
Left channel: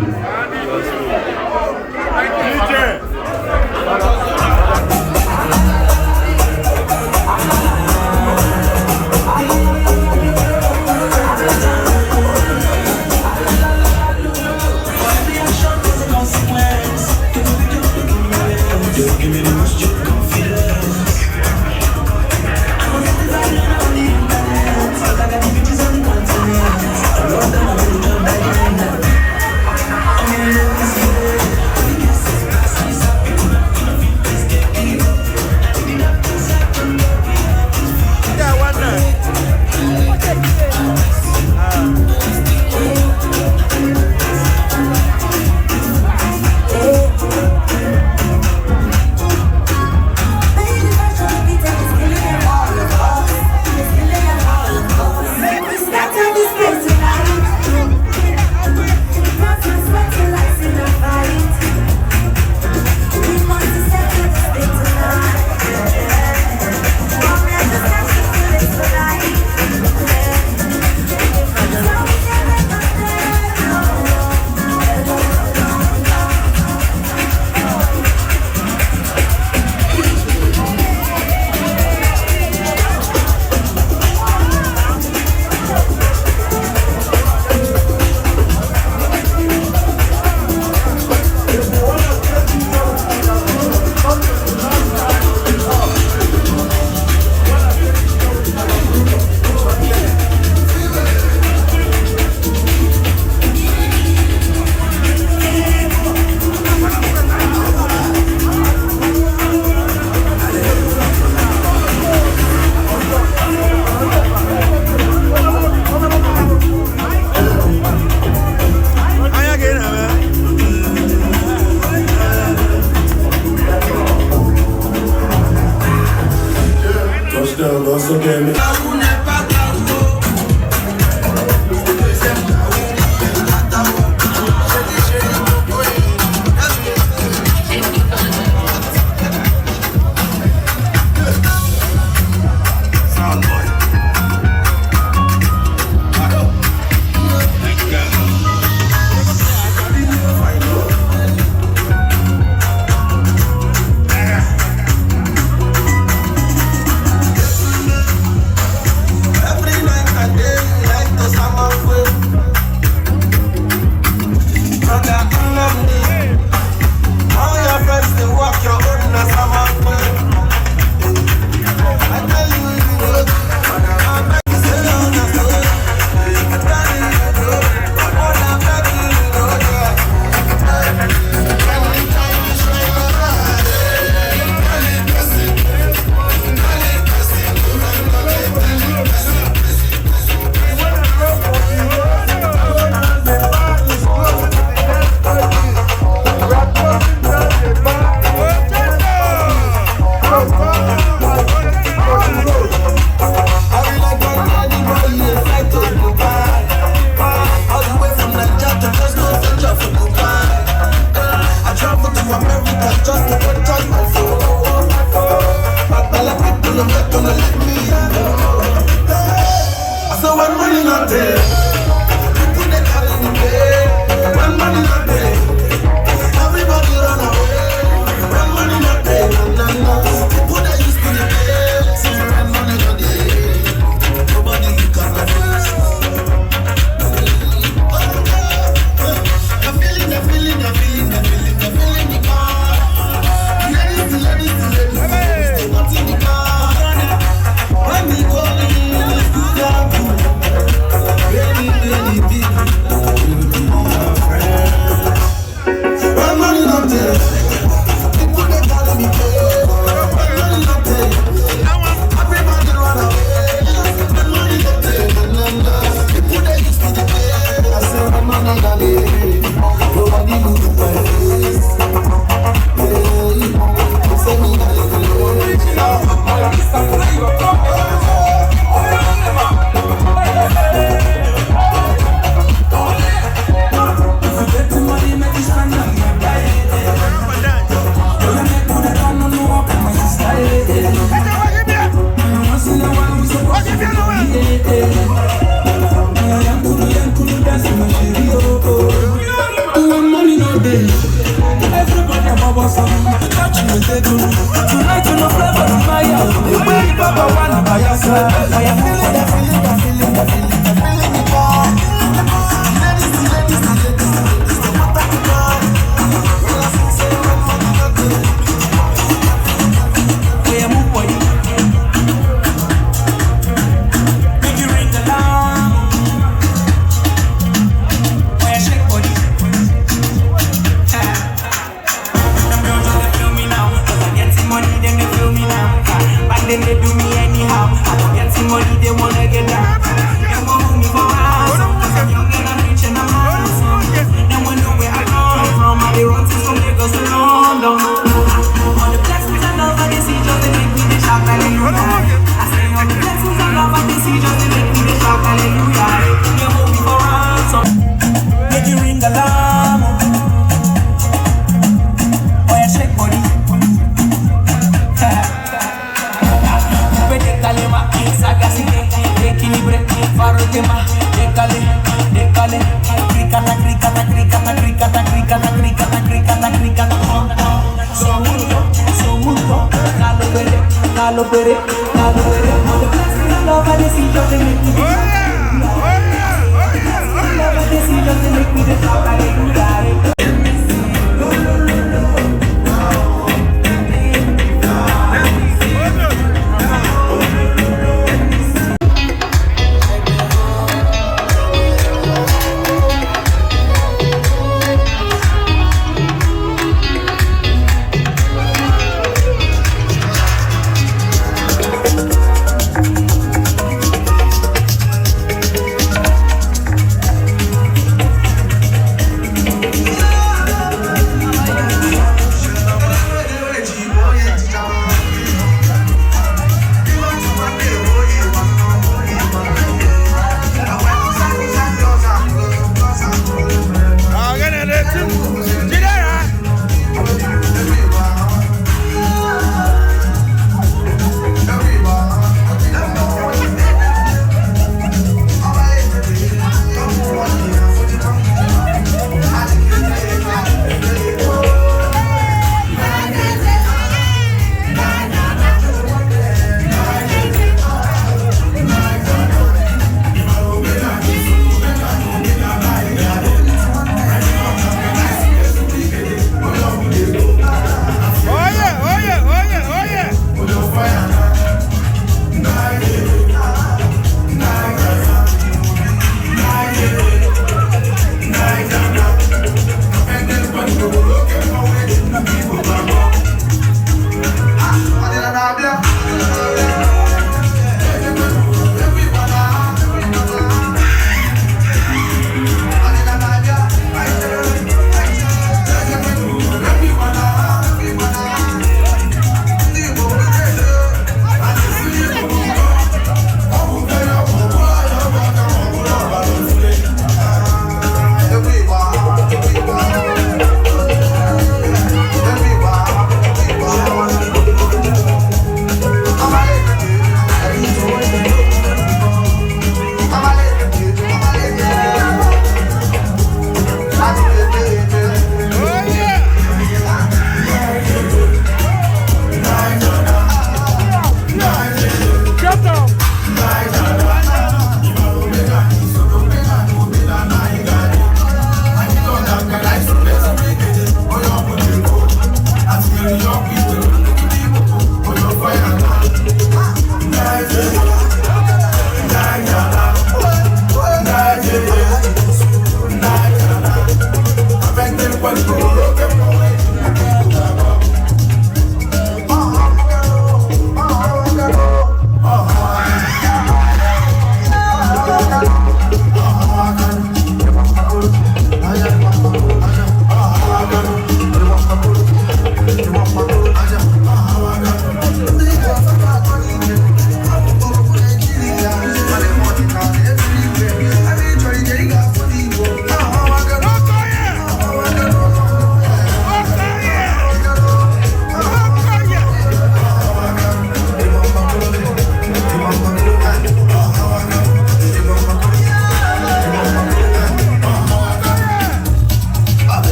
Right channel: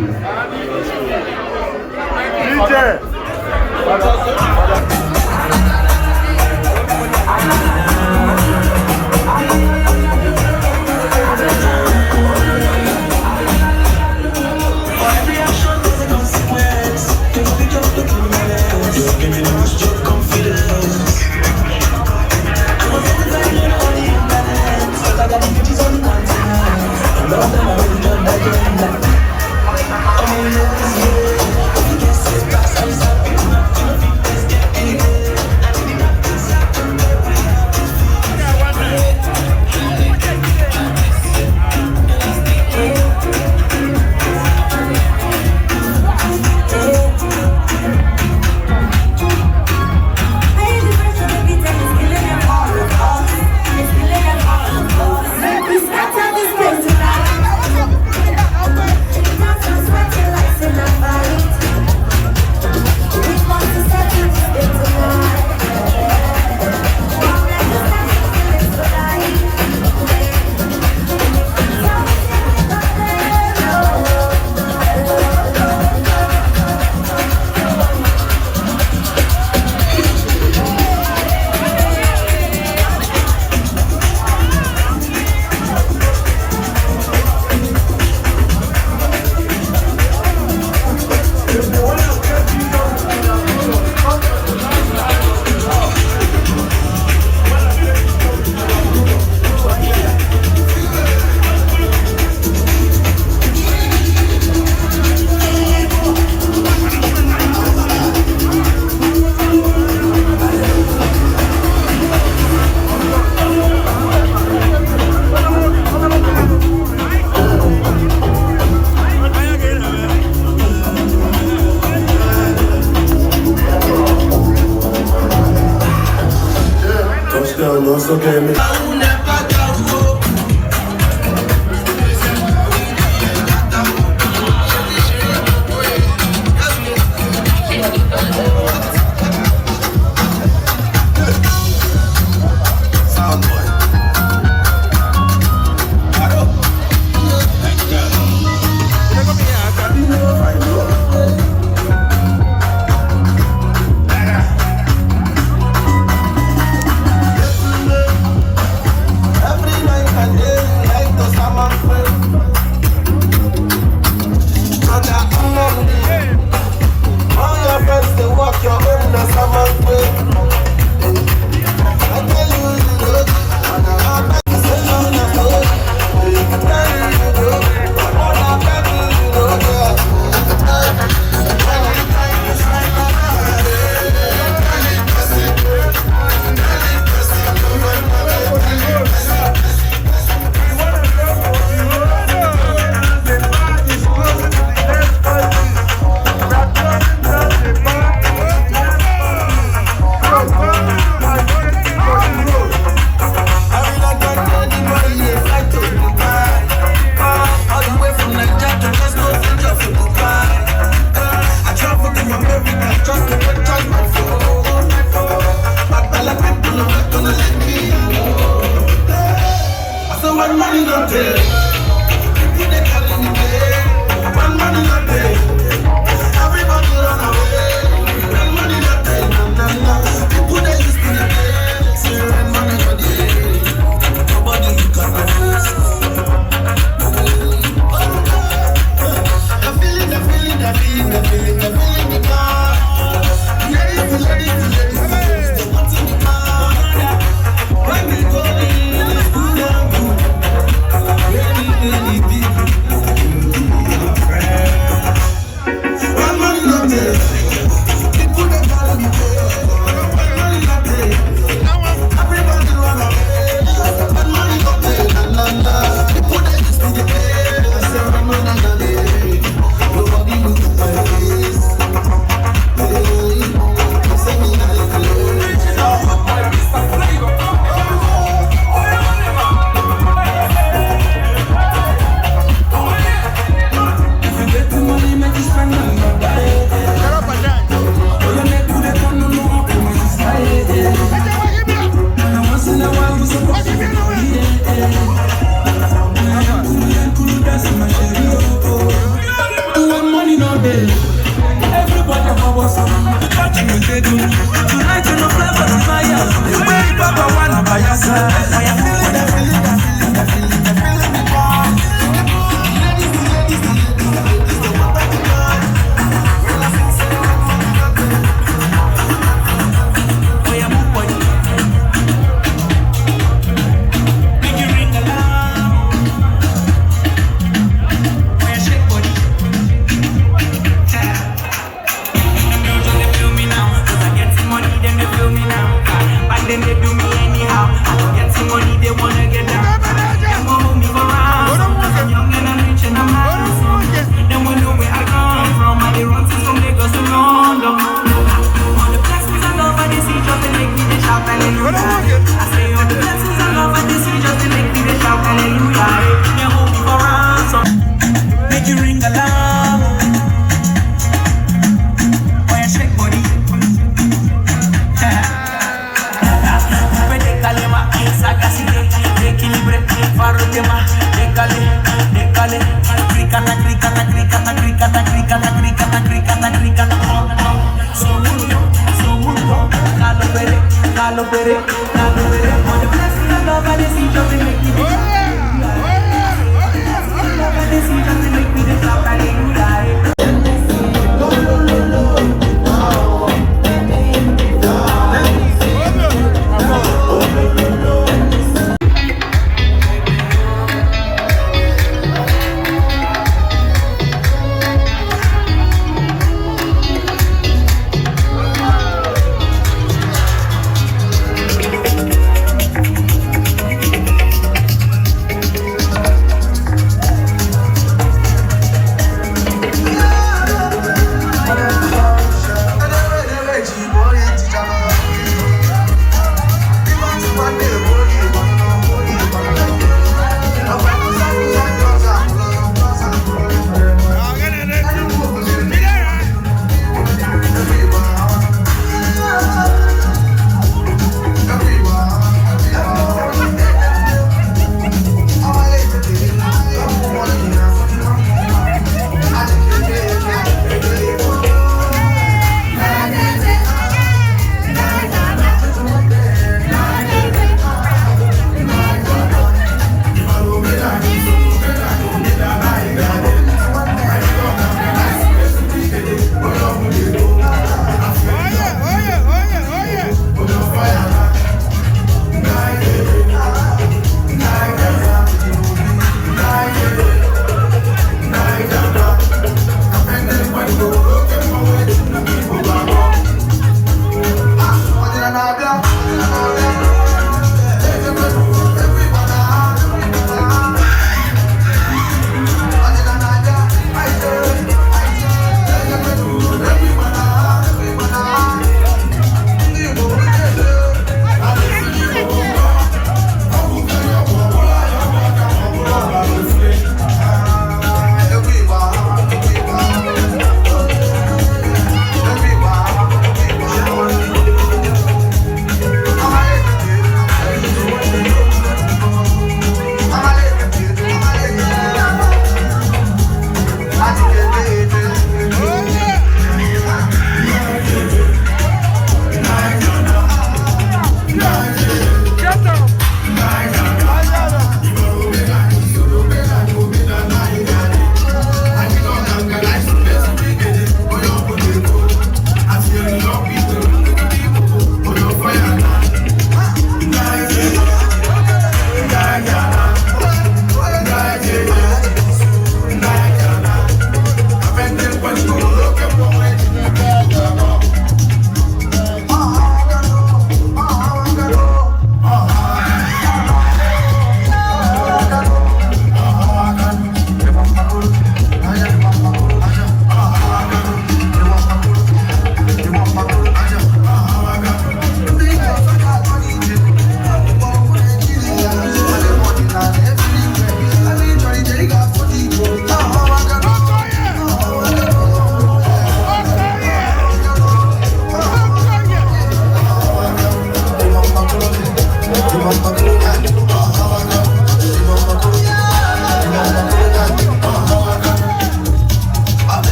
They do me anyhow. Get some money, they wanna get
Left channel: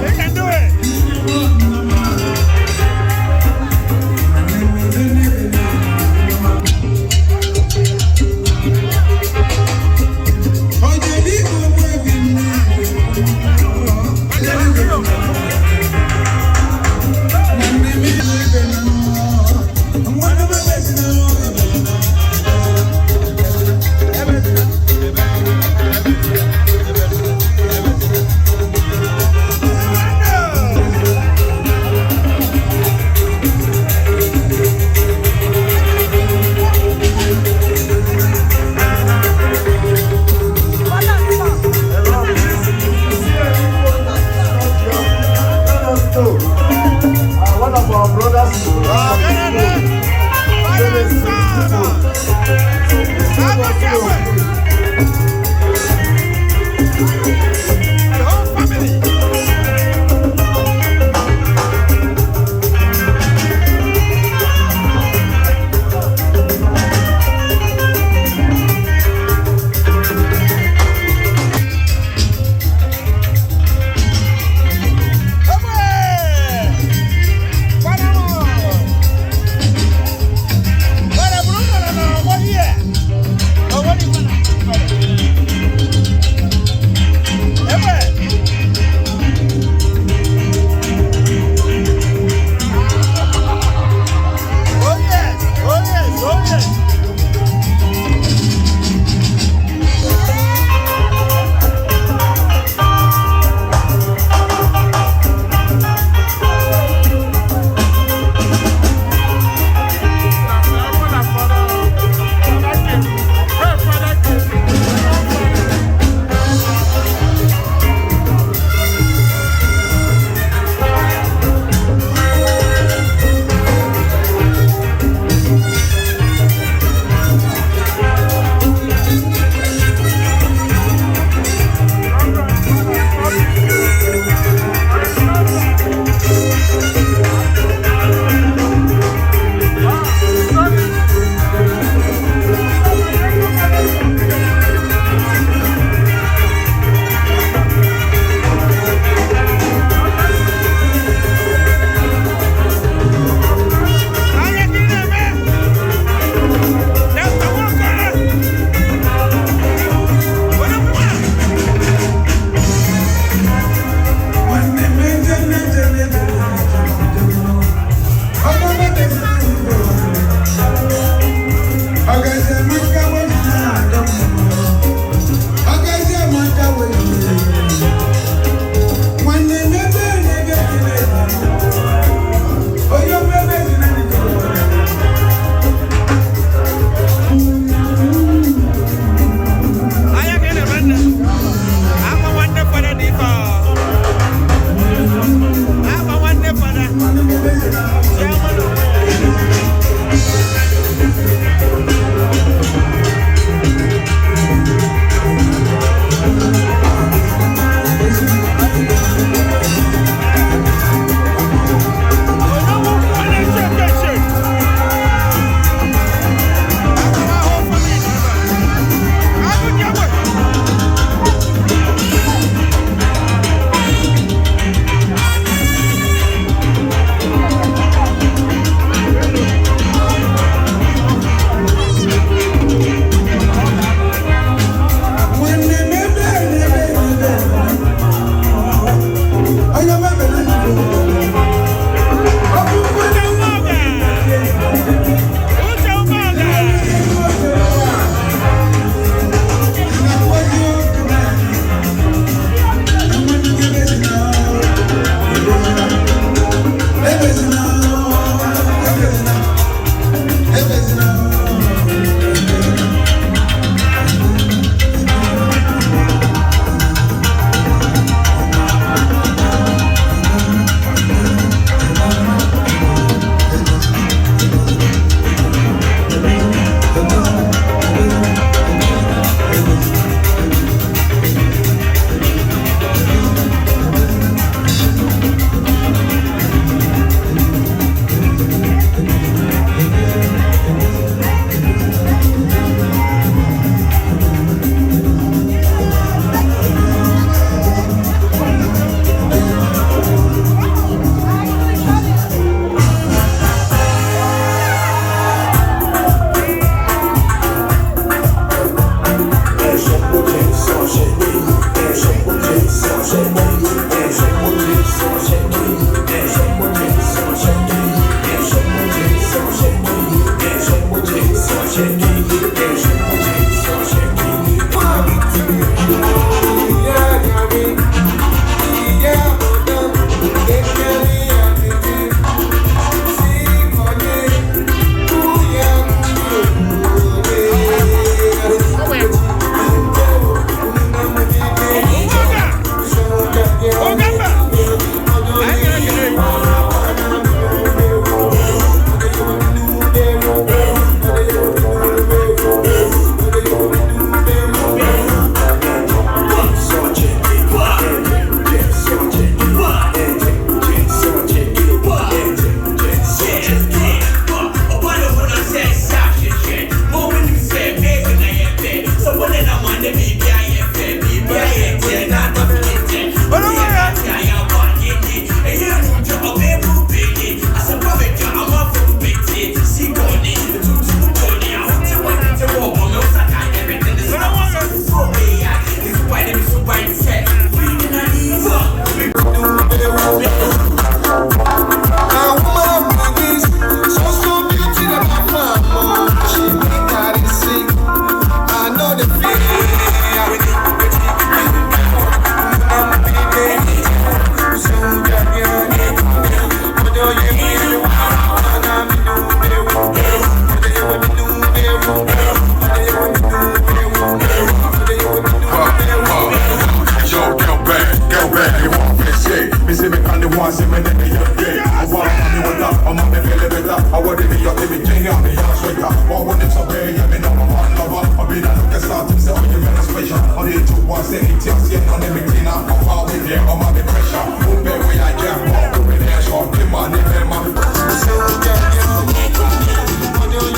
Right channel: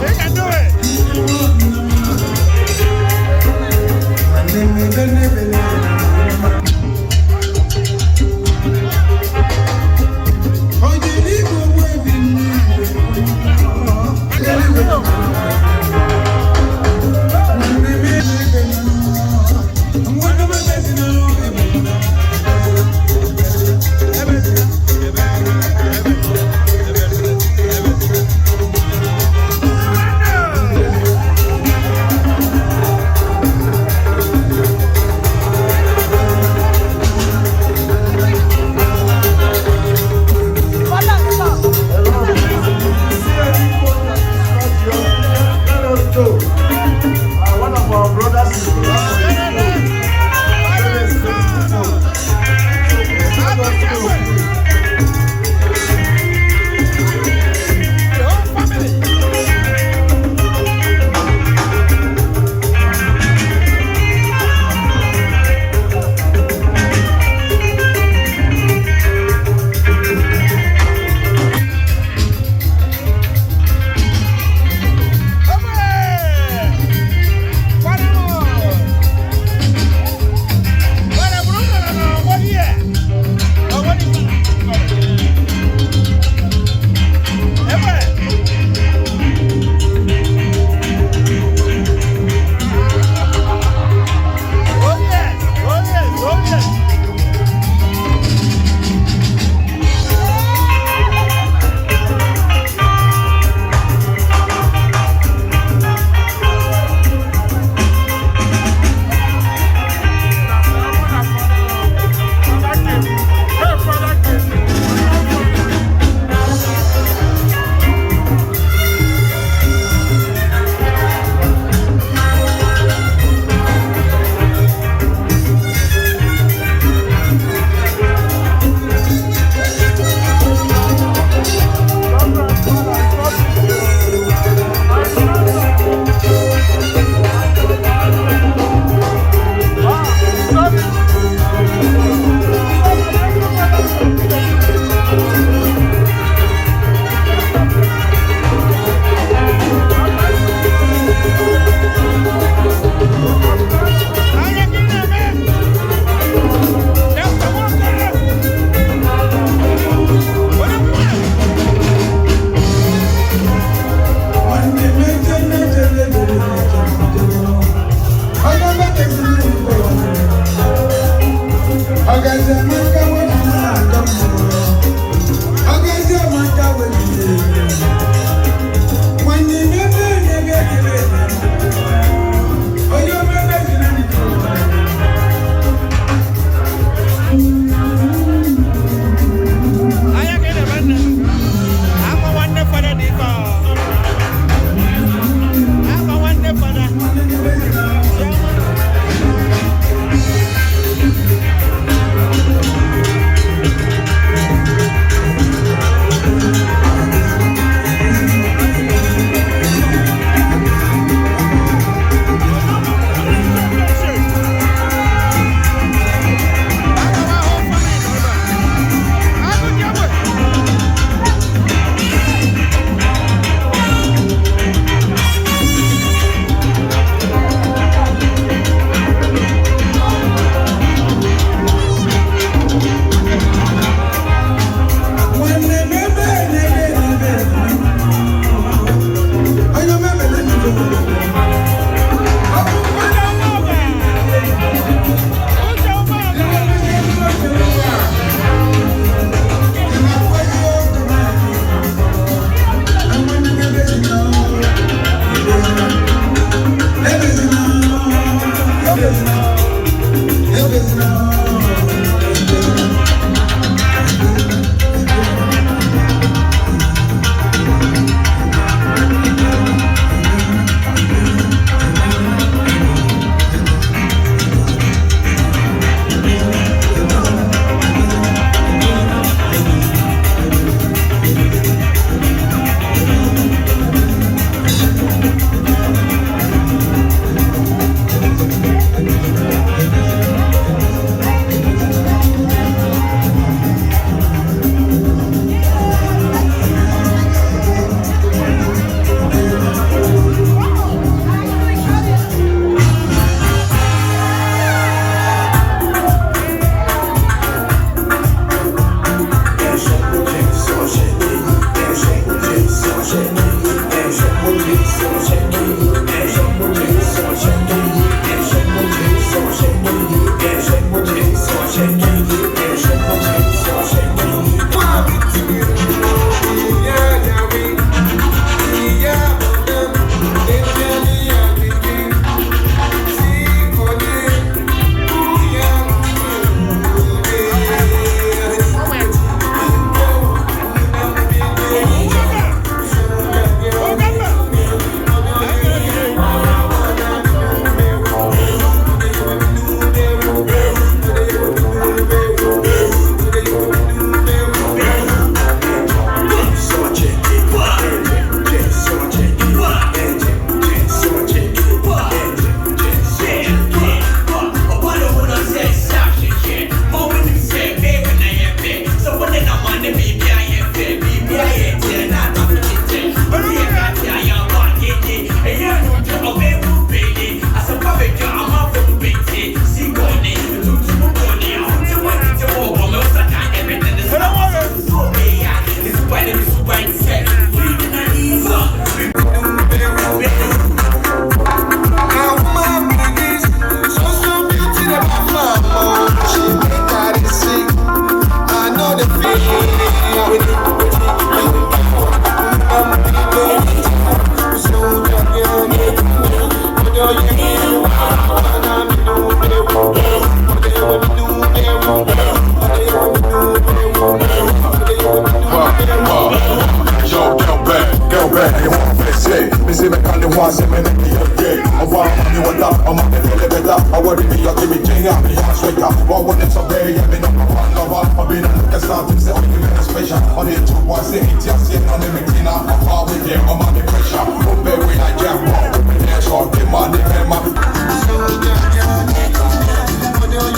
Hey, say, me see me kind of want some me day. I want to better, I'm on the feel better. I want to be a give me king and me a sweater. But when it's a bay, I've been up a one lover. I've been a look at something, say, oh, you got a special. On the 2 1 say, it's just yet on the clean up. I'm far with you, I'm on the pressure. Don't pay where I jump up. There's all the money, the money. When you're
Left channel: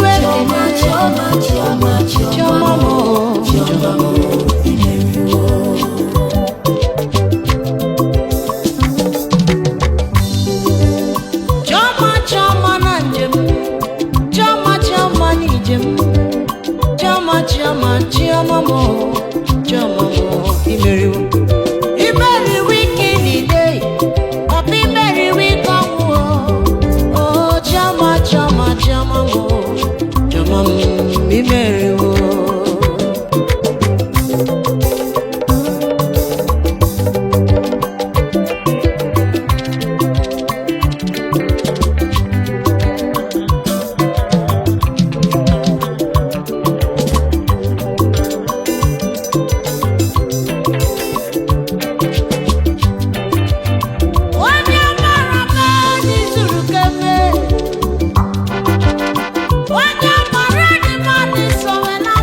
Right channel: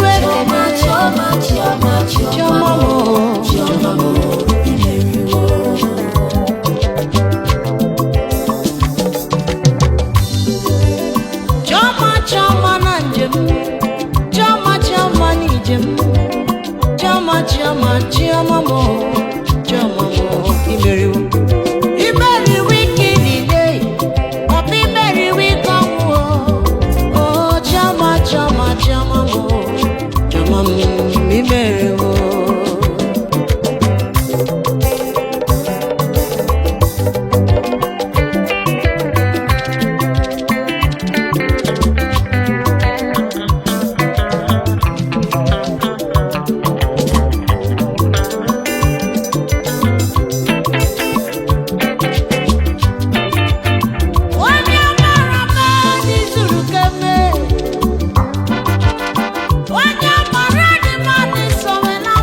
ready, man, it's so when I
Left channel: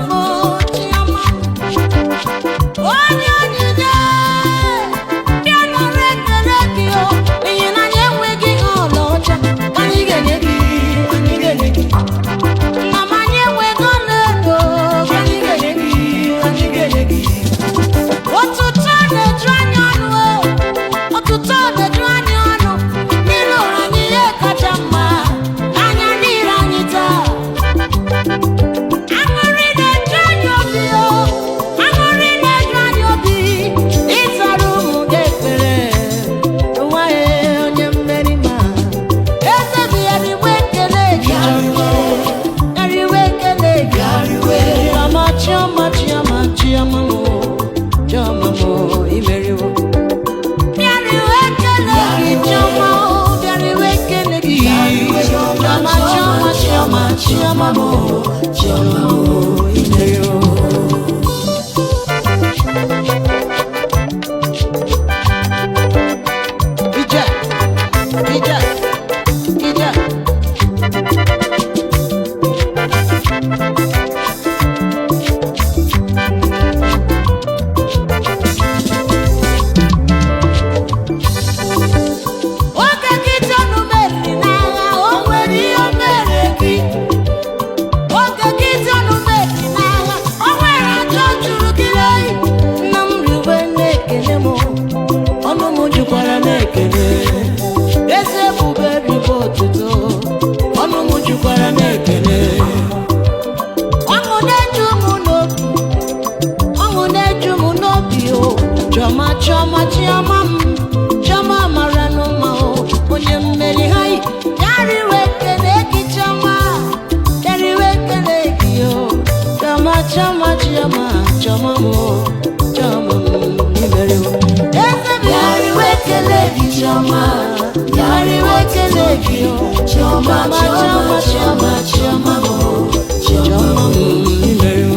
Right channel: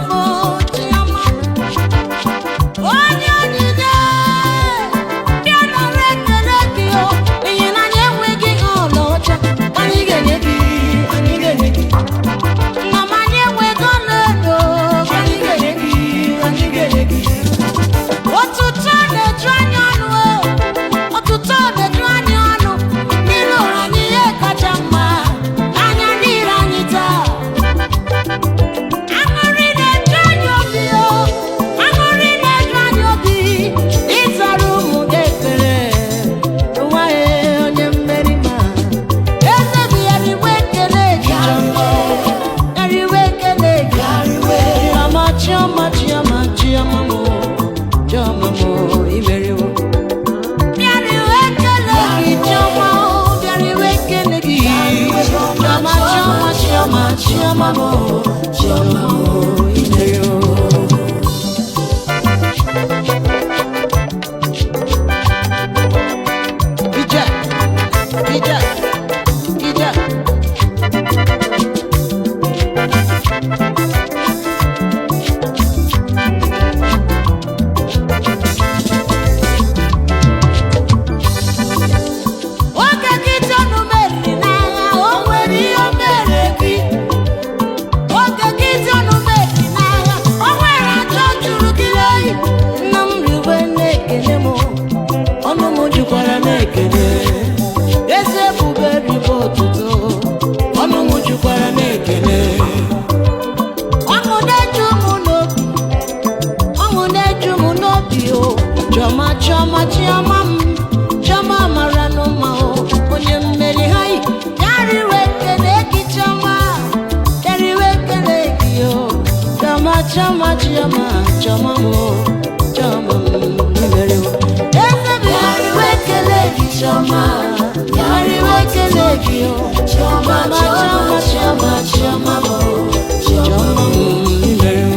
Chioma, Chioma mo, Chioma mo, Imerio. Ija, Ija, Ija. Chioma, Chioma, Chioma, Chioma marano mao, onye mmeri hai, yari wekele ki Chioma, yari wekele ki yo, Chioma, Chioma, Chioma, Chioma mo, Chioma mmeri ho, yari wekele ki Chioma, yari wekele ki yo, Chioma, Chioma, Chioma, Chioma mo, Chioma mmeri ho.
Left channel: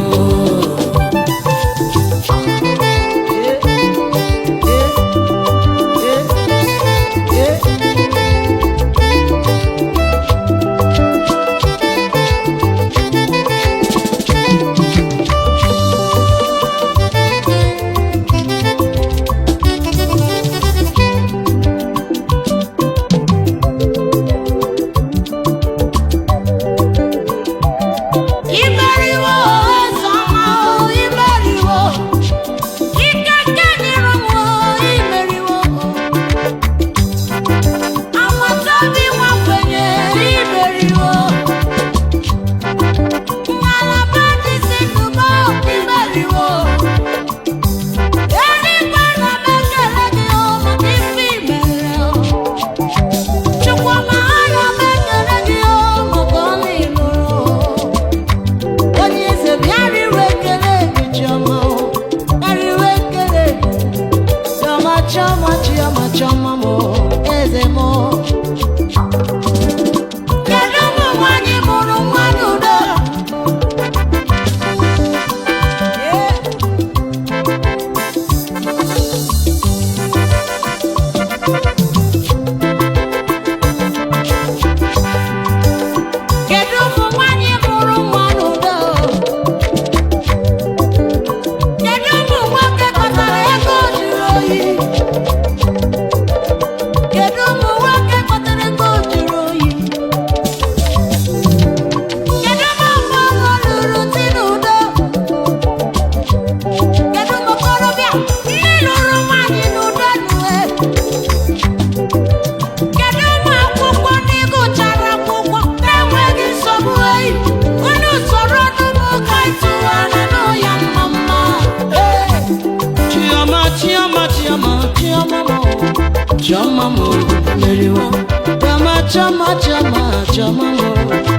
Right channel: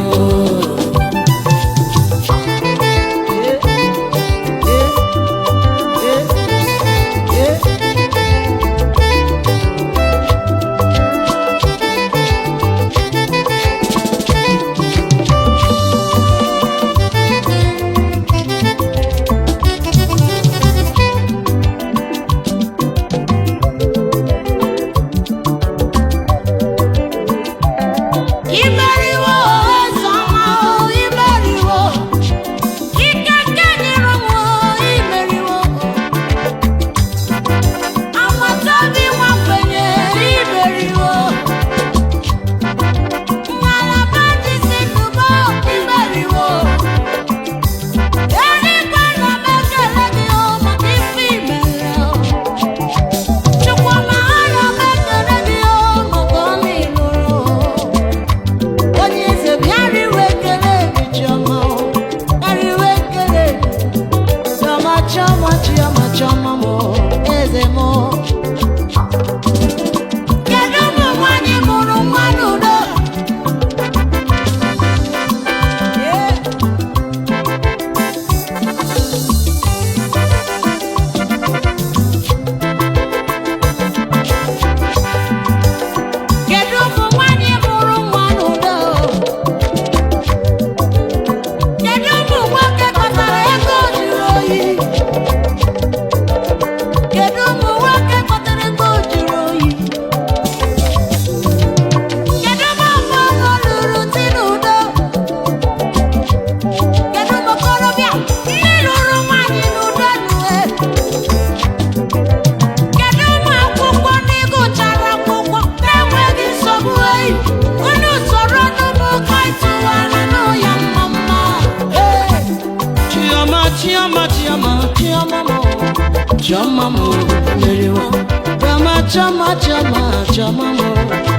Chioma mo, Chioma, Chioma, Chioma mo.